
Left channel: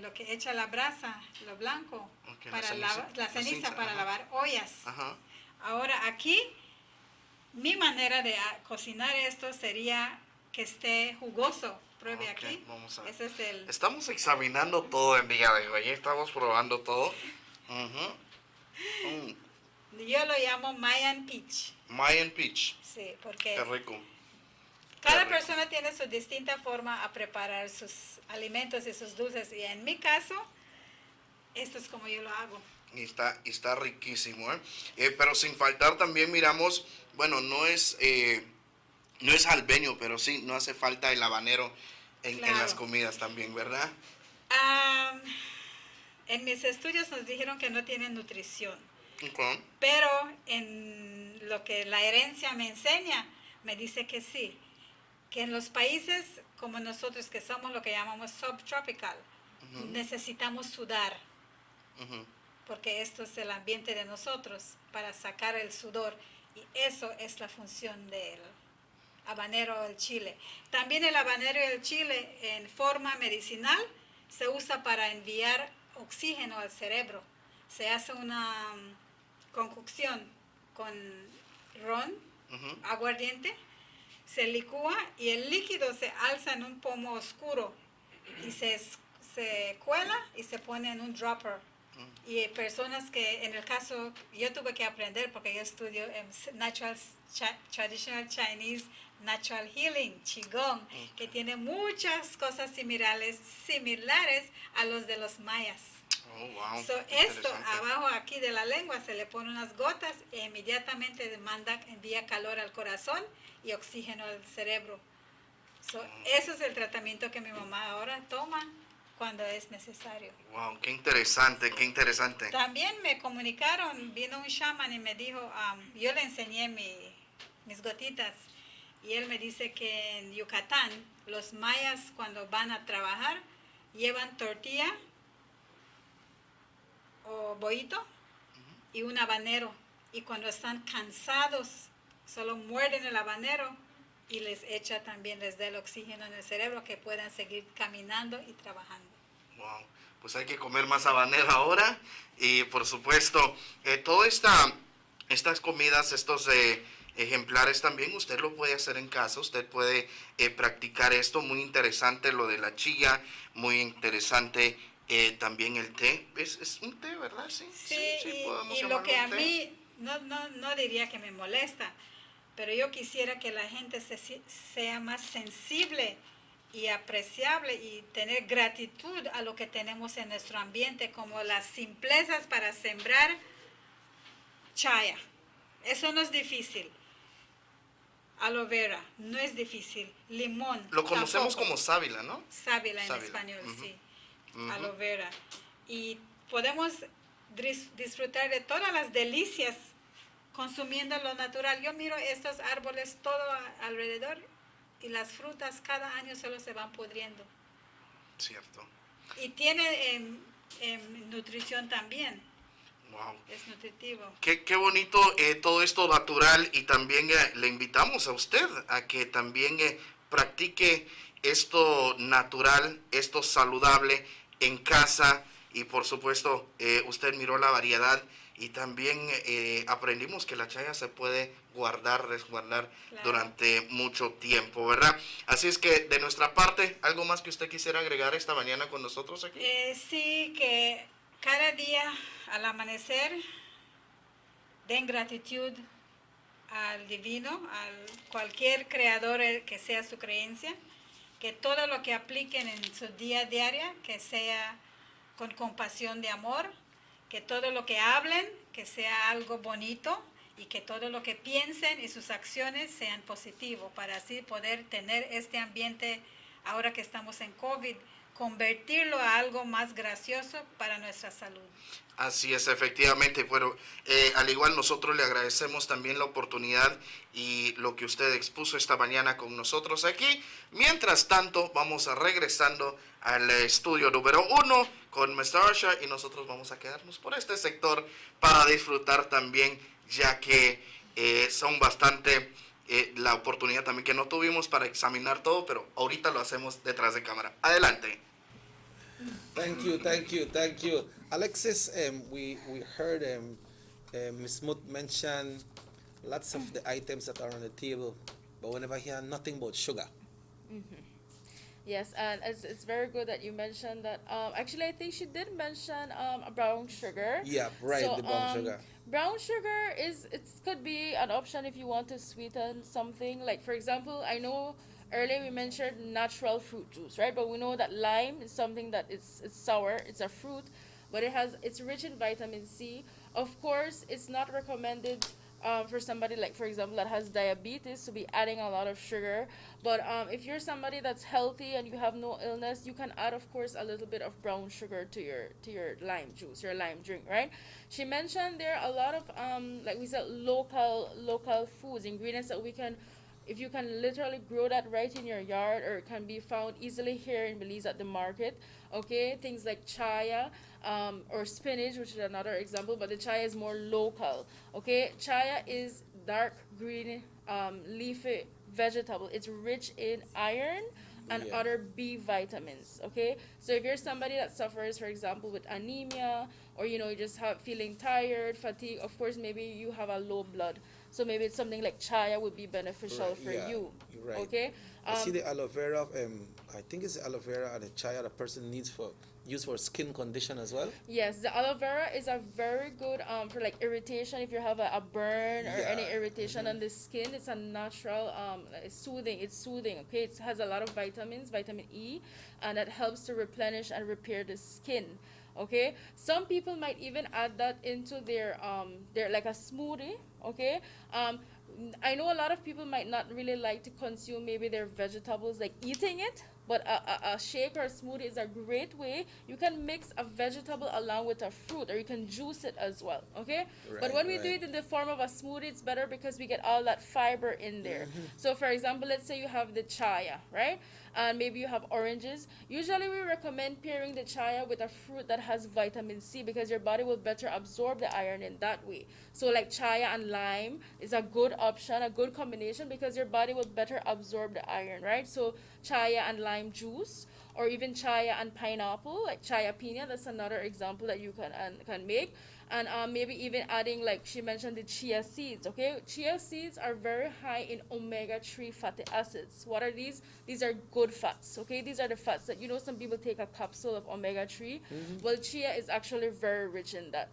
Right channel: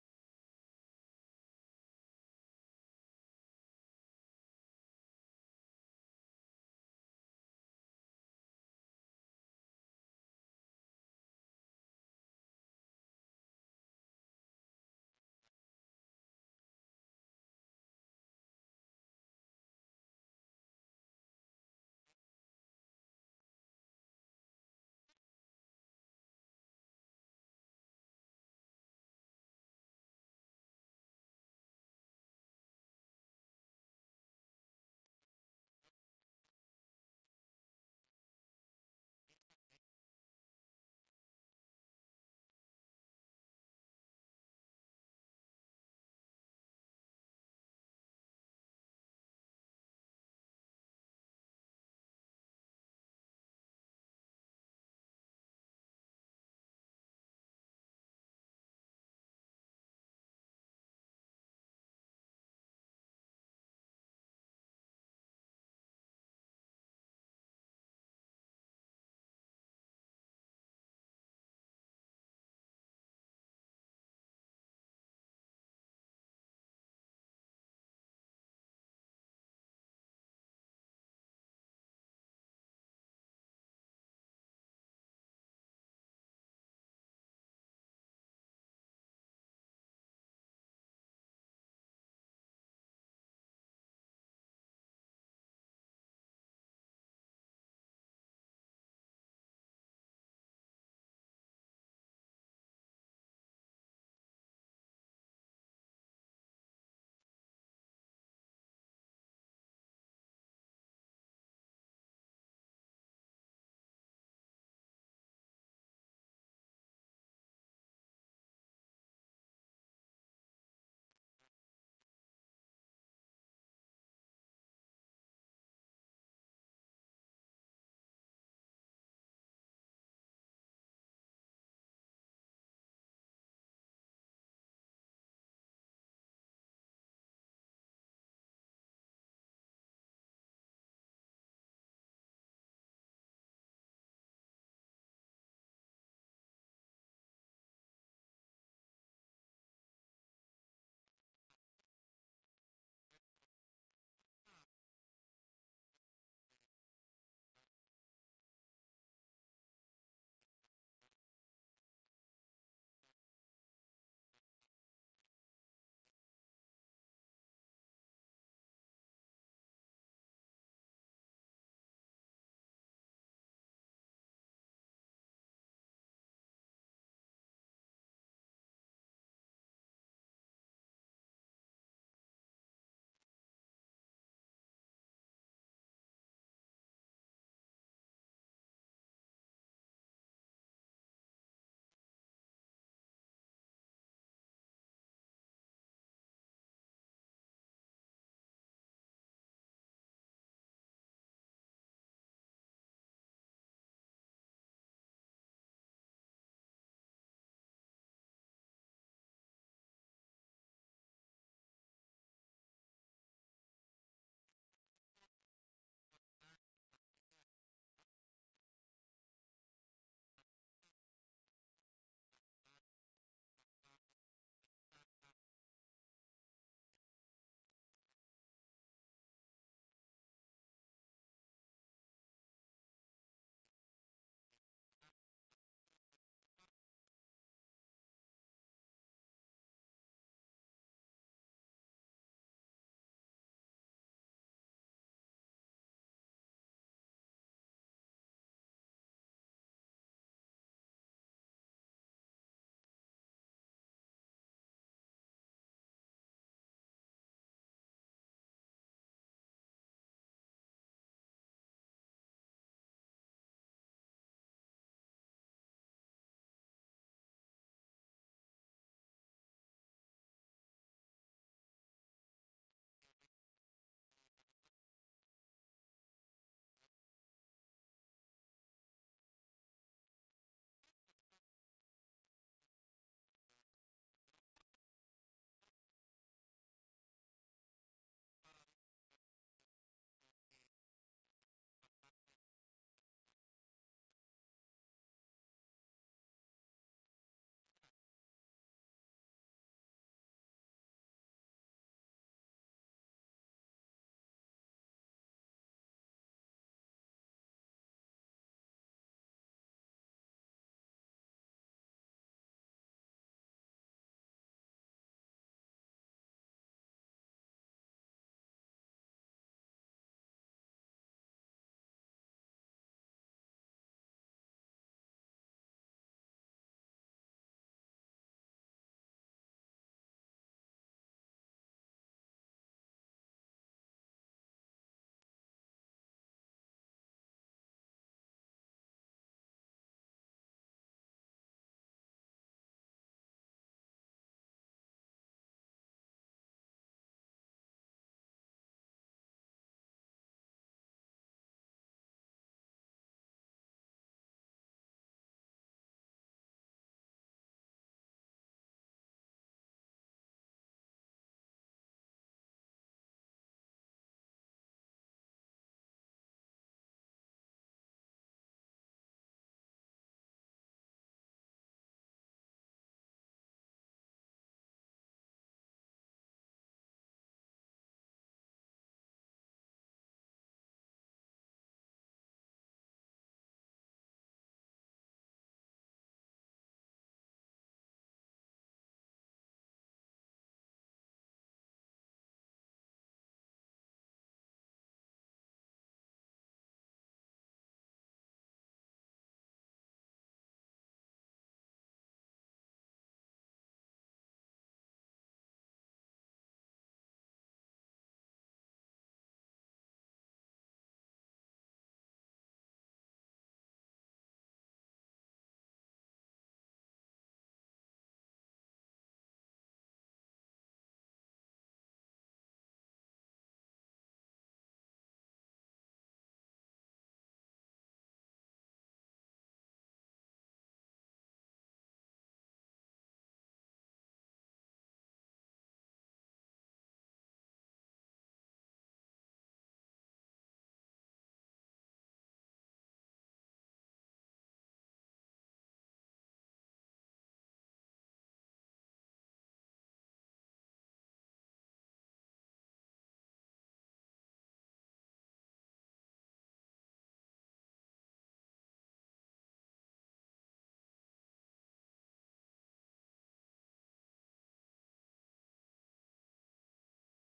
lo que echa la brasa, lo blanco, para la ceniza para lavar ollas. Ahora aquí, mi manera de cocinar esto sería que esté jugoso. Pruebe aquí. Vamos a ver. Ese es Estamos examinando todo el día de hoy, estamos probando todo. Yo lo llamo Mayan Peach. Mayan Peach. Sí, porque qué rico. Cada persona tiene su distinta forma a preparar sus alimentos y sus dulces. Y en mi caso, esto es como yo lo hago. Y está riquísimo, pero sin faltar también miramos, bueno, no es jalapeño, pero sí, no hace falta el habanero en las comidas también, ¿verdad? En mis estudios nos dijeron que no tienen nutrición. Okay. Pero en lo que la herencia me enseña, me dice que sí. Que en los países como nosotros, que somos lo que llamamos subtropical, necesitamos sudar. Porque esto es el ambiente de nosotros, para sacar el sudor. Y eso es la función del habanero o el chile. También el habanero y el chile en forma medicinal se usa para enviar oxígeno al cerebro. Se hace una concocción con ron, aguardiente, se licúa y el líquido se alza en un pomo oscuro y se cuela y se pone en un dropper. Y hay personas que, en el caso, yo tuve que aprender porque yo estudio en Traditional Chinese Natural Healing, Qigong, que tiene muchas cosas similares a los de los mayas. Oh, wow. Esto abajo aquí de la lengua se le pone unas gotas e inmediatamente envía calor al corazón y oxígeno al cerebro. Eso es el tratamiento que mi mamá ahora toma cuando es necesario. Wow, qué interesante, qué interesante. También me comunicaron, vino un shaman y me dijo, yo le enseñé mis gotitas y él me dice que en Yucatán los mayas cuando van a trabajar llevan tortilla o bollito y un habanero, y cuando están cansados solo muerden el habanero y les da el oxígeno en el cerebro que puedan seguir caminando y trabajando. Wow, pues hay que comer más habanero ahora y por supuesto todas estas comidas, estos ejemplares también usted lo puede hacer en casa, usted puede practicar esto, muy interesante lo de la chía, muy interesante también el té, es un té, ¿verdad? Sí, y lo que a mí no diría que me molesta, pero yo quisiera que la gente sea más sensible y apreciable y tener gratitud a lo que tenemos en nuestro ambiente, como las simplezas para sembrar chaya. Eso no es difícil. Aloe vera, no es difícil. Limón. Lo conocemos tampoco. Como sábila, ¿no? Sábila en español, sí. Aloe vera. Y podemos disfrutar de todas las delicias consumiendo lo natural. Yo miro estos árboles todo alrededor y las frutas cada año solo se van pudriendo. Cierto. Y tiene nutrición también. Wow. Es nutritivo. Qué bonito todo esto natural, y también le invitamos a usted a que también practique esto natural, esto saludable en casa, y por supuesto usted miró la variedad, y también aprendimos que la chaya se puede guardar, resguardar durante mucho tiempo, ¿verdad? Así es que de nuestra parte, ¿algo más que usted quisiera agregar esta mañana con nosotros aquí? Sí, que cada día al amanecer den gratitud al divino, al cualquier creador que sea su creencia, que todo lo que apliquen en su día a día, que sea con compasión de amor, que todo lo que hablen, que sea algo bonito, y que todo lo que piensen y sus acciones sean positivos, para así poder tener este ambiente, ahora que estamos en COVID, convertirlo a algo más gracioso para nuestra salud. Así es, efectivamente. Bueno, al igual nosotros le agradecemos también la oportunidad y lo que usted expuso esta mañana con nosotros aquí. Mientras tanto, vamos a regresando al estudio número 1 con Mr. Arsha, y nosotros vamos a quedarnos por este sector para disfrutar también, ya que son bastante la oportunidad también que no tuvimos para examinar todo, pero ahorita lo hacemos detrás de cámara. Adelante. Thank you. Alexis, we heard Ms. Muth mention lots of the items that are on the table, but we never hear nothing about sugar. Mm-hmm. Yes, and it's very good that you mentioned that. Actually, I think she did mention brown sugar. Yeah, right, So, the brown sugar. Brown sugar it could be an option if you want to sweeten something. Like, for example, I know earlier we mentioned natural fruit juice, right? But we know that lime is something that it's sour. It's a fruit, but it's rich in vitamin C. Of course, it's not recommended for somebody, like, for example, that has diabetes, to be adding a lot of sugar. But if you're somebody that's healthy and you have no illness, you can add, of course, a little bit of brown sugar to your lime juice, your lime drink, right? She mentioned there are a lot of like we said, local foods, ingredients that we can, if you can literally grow that right in your yard, or it can be found easily here in Belize at the market. Okay, things like chaya, or spinach, which is another example, but the chaya is more local. Okay, chaya is dark green leafy vegetable. It's rich in iron and other B vitamins. Okay, so if you're somebody that suffers, for example, with anemia, or you just have feeling tired, fatigue, of course maybe you have a low blood, so maybe it's something like chaya would be beneficial for you. Right. Okay, I see the aloe vera. I think it's the aloe vera and the chaya the person needs for use for skin condition as well. Yes, the aloe vera is a very good for like irritation. If you have a burn or any irritation on the skin, it's a natural it's soothing. Okay, it has a lot of vitamins, vitamin E, and that helps to replenish and repair the skin. Okay, some people might even add that into their like a smoothie. Okay, I know a lot of people might not really like to consume maybe their vegetables, like eating it, but a shake or a smoothie is a great way. You can mix a vegetable along with a fruit, or you can juice it as well, okay? But when we do it in the form of a smoothie, it's better because we get all that fiber in there. So for example, let's say you have the chaya, right? And maybe you have oranges. Usually we recommend pairing the chaya with a fruit that has vitamin C, because your body will better absorb the iron in that way. So like chaya and lime is a good option, a good combination, because your body will better absorb the iron, right? So chaya and lime juice, or even chaya and pineapple, like chaya pina, that's another example that you can make. And maybe even adding, like she mentioned, the chia seeds. Okay, chia seeds are very high in omega-3 fatty acids. What are these? These are good fats. Okay, these are the fats that some people take a capsule of omega-3. Well, chia is actually very rich in that.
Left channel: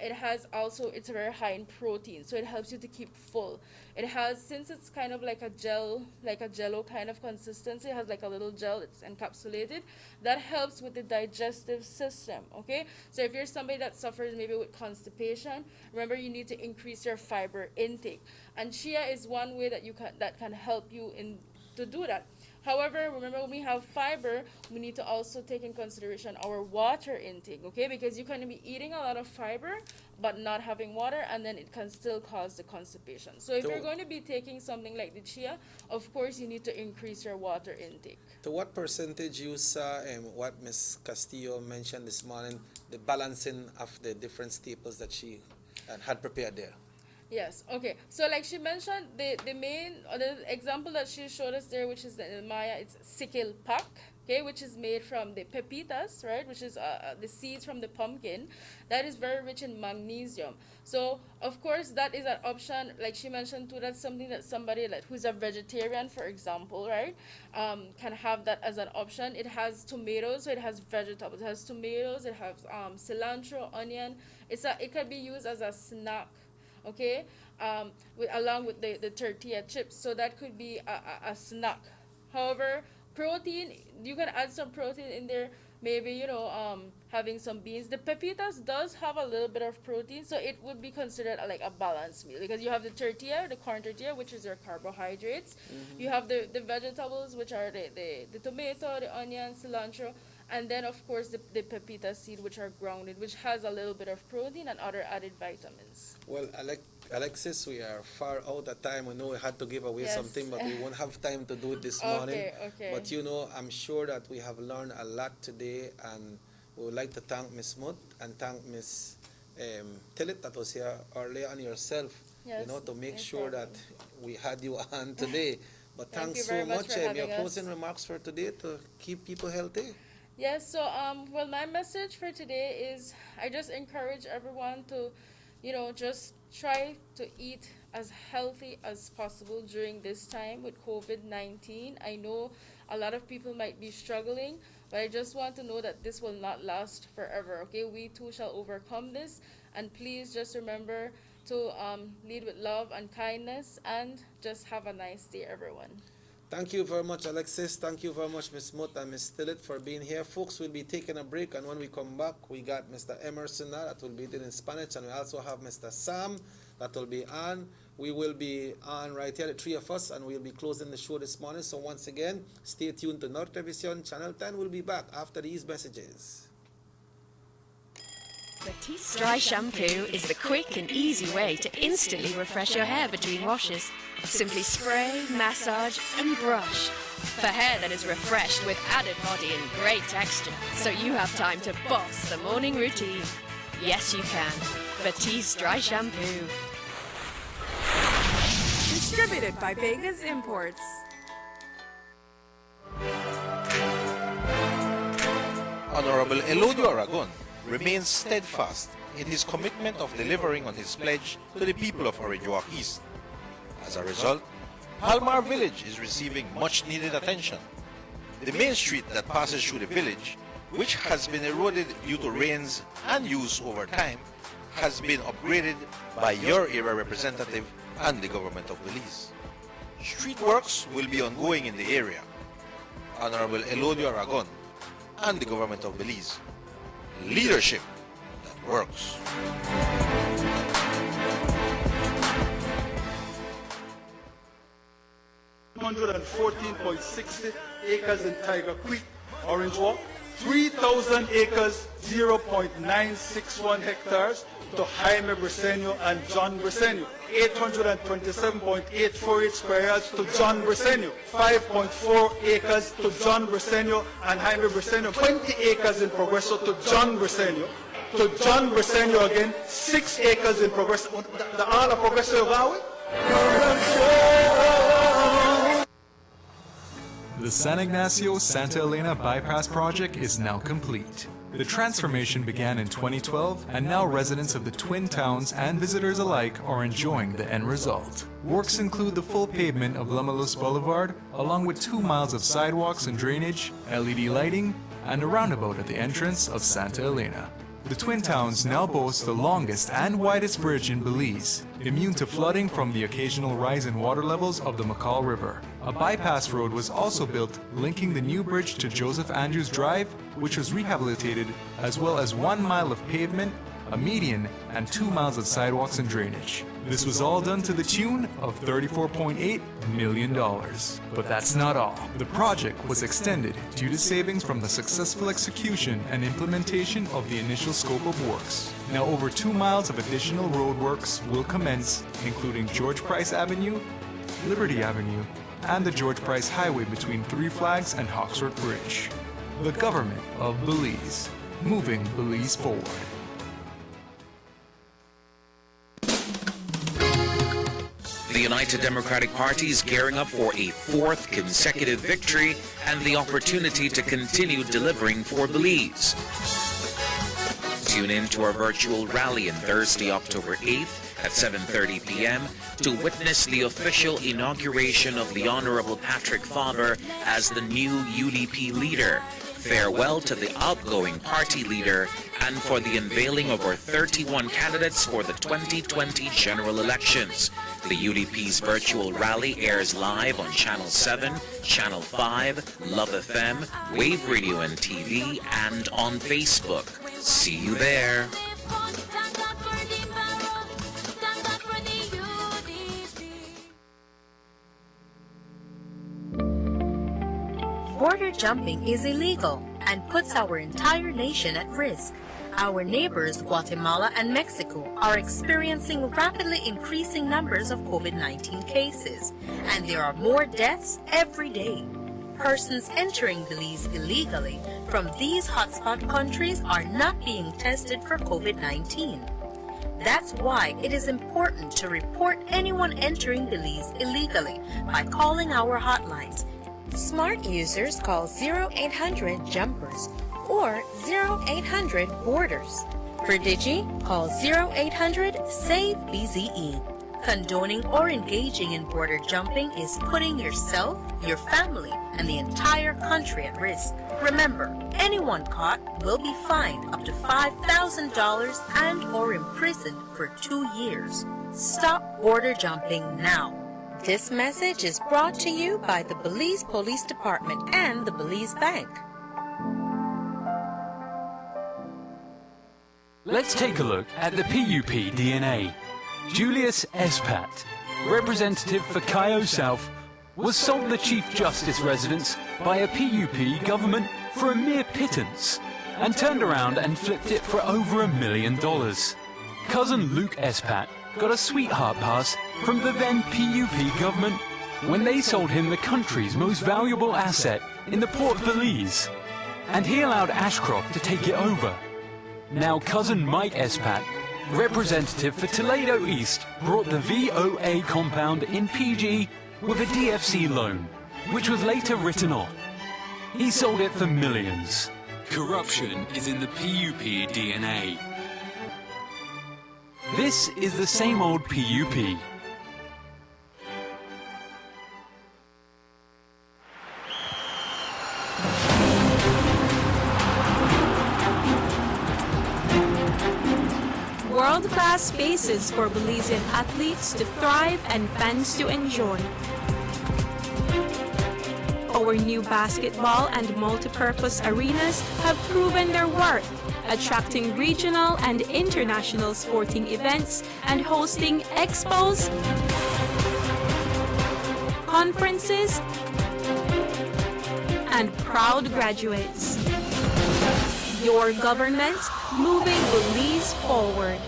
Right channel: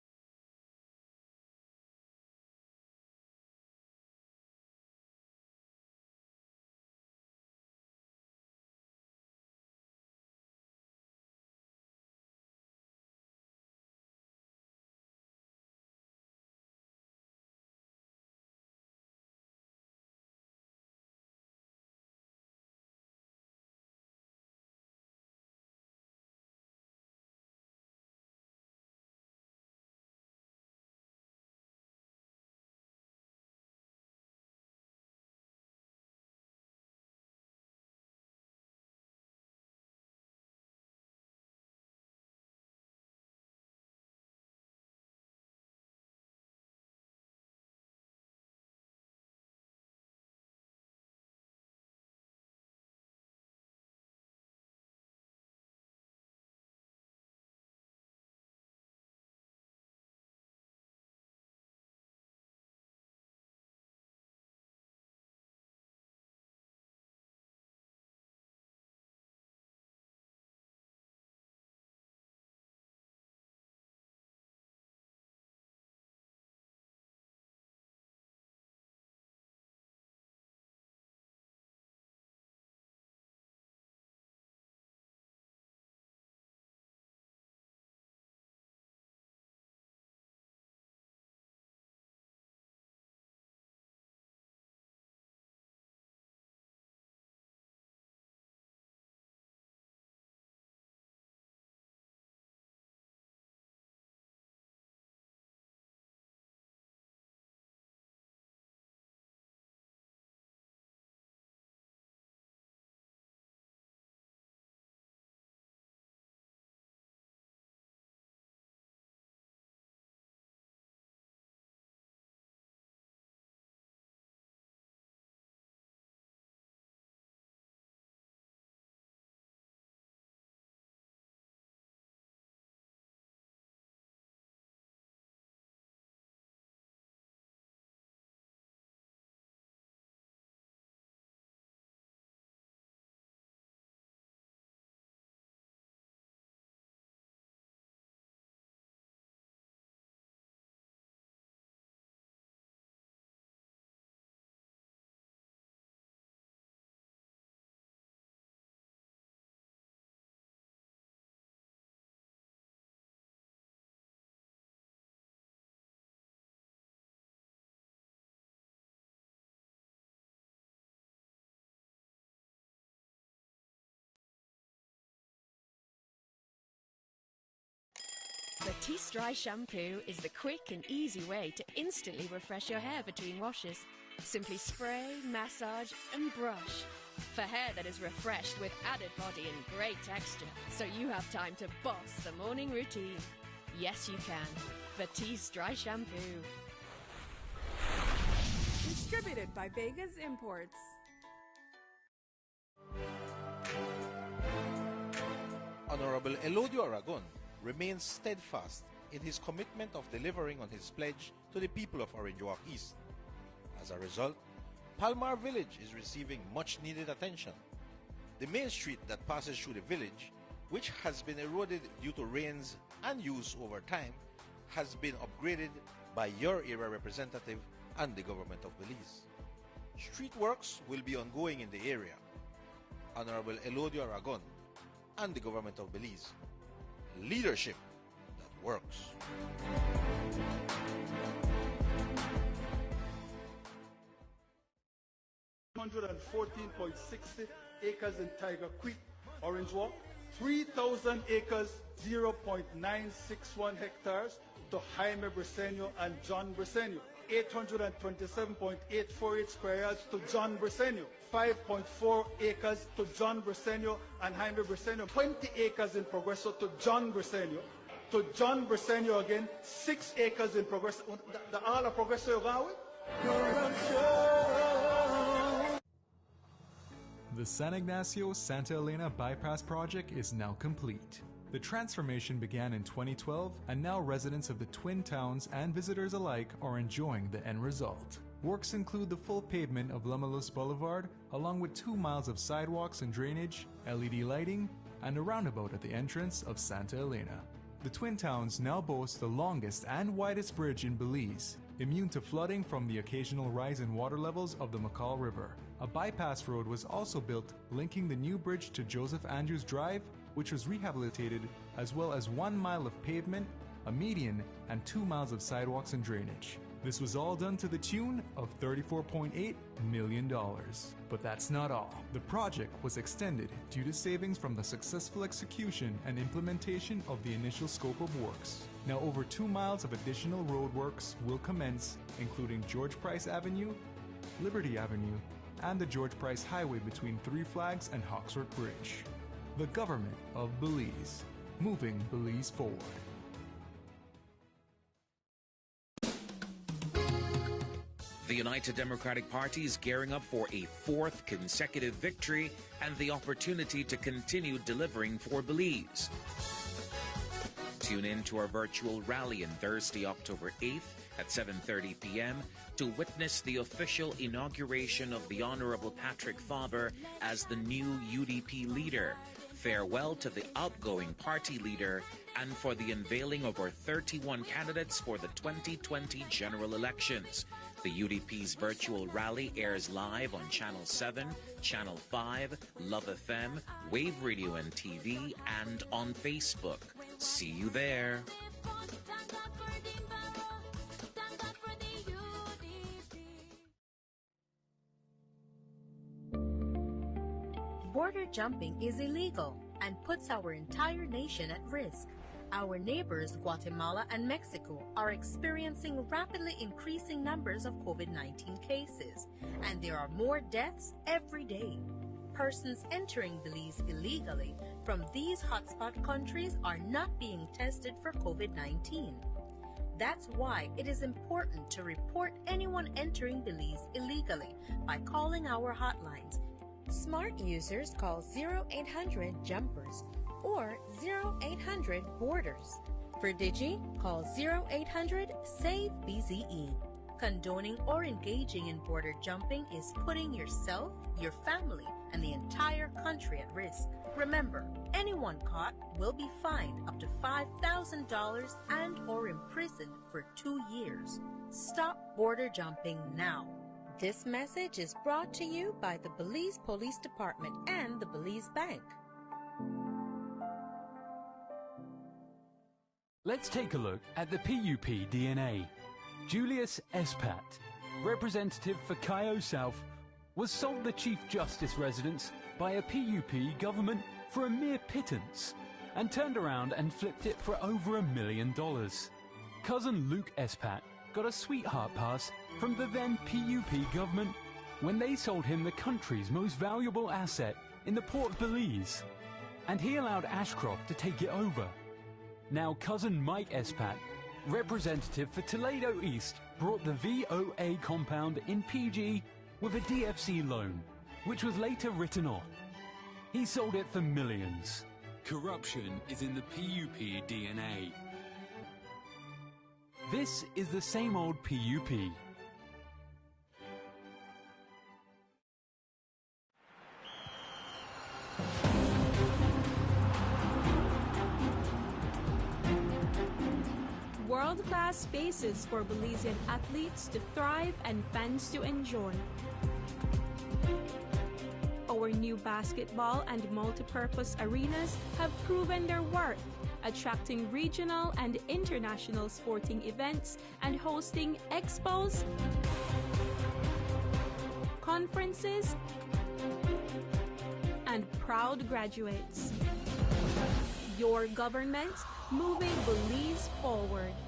It has also, it's very high in protein, so it helps you to keep full. It has, since it's kind of like a gel, like a jello kind of consistency, it has like a little gel, it's encapsulated. That helps with the digestive system, okay? So if you're somebody that suffers maybe with constipation, remember you need to increase your fiber intake. And chia is one way that can help you to do that. However, remember when we have fiber, we need to also take in consideration our water intake, okay? Because you can be eating a lot of fiber but not having water, and then it can still cause the constipation. So if you're going to be taking something like the chia, of course you need to increase your water intake. To what percentage you saw what Ms. Castillo mentioned this morning, the balancing of the different staples that she had prepared there? Yes, okay. So like she mentioned, the main, or the example that she showed us there, which is the Maya, it's sikil pak, okay, which is made from the pepitas, right, which is the seeds from the pumpkin. That is very rich in magnesium. So, of course, that is an option, like she mentioned too, that's something that somebody like who's a vegetarian, for example, right, can have that as an option. It has tomatoes, so it has vegetables. It has tomatoes, it has cilantro, onion. It can be used as a snack, okay, along with the tortilla chips. So that could be a snack. However, protein, you can add some protein in there. Maybe, having some beans. The pepitas does have a little bit of protein, so it would be considered like a balanced meal, because you have the tortilla, the corn tortilla, which is your carbohydrates. Mm-hmm. You have the vegetables, which are the tomato, the onion, cilantro, and then, of course, the pepita seed, which are grounded, which has a little bit of protein and other added vitamins. Well, Alexis, we are far out of time. We know we had to give away something, but we won't have time to do it this morning. Okay. But I'm sure that we have learned a lot today, and we would like to thank Ms. Mutt and thank Ms. Tillit that was here earlier, and yourself, to make sure that we had you on today. But thanks so much. Your closing remarks for today to keep people healthy. Yes, so my message for today is I just encourage everyone to, just try to eat as healthy as possible during this time with COVID-19. I know a lot of people might be struggling, but I just want to know that this will not last forever, okay? We too shall overcome this, and please just remember to lead with love and kindness, and just have a nice day, everyone. Thank you very much, Alexis. Thank you very much, Ms. Mutt and Ms. Tillit, for being here. Folks, we'll be taking a break, and when we come back, we got Mr. Emerson now that will be in Spanish, and we also have Mr. Sam that will be on. We will be on right here, the three of us, and we'll be closing the show this morning. So once again, stay tuned to North Television, Channel 10. We'll be back after these messages. Batiste Dry Shampoo is the quick and easy way to instantly refresh your hair between washes. Simply spray, massage, and brush. For hair that is refreshed with added body and great texture, so you have time to boss the morning routine. Yes, you can. Batiste Dry Shampoo. Distributed by Vegas Imports. Honorable Elodio Aragon remains steadfast in his commitment of delivering on his pledge to the people of Orinduak East. As a result, Palmar Village is receiving much needed attention. The main street that passes through the village, which has been eroded due to rains and use over time, has been upgraded by your area representative and the government of Belize. Street works will be ongoing in the area. Honorable Elodio Aragon and the government of Belize. Leadership that works. 114.60 acres in Tiger Creek, Orange Walk, 3,000 acres, 0.961 hectares to Jaime Briceño and John Briceño, 827.848 square yards to John Briceño, 5.4 acres to John Briceño and Jaime Briceño, 20 acres in Progreso to John Briceño again, 6 acres in Progreso. The all of Progreso Valley. The San Ignacio-Santa Elena Bypass project is now complete. The transformation began in 2012, and now residents of the Twin Towns and visitors alike are enjoying the end result. Works include the full pavement of Lamalus Boulevard, along with 2 miles of sidewalks and drainage, LED lighting, and a roundabout at the entrance of Santa Elena. The Twin Towns now boast the longest and widest bridge in Belize, immune to flooding from the occasional rise in water levels of the McCall River. A bypass road was also built, linking the new bridge to Joseph Andrews Drive, which was rehabilitated, as well as 1 mile of pavement, a median, and 2 miles of sidewalks and drainage. This was all done to the tune of $34.8 million. But that's not all. The project was extended due to savings from the successful execution and implementation of the initial scope of works. Now over 2 miles of additional roadworks will commence, including George Price Avenue, Liberty Avenue, and the George Price Highway between Three Flags and Hawksworth Bridge. The government of Belize, moving Belize forward. The United Democratic Party is gearing up for a 4th consecutive victory and the opportunity to continue delivering for Belize. Tune in to our virtual rally on Thursday, October 8th at 7:30 p.m. to witness the official inauguration of the Honorable Patrick Faber as the new UDP leader. Farewell to the outgoing party leader, and for the unveiling of our 31 candidates for the 2020 general elections. The UDP's virtual rally airs live on Channel 7, Channel 5, Love FM, Wave Radio and TV, and on Facebook. See you there. Border jumping is illegal and puts our entire nation at risk. Our neighbors, Guatemala and Mexico, are experiencing rapidly increasing numbers of COVID-19 cases, and there are more deaths every day. Persons entering Belize illegally from these hotspot countries are not being tested for COVID-19. That's why it is important to report anyone entering Belize illegally by calling our hotlines. Smart users call 0800-JUMPERS or 0800-BORDERS. For Digi, call 0800-SAVE-BZE. Condoning or engaging in border jumping is putting yourself, your family, and the entire country at risk. Remember, anyone caught will be fined up to $5,000 and or imprisoned for 2 years. Stop border jumping now. This message is brought to you by the Belize Police Department and the Belize Bank. Let's take a look at the PUP DNA. Julius Espat, representative for Cayo South, was sold the Chief Justice residence by a PUP government for a mere pittance and turned around and flipped it for over $1 million. Cousin Luke Espat got a sweetheart pass from the then PUP government when they sold him the country's most valuable asset in the Port of Belize, and he allowed Ashcroft to take it over. Now cousin Mike Espat, representative for Toledo East, brought the VOA compound in PG with a DFC loan, which was later written off. He sold it for millions. Corruption is in the PUP DNA. This is the same old PUP. World-class spaces for Belizean athletes to thrive and fans to enjoy. Our new basketball and multi-purpose arenas have proven their worth, attracting regional and international sporting events and hosting expos, conferences, and proud graduates. Your government moving Belize forward.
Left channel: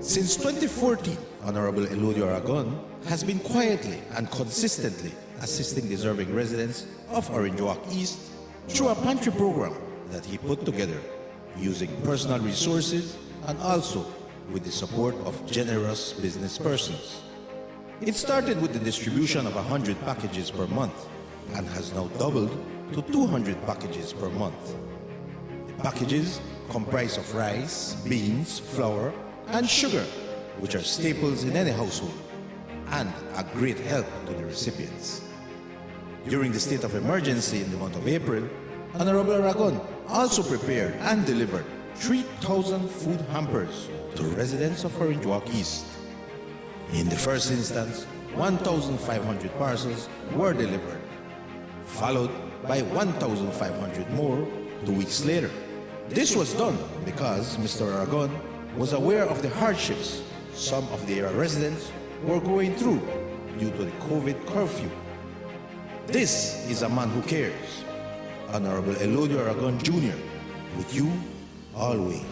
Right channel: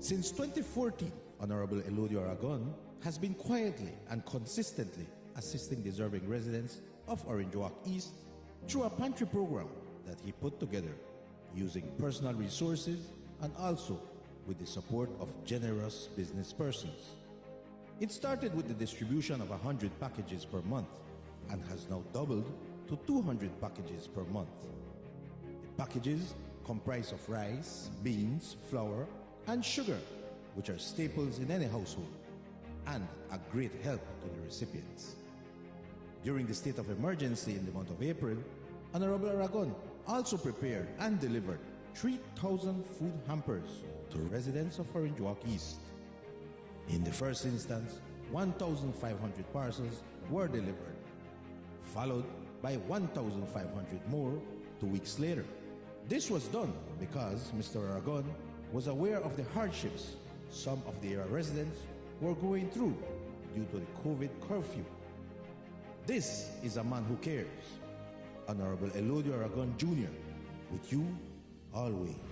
Since 2014, Honorable Eludio Aragon has been quietly and consistently assisting deserving residents of Orange Walk East through a pantry program that he put together using personal resources and also with the support of generous business persons. It started with the distribution of 100 packages per month and has now doubled to 200 packages per month. The packages comprise of rice, beans, flour, and sugar, which are staples in any household and a great help to the recipients. During the state of emergency in the month of April, Honorable Aragon also prepared and delivered 3,000 food hampers to residents of Orange Walk East. In the first instance, 1,500 parcels were delivered. followed by 1,500 more 2 weeks later. This was done because Mr. Aragon was aware of the hardships some of the area residents were going through due to the COVID curfew. This is a man who cares. Honorable Elodio Aragon Jr., with you always.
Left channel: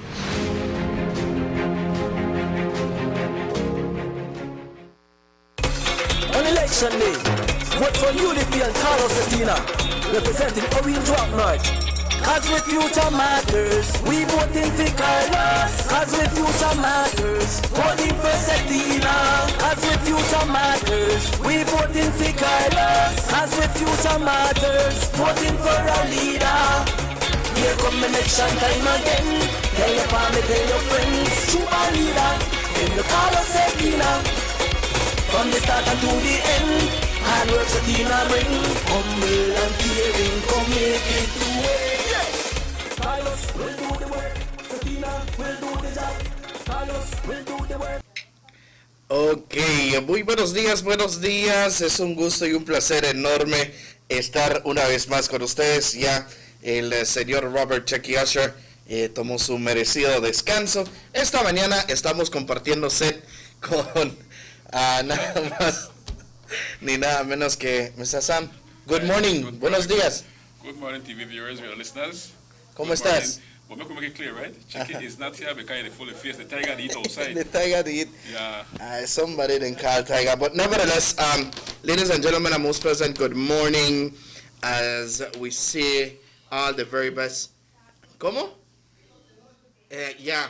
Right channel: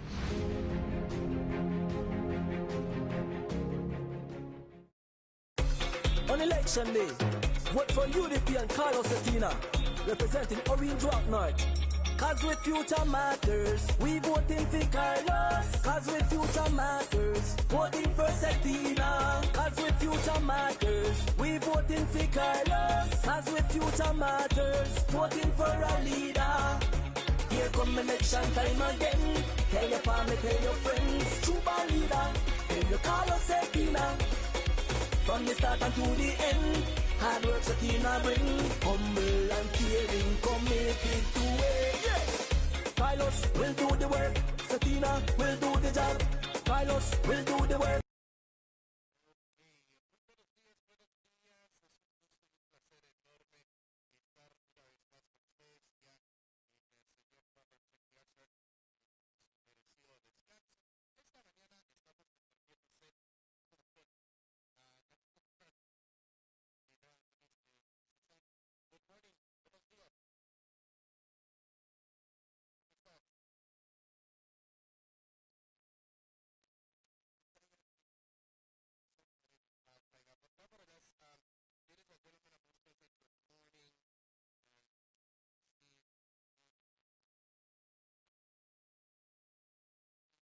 On election day, vote for UDP and Carlos Satina, representing Orange Rock North. Cause the future matters, we voting for Carlos. Cause the future matters, voting for Satina. Cause the future matters, we voting for Carlos. Cause the future matters, voting for a leader. Here come election time again. Tell your family, tell your friends, choose a leader. Then you call us Satina. From the start and to the end, hard work Satina bring. Humble and caring, come make it through. Carlos will do the work, Satina will do the job. Carlos will do the work. Ok, muy buenos días. Es un gusto y un placer enorme estar una vez más con ustedes. Ya el señor Robert Checky Usher tomó su merecido descanso. Esta mañana estamos compartiendo set con nada más ni nada menos que Mr. Sam. Good morning, buenos días. Good morning, TV viewers, your listeners. ¿Cómo estás? Well, make it clear, right? Chicken is not here because they fully face the tiger to eat outside. The tiger to eat. Yeah. Somebody didn't call tiger, but nevertheless, ladies and gentlemen, and most present, good morning. As we say all the very best. ¿Cómo? Yeah,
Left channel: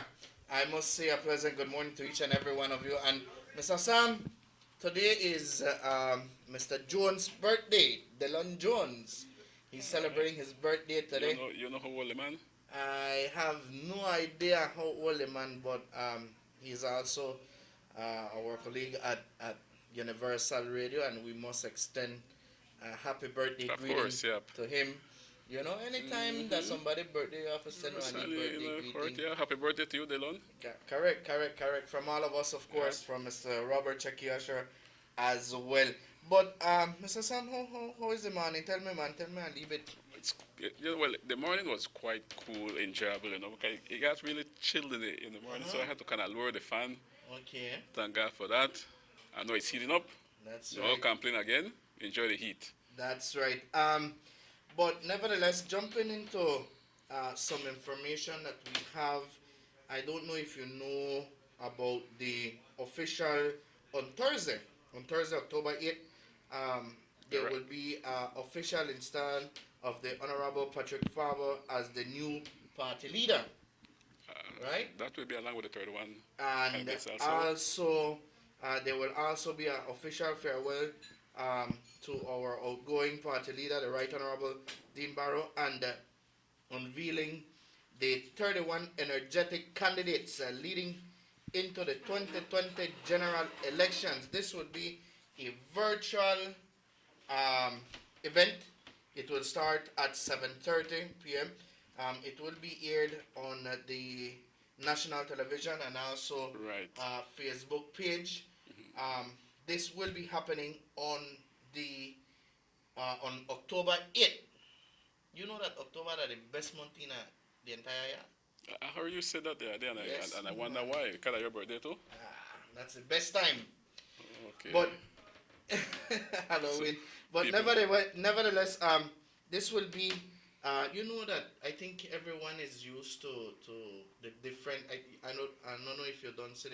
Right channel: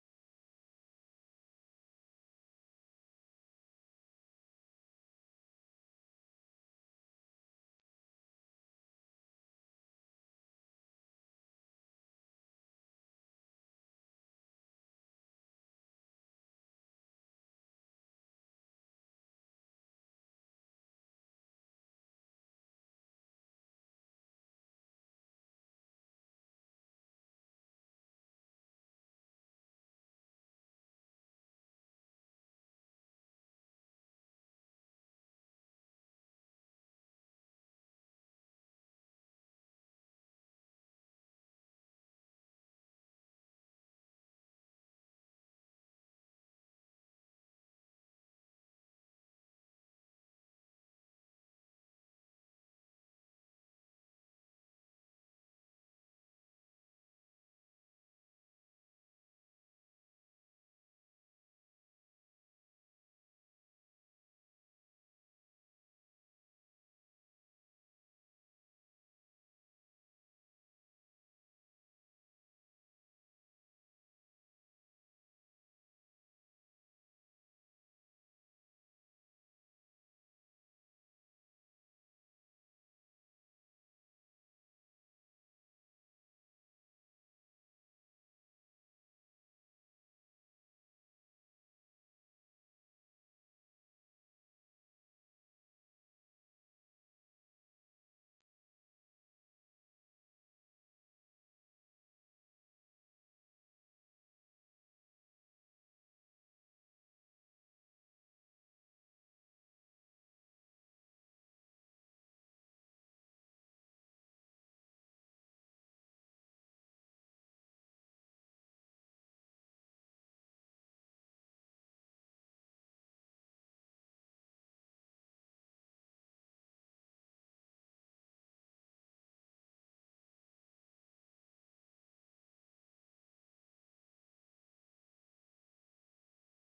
I must say a pleasant good morning to each and every one of you. And Mr. Sam, today is Mr. Jones' birthday, Delon Jones. He's celebrating his birthday today. You know how old the man? I have no idea how old the man, but he's also our colleague at Universal Radio, and we must extend a happy birthday greeting to him. You know, anytime that somebody's birthday, you have to send one birthday greeting. Yeah, happy birthday to you, Delon. Correct. From all of us, of course, from Mr. Robert Checky Usher as well. But, Mr. Sam, how is the morning? Tell me, man, and leave it. Well, the morning was quite cool, enjoyable, you know, because it got really chilled in the morning, so I had to kind of lower the fan. Okay. Thank God for that. I know it's heating up. That's no right. Complain again. Enjoy the heat. That's right. But nevertheless, jumping into some information that we have, I don't know if you know about the official on Thursday, October 8th, there will be official install of the Honorable Patrick Farber as the new party leader. Right? That will be along with the third one. And also, there will also be an official farewell to our outgoing party leader, the Right Honorable Dean Barrow, and unveiling the 31 energetic candidates leading into the 2020 general elections. This would be a virtual event. It will start at 7:30 p.m. It will be aired on the national television and also Facebook page. This will be happening on October 8th. You know that October is the best month in the entire year? I heard you say that the other day, and I wonder why. Because of your birthday too? That's the best time. Okay. But Halloween. But nevertheless, this will be. You know that I think everyone is used to the different. I don't know if you don't see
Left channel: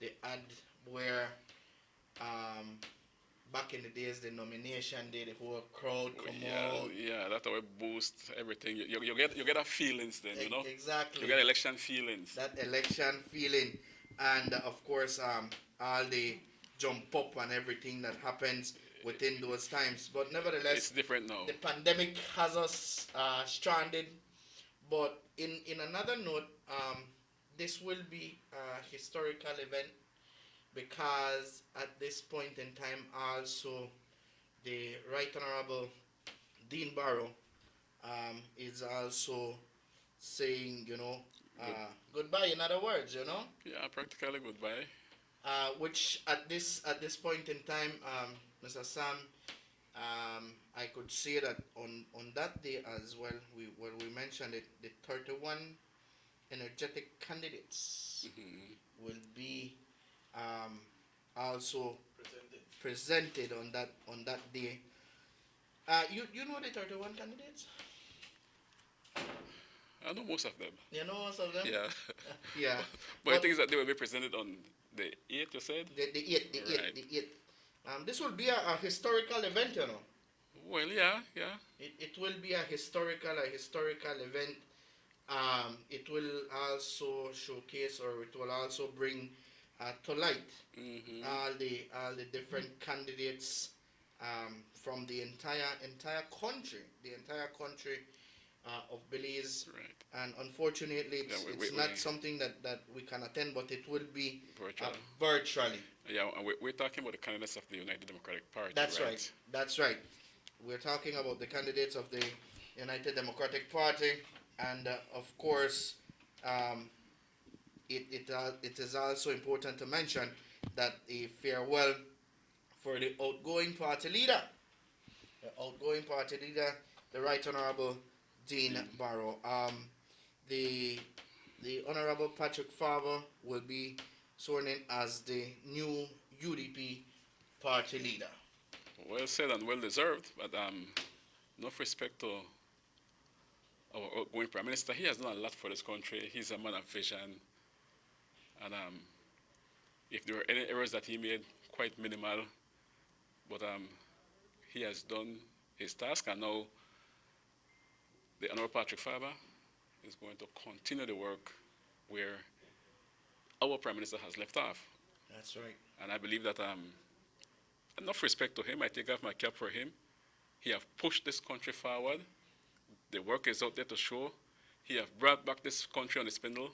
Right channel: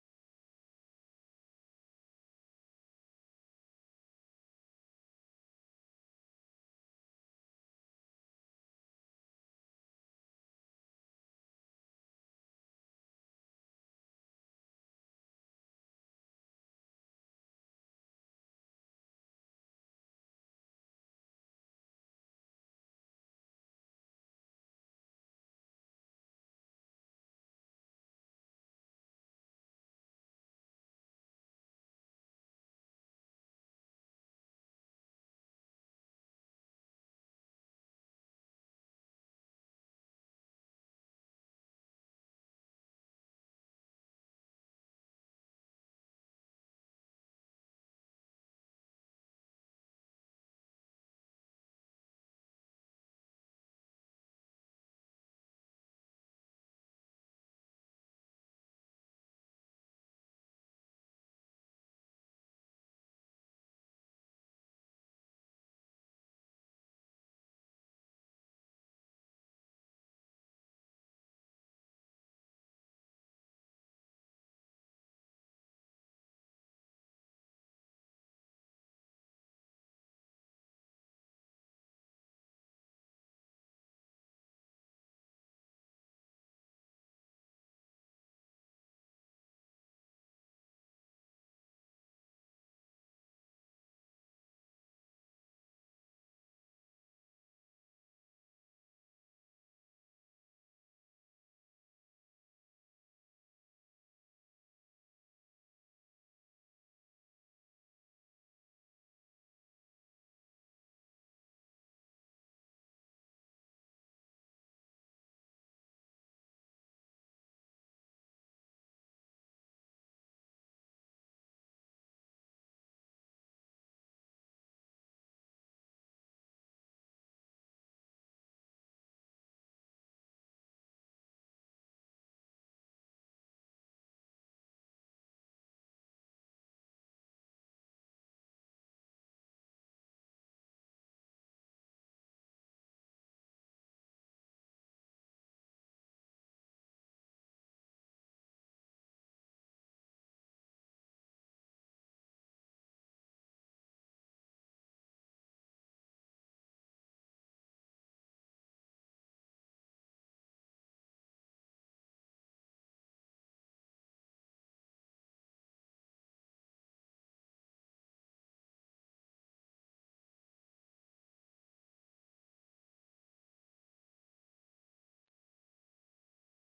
the ad where back in the days the nomination day, the whole crowd come out. Yeah, that will boost everything. You get a feelings then, you know. Exactly. You get election feelings. That election feeling, and of course all the jump up and everything that happens within those times. But nevertheless, it's different now. The pandemic has us stranded. But in another note, this will be a historical event because at this point in time also the Right Honorable Dean Barrow is also saying, goodbye, in other words, Yeah, practically goodbye. Which at this point in time, Mr. Sam, I could could say that on that day as well, we mentioned it, the 31 energetic candidates will be also presented on that day. You know the 31 candidates? I know most of them. You know most of them? Yeah. Yeah. But the thing is that they will be presented on the 8th, you said? The 8th. This will be a historical event, you know. Well, yeah. It will be a historical event. It will also showcase, or it will also bring to light all the different candidates from the entire country of Belize. Right. And unfortunately, it's not something that we can attend, but it will be virtually. Yeah, and we're talking about the candidates of the United Democratic Party. That's right. That's right. We're talking about the candidates of the United Democratic Party, and of course, it is also important to mention that a farewell for the outgoing party leader, the Right Honorable Dean Barrow. The Honorable Patrick Farber will be sworn in as the new UDP party leader. Well said and well deserved, but enough respect to our outgoing Prime Minister. He has done a lot for this country. He's a man of vision, and if there were any errors that he made, quite minimal, but he has done his task, and now the Honorable Patrick Farber is going to continue the work where our Prime Minister has left off. That's right. And I believe that enough respect to him. I take off my cap for him. He have pushed this country forward. The work is out there to show. He have brought back this country on the spindle.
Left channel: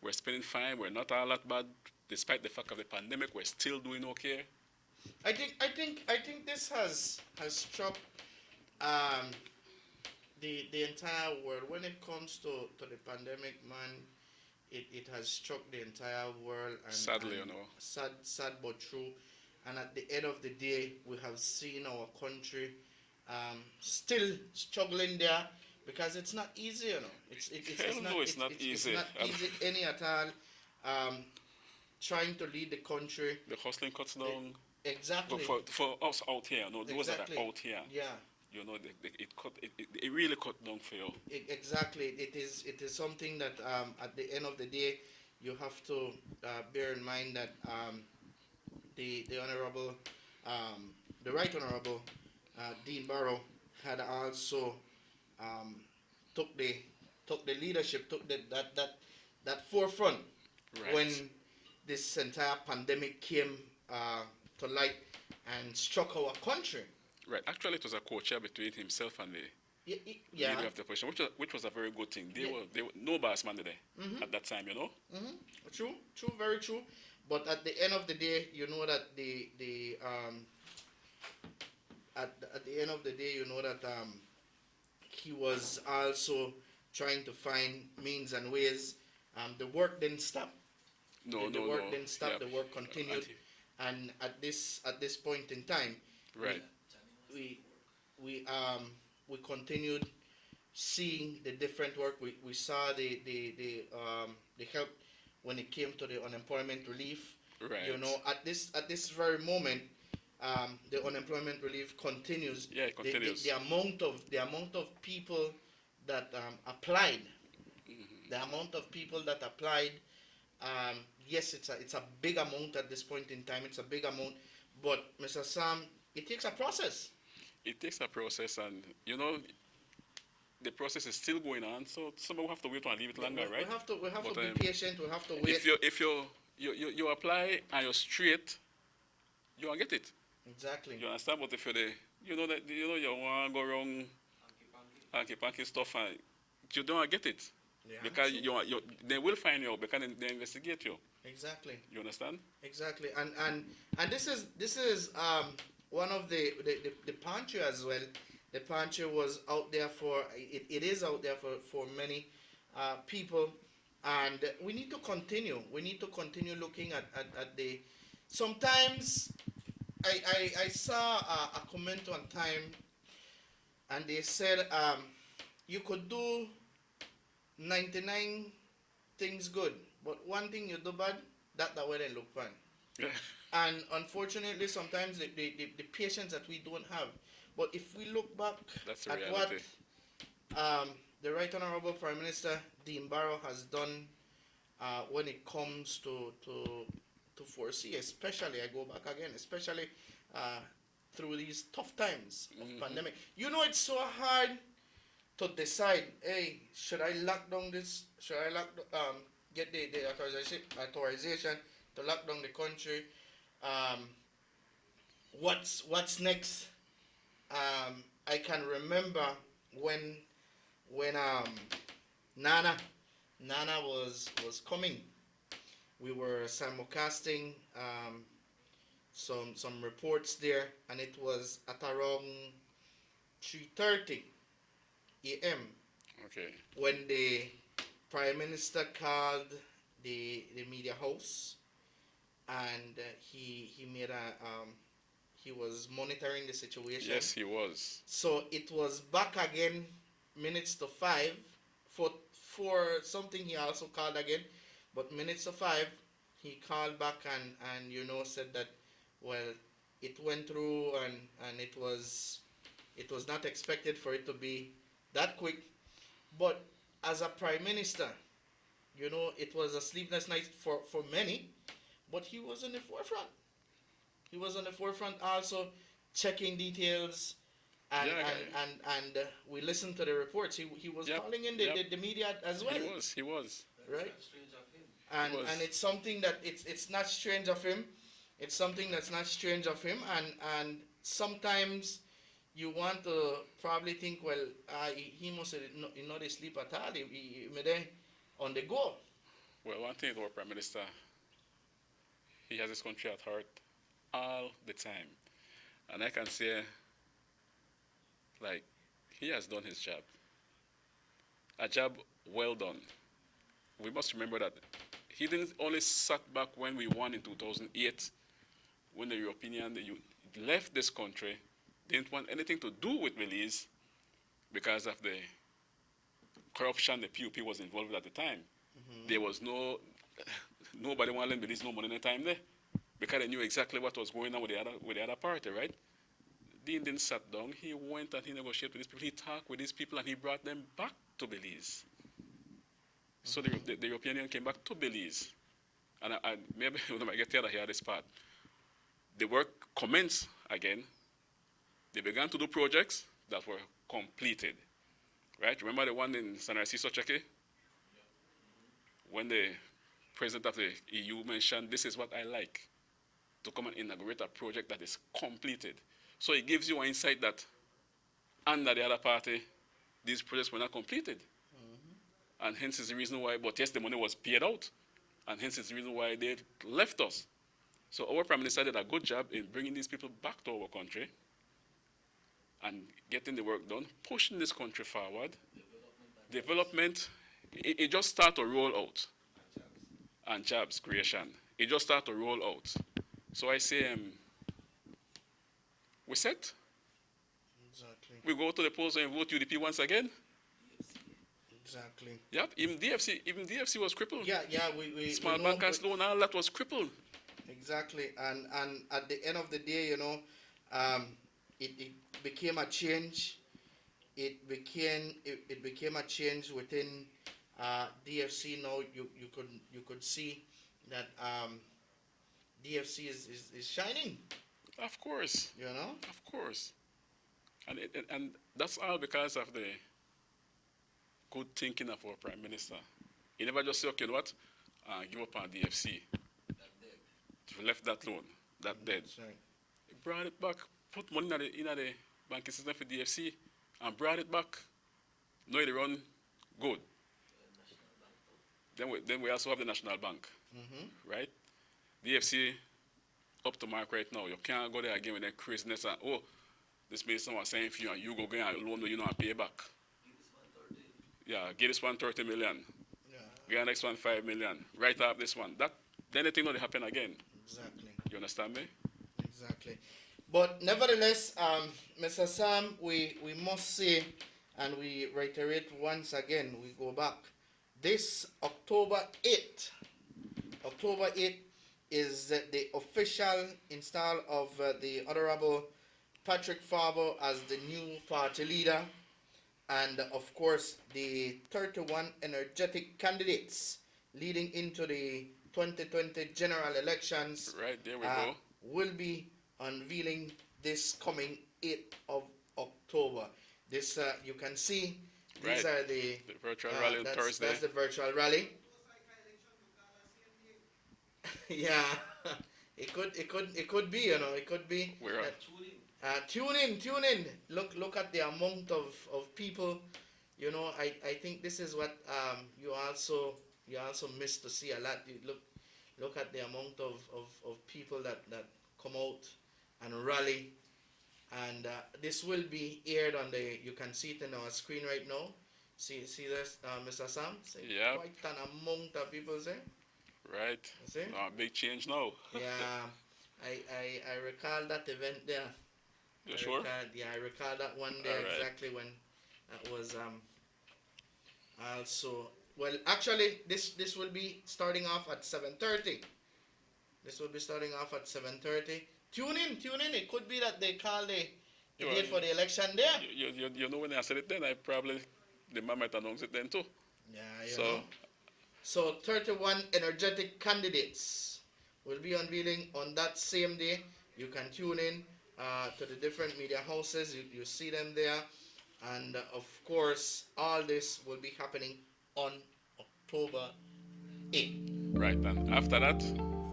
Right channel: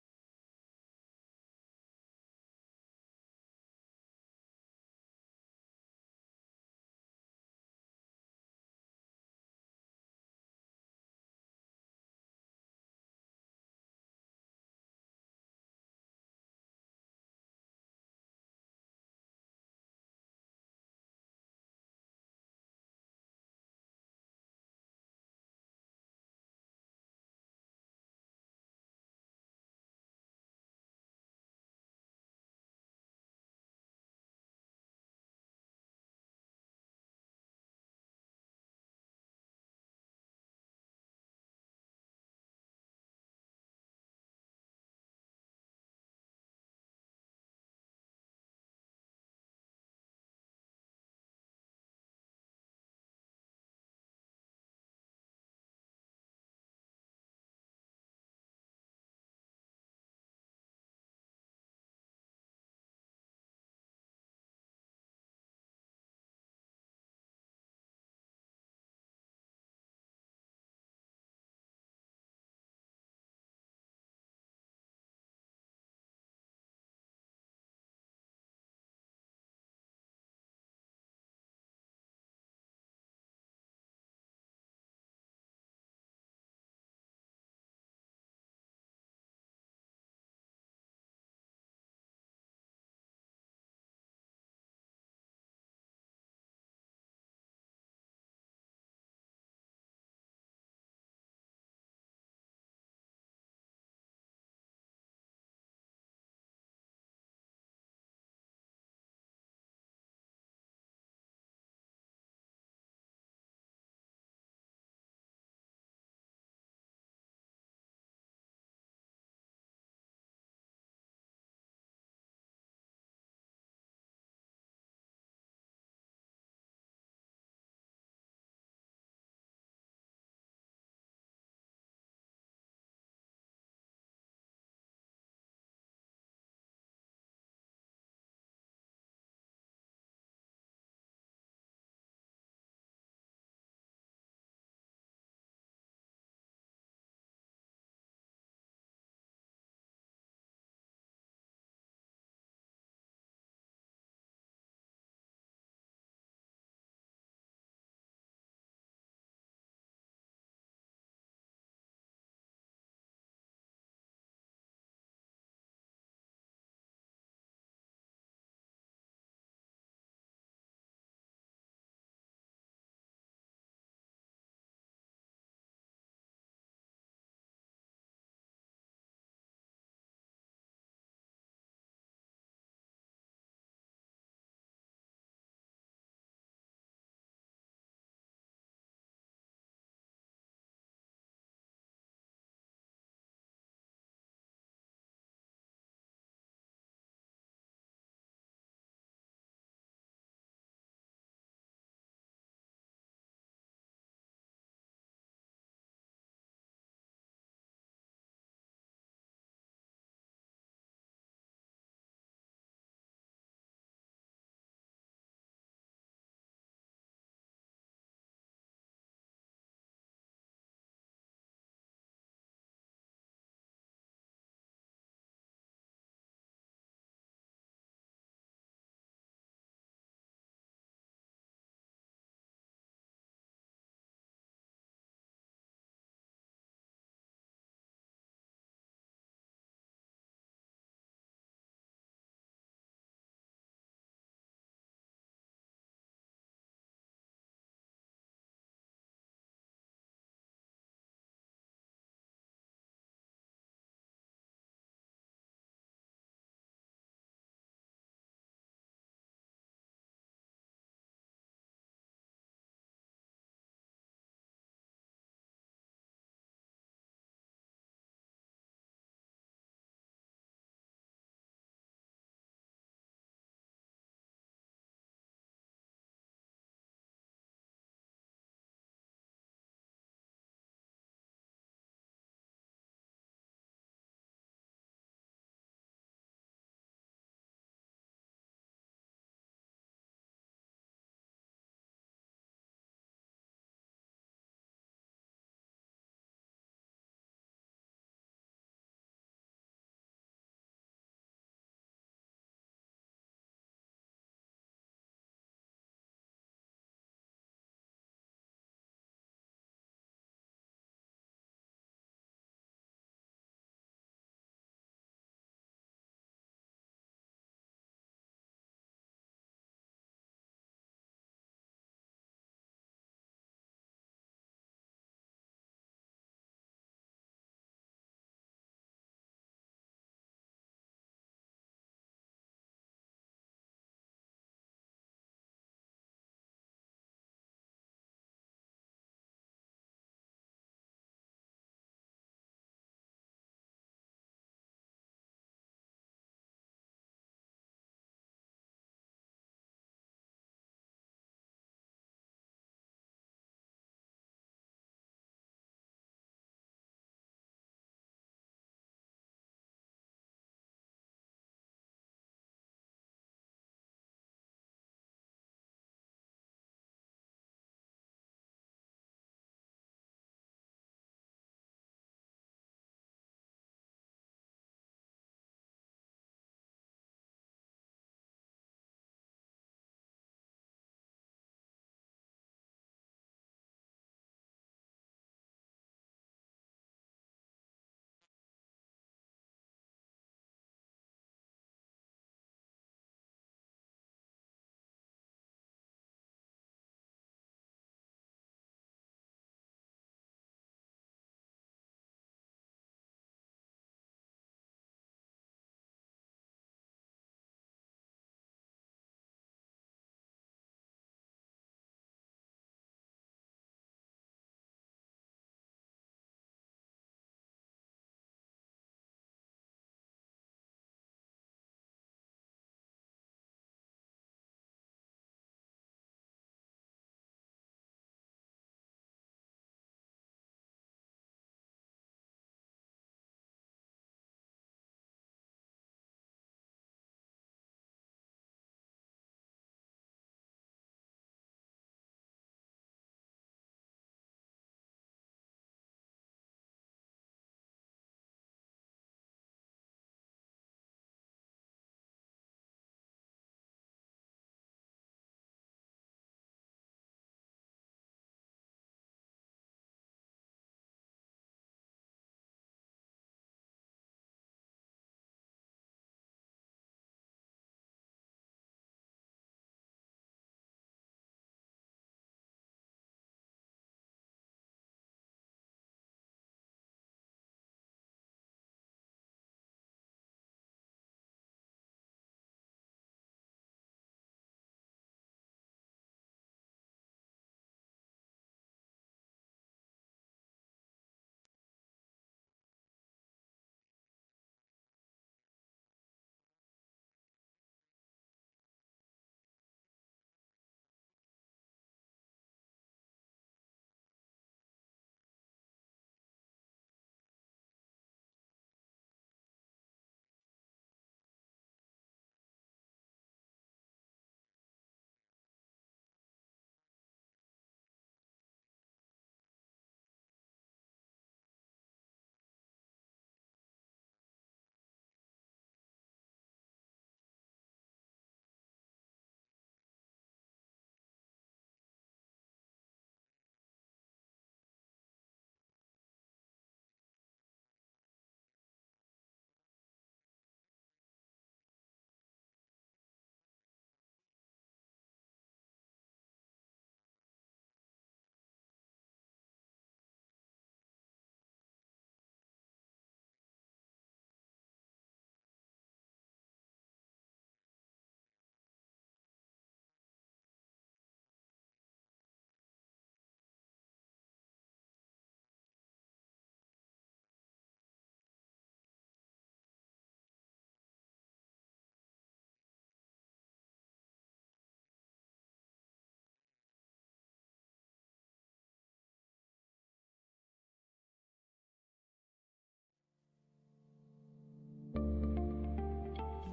We're spinning fine. We're not all that bad, despite the fact of the pandemic. We're still doing okay. I think this has struck the entire world. When it comes to the pandemic, man, it has struck the entire world. And, sadly, and sad but true. And at the end of the day, we have seen our country still struggling there, because it's not easy, you know. It's not easy any at all. Trying to lead the country. The hustling cuts down. Exactly. But for us out here, those that are out here. Yeah. It really cut down for you. Exactly. It is something that at the end of the day, you have to bear in mind that the honorable, the Right Honorable Dean Barrow had also took the leadership, took that forefront when this entire pandemic came to light and struck our country. Right. Actually, it was a co-chair between himself and the leader of the opposition, which was a very good thing. They were no boss man there at that time, True, very true. But at the end of the day, you know that at the end of the day, you know that he was also trying to find means and ways. The work didn't stop. The work didn't stop. The work continued, and at this point in time, right, we continued seeing the different work. We saw the help when it came to the unemployment relief. Right. At this very moment, the unemployment relief continues. Yeah, it continues. The amount of people that applied, the amount of people that applied. Yes, it's a big amount at this point in time. It's a big amount, but Mr. Sam, it takes a process. It takes a process, and the process is still going on. So somebody will have to wait and leave it longer, right? We have to be patient. We have to wait. If you apply and you're straight, you won't get it. Exactly. You understand? But if you want to go wrong, hanky stuff, and you don't get it. Yeah, because they will find you out, because they investigate you. Exactly. You understand? Exactly. And this is one of the pantry as well. The pantry was out there for it is out there for many people, and we need to continue. We need to continue looking at the. Sometimes I saw a comment one time and they said you could do 99 things good, but one thing you do bad, that way they look fine. And unfortunately, sometimes the patience that we don't have. But if we look back at what the Right Honorable Prime Minister Dean Barrow has done when it comes to foresee, especially, I go back again, especially through these tough times of pandemic. You know, it's so hard to decide, hey, should I lock down this? Should I get the authorization to lock down the country? What's next? I can remember when Nana was coming. We were simulcasting some reports there, and it was at around 3:30 a.m. Okay. when the Prime Minister called the media house, and he made he was monitoring the situation. Yes, he was. So it was back again, minutes to 5. For something he also called again, but minutes to 5, he called back and said that, well, it went through and it was not expected for it to be that quick. But as a prime minister, it was a sleepless night for many, but he was on the forefront. He was on the forefront also checking details, and we listened to the reports. He was calling in the media as well. He was. Right? And it's something that it's not strange of him. It's something that's not strange of him, and sometimes you want to probably think, well, he must not sleep at all. He on the go. Well, one thing about Prime Minister, he has his country at heart all the time. And I can say, like, he has done his job. A job well done. We must remember that he didn't only sat back when we won in 2008, when the European left this country, didn't want anything to do with Belize because of the corruption the PUP was involved with at the time. There was nobody wanted to lend Belize no money in the time there because they knew exactly what was going on with the other party, right? Dean didn't sit down. He went and he negotiated with these people. He talked with these people and he brought them back to Belize. So the European Union came back to Belize. And maybe when I get together here, this part, the work commenced again. They began to do projects that were completed. Right? Remember the one in San Francisco, Cheke? When the president of the EU mentioned, this is what I like, to come and inaugurate a project that is completed. So it gives you an insight that under the other party, these projects were not completed. And hence is the reason why, but yes, the money was paid out. And hence is the reason why they left us. So our Prime Minister did a good job in bringing these people back to our country and getting the work done, pushing this country forward. Development, it just started to roll out. And jobs creation. It just started to roll out. So I say, we set. Exactly. We go to the polls and vote UDP once again. Exactly. Yep, even DFC was crippled. Yeah, we Small bankers loan, all that was crippled. Exactly, and at the end of the day, it became a change. It became a change within DFC. Now you could see that DFC is shining. Of course. Of course. And that's all because of the good thinking of our Prime Minister. He never just said, okay, you know what, give up on DFC. He left that loan, that dead. Right. He brought it back, put money in the banking system for DFC, and brought it back. Now they run good. Then we also have the National Bank, right? DFC up to mark right now. You can't go there again with that craziness and, oh, this minister was saying for you and you go get a loan you know and pay back. Yeah, give this one 30 million. Yeah. Get the next one 5 million. Write up this one. Then the thing will happen again. Exactly. You understand me? Exactly. But nevertheless, Mr. Sam, we must say, and we reiterate once again, we go back. This October 8th is the official install of the Honorable Patrick Farber as the new party leader. And of course, the 31 energetic candidates leading into the 2020 general elections Right, there we go. will be unveiling this coming 8th of October. This, you can see, these Right. are the virtual rally on Thursday. That's the virtual rally. Yeah, it could be, it could be. We're Tune in. Look at the amount of people. I think this is what you also miss to see a lot. You look at the amount of people that come out and rally, and this will be aired on you can see it in our screen right now. See this, Mr. Sam? Yeah. Quite an amount of people there. Right. See? Big change now. Yeah. I recall that event there. You sure? I recall that one there. All right. Exactly when that was also, well, actually this will be starting off at 7:30. This will be starting off at 7:30. Tune in. It could be that they call the date for the election there. You know, when I said it then, the man might announce it then too. Yeah, So 31 energetic candidates will be unveiling on that same day. You can tune in to the different media houses. You see them there. And of course, all this will be happening on October 8th. Right, and after that,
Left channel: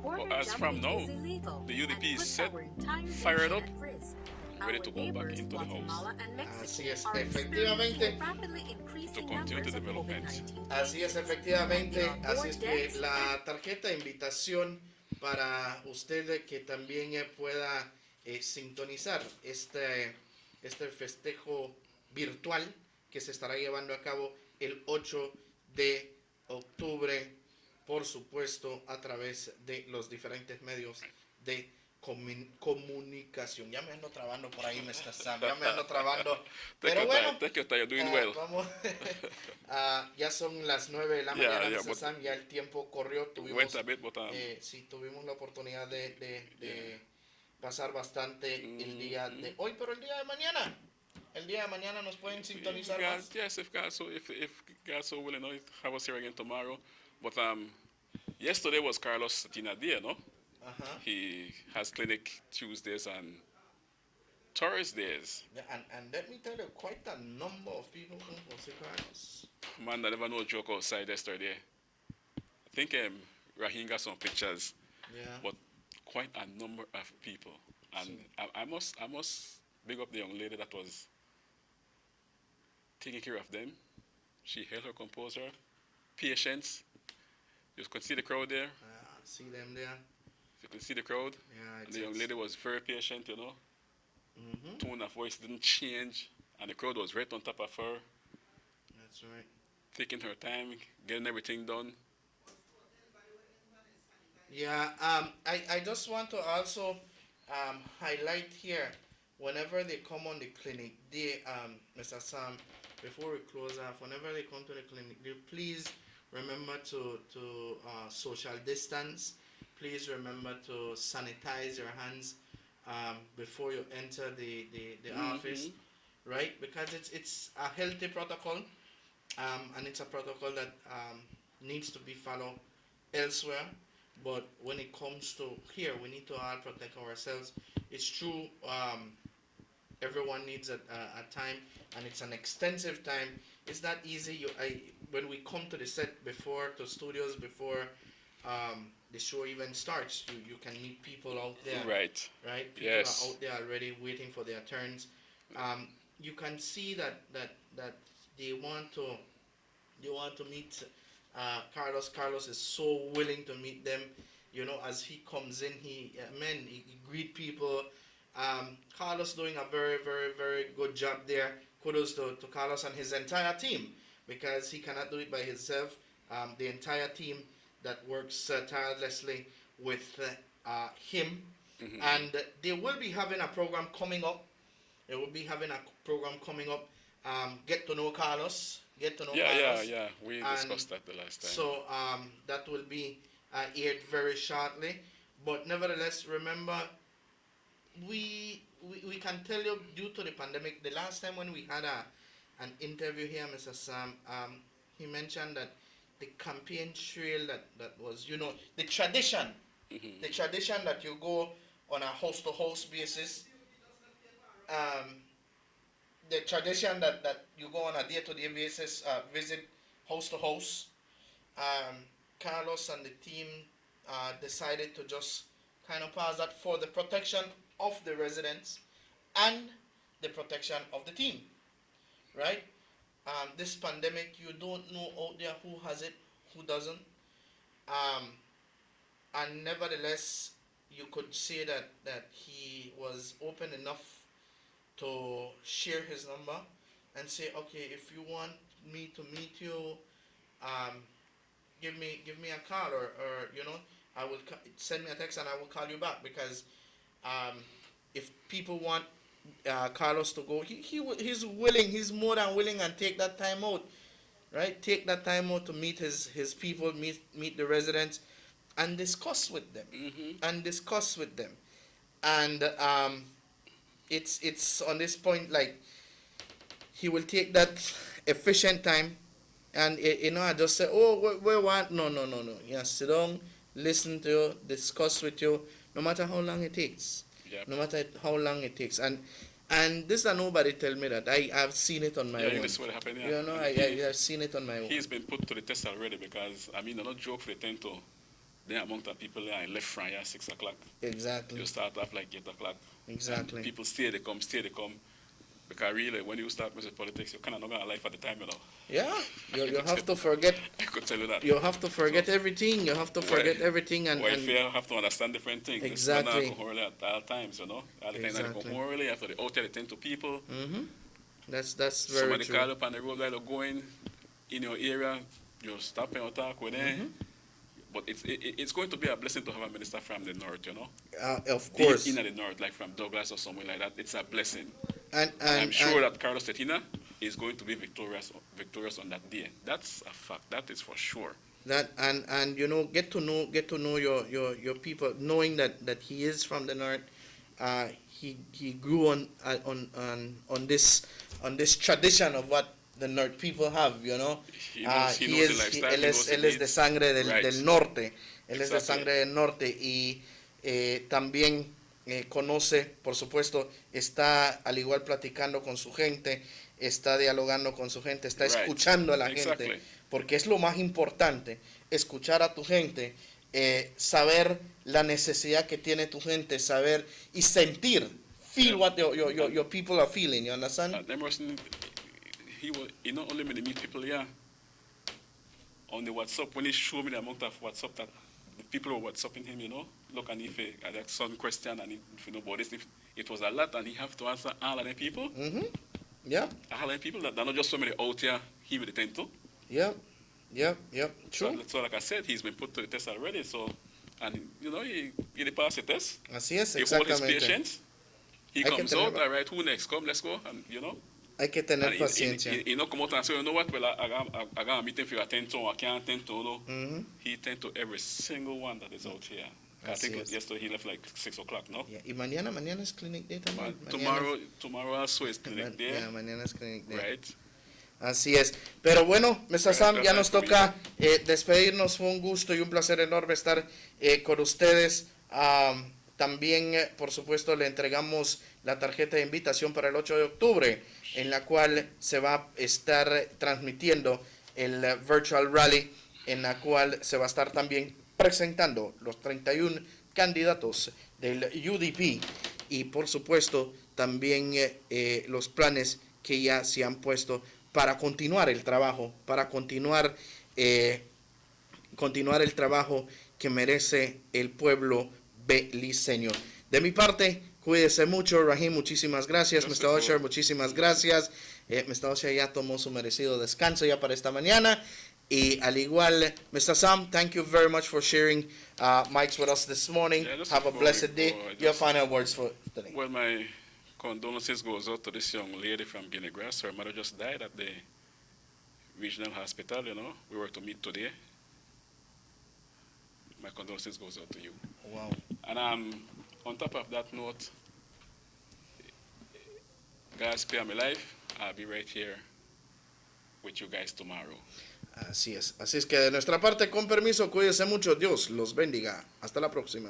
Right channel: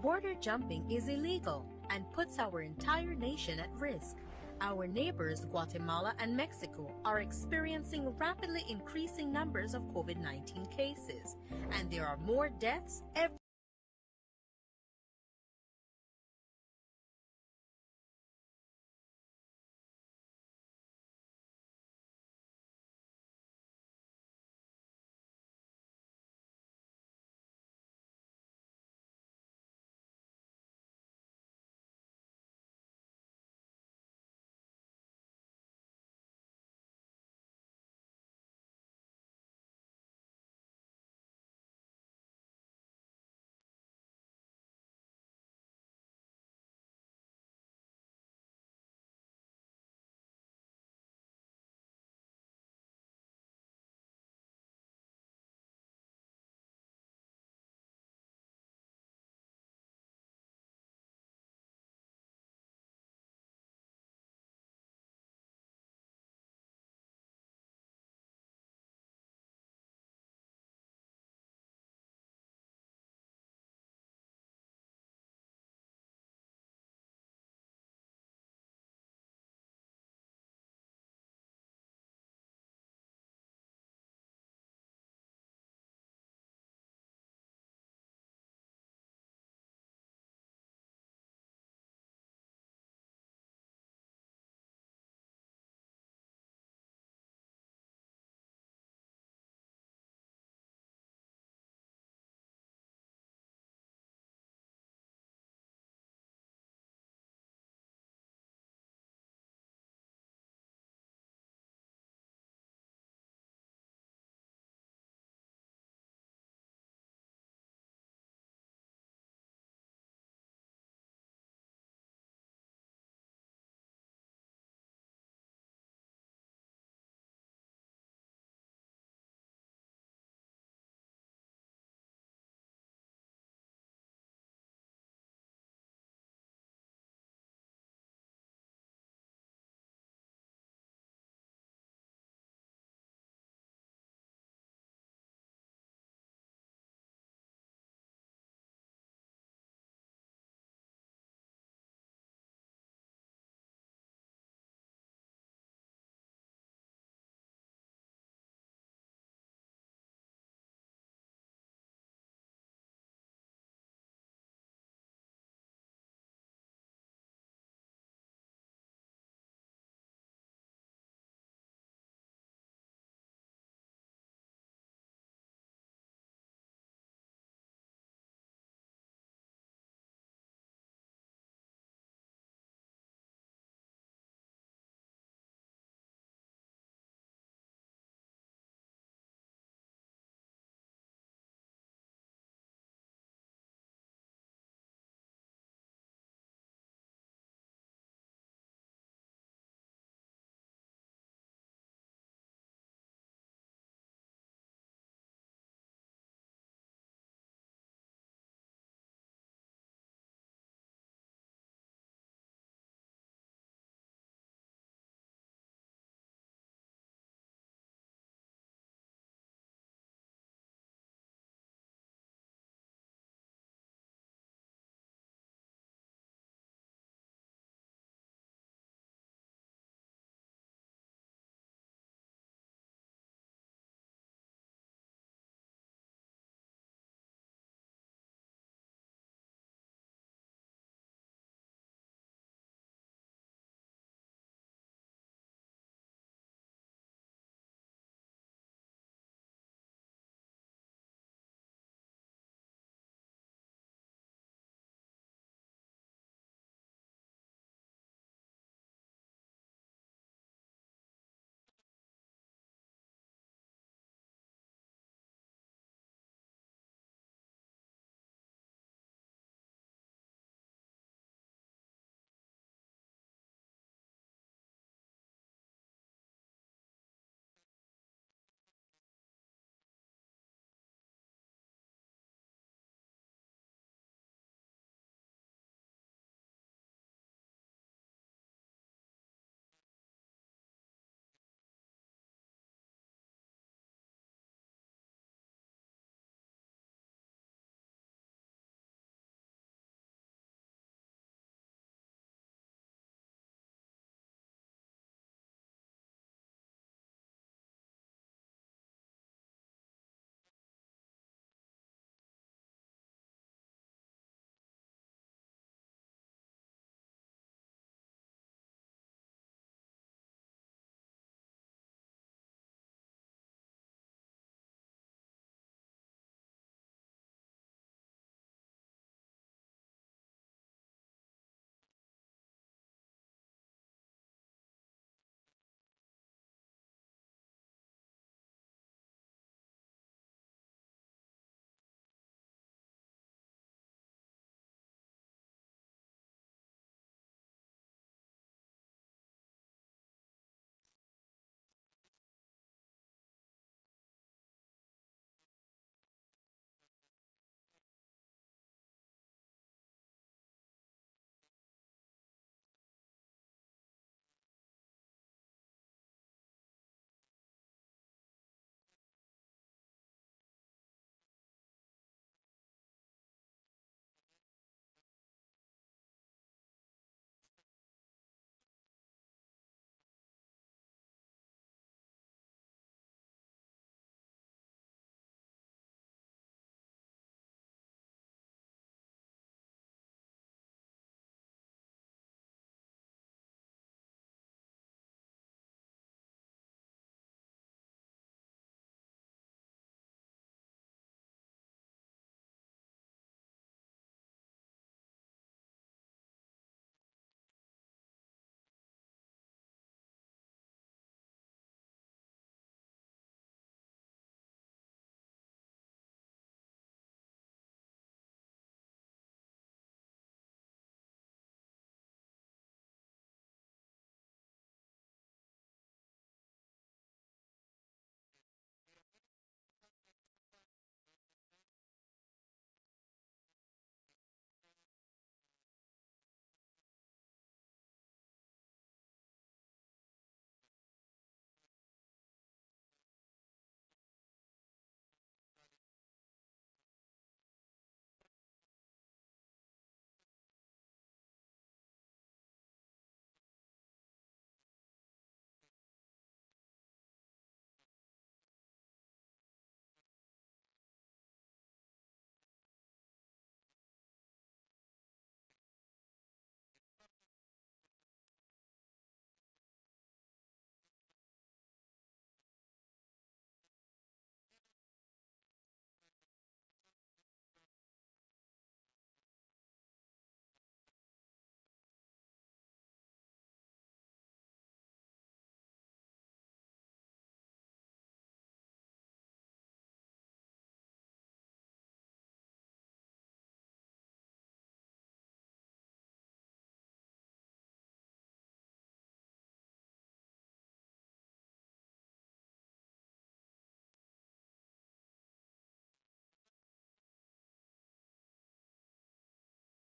border as jumping from now, is illegal the UDP and is puts set, our entire fired nation up, at risk. ready Our to go neighbors, back into the Guatemala and Mexico, Así es, are experiencing efectivamente. rapidly increasing numbers of COVID-19 Así es, cases, and efectivamente. there are Así more es que deaths la tarjeta de invitación para usted que también pueda sintonizar este festejo virtual que se estará llevando a cabo el 8 de octubre, por supuesto, a través de los diferentes medios de comunicación. Ya me ando trabando por ahí, Mr. Sam. Ya me ando trabando. Pero bueno, vamos. Ya son las 9 de la mañana, Mr. Sam. Ya el tiempo corrió. Tuvimos la oportunidad de pasar bastante el día de hoy, pero el día de mañana. El día de mañana nos pueden sintonizar más. Yes, if God so willing, have us here again tomorrow. But yesterday was Carlos Tina Dia, no? He has clinic Tuesdays and Thursdays. Yeah, and let me tell you, quite a number of people come for see Carlos. Man, I never know joke outside yesterday. I think Rahim got some pictures. Yeah. But quite a number of people. And I must big up the young lady that was taking care of them. She held her composure, patience. You could see the crowd there. See them there. You could see the crowd. Yeah, and the young lady was very patient, Tone of voice didn't change. And the crowd was right on top of her. That's right. Taking her time, getting everything done. Yeah, I just want to also highlight here, whenever they come on the clinic, Mr. Sam, before we close off, whenever they come to the clinic, please remember to social distance. Please remember to sanitize your hands before you enter the office, right? Because it's a healthy protocol, and it's a protocol that needs to be followed elsewhere. But when it comes to here, we need to all protect ourselves. It's true. Everyone needs a time, and it's an extensive time. It's not easy. When we come to the set before, to studios before the show even starts, you can meet people out there. Right. Right. People are out there already waiting for their turns. You can see that they want to meet Carlos. Carlos is so willing to meet them. As he comes in, he greet people. Carlos doing a very, very, very good job there. Kudos to Carlos and his entire team, because he cannot do it by himself. The entire team that works tirelessly with him And they will be having a program coming up. They will be having a program coming up. Get to know Carlos. Get to know Carlos. Yeah. We discussed that the last time. So that will be aired very shortly. But nevertheless, remember, we can tell you, due to the pandemic, the last time when we had an interview here, Mr. Sam, he mentioned that the campaign trail that was, the tradition, the tradition that you go on a house-to-house basis, the tradition that you go on a day-to-day basis, visit house-to-house. Carlos and the team decided to just kind of pass that for the protection of the residents and the protection of the team, right? This pandemic, you don't know out there who has it, who doesn't. And nevertheless, you could say that he was open enough to share his number and say, okay, if you want me to meet you, give me a call, or I will send me a text and I will call you back, because if people want Carlos to go, he's willing, he's more than willing, and take that time out, right? Take that time out to meet his people, meet the residents, and discuss with them, and it's on this point, like, he will take that efficient time, and I just say, oh, we want, no, yeah, sit down, listen to you, discuss with you, no matter how long it takes. Yep. No matter how long it takes. And this is nobody tell me that. I've seen it on my own. Yeah, this is what happened, I've seen it on my own. He's been put to the test already, because, they're not joke for the 10 to, the amount of people there left from here 6 o'clock. Exactly. You start off like 8 o'clock. Exactly. And people stay, they come. Because really, when you start with politics, you're kind of not going to life at the time, Yeah, you have to forget. I could tell you that. You have to forget everything. You have to forget everything. And you have to understand different things. Exactly. It's not alcohol at all times, All the time alcohol really, after the out there, they tend to people. Mm-hmm. That's very Somebody true. call up on the road while you're going in your area, you stop and talk with them. But it's going to be a blessing to have a minister from the north, Of course. Deep in the north, like from Douglas or somewhere like that. It's a blessing. And I'm sure that Carlos Tetina is going to be victorious on that day. That's a fact. That is for sure. That and get to know your people, knowing that he is from the north. He grew on this tradition of what the north people have, He knows the lifestyle. Él es de sangre del norte. Él es de Exactly. sangre del norte y también conoce, por supuesto, está al igual platicando con su gente, está dialogando con su gente, está escuchando a la gente, porque es lo más importante, escuchar a tu gente, saber la necesidad que tiene tu gente, saber y sentir, feel what your people are feeling, you understand? He not only made me meet people here on the WhatsApp, when he showed me the amount of WhatsApp that the people were WhatsApping him, look, and if I had some question, and if you know about this, if it was a lot, and he have to answer all of the people. Mm-hmm. Yeah. All of the people that are not just so many out here, he will attend to. Yeah. True. So like I said, he's been put to the test already, so, and he passed the test. Así es, he holds his exactamente. patience. He comes out, all right, who next? Come, let's go, and Hay que tener paciencia. He not come out and say, you know what, well, I got a meeting for you attend to, I can't attend to, Mm-hmm. He attend to every single one that is out here. I think yesterday he left like 6 o'clock, no? Yeah. Y mañana es clinic day también. Tomorrow also is clinic day. Yeah, mañana es clinic day. Right. Así es. Pero bueno, Mr. Sam, ya nos toca despedirnos. Fue un gusto y un placer enorme estar con ustedes. También, por supuesto, le entregamos la tarjeta de invitación para el 8 de octubre, en la cual se va a estar transmitiendo el Virtual Rally, en la cual se va a estar también presentando los 31 candidatos del UDP y, por supuesto, también los planes que ya se han puesto para continuar el trabajo, continuar el trabajo que merece el pueblo beliceño. De mi parte, cuídese mucho. Rahim, muchísimas gracias. Mr. Usher, muchísimas gracias. Mr. Usher ya tomó su merecido descanso ya para esta mañana. Y al igual, Mr. Sam, thank you very much for sharing mics with us this morning. Have a blessed day. Your final words for today. Well, my condolences goes out to this young lady from Guinea Grass. Her mother just died at the regional hospital, you know. We were to meet today. My condolences goes out to you. Wow. And on top of that note, God spare my life. I'll be right here with you guys tomorrow. Así es. Así es que de nuestra parte, con permiso, cuídense mucho. Dios los bendiga. Hasta la próxima.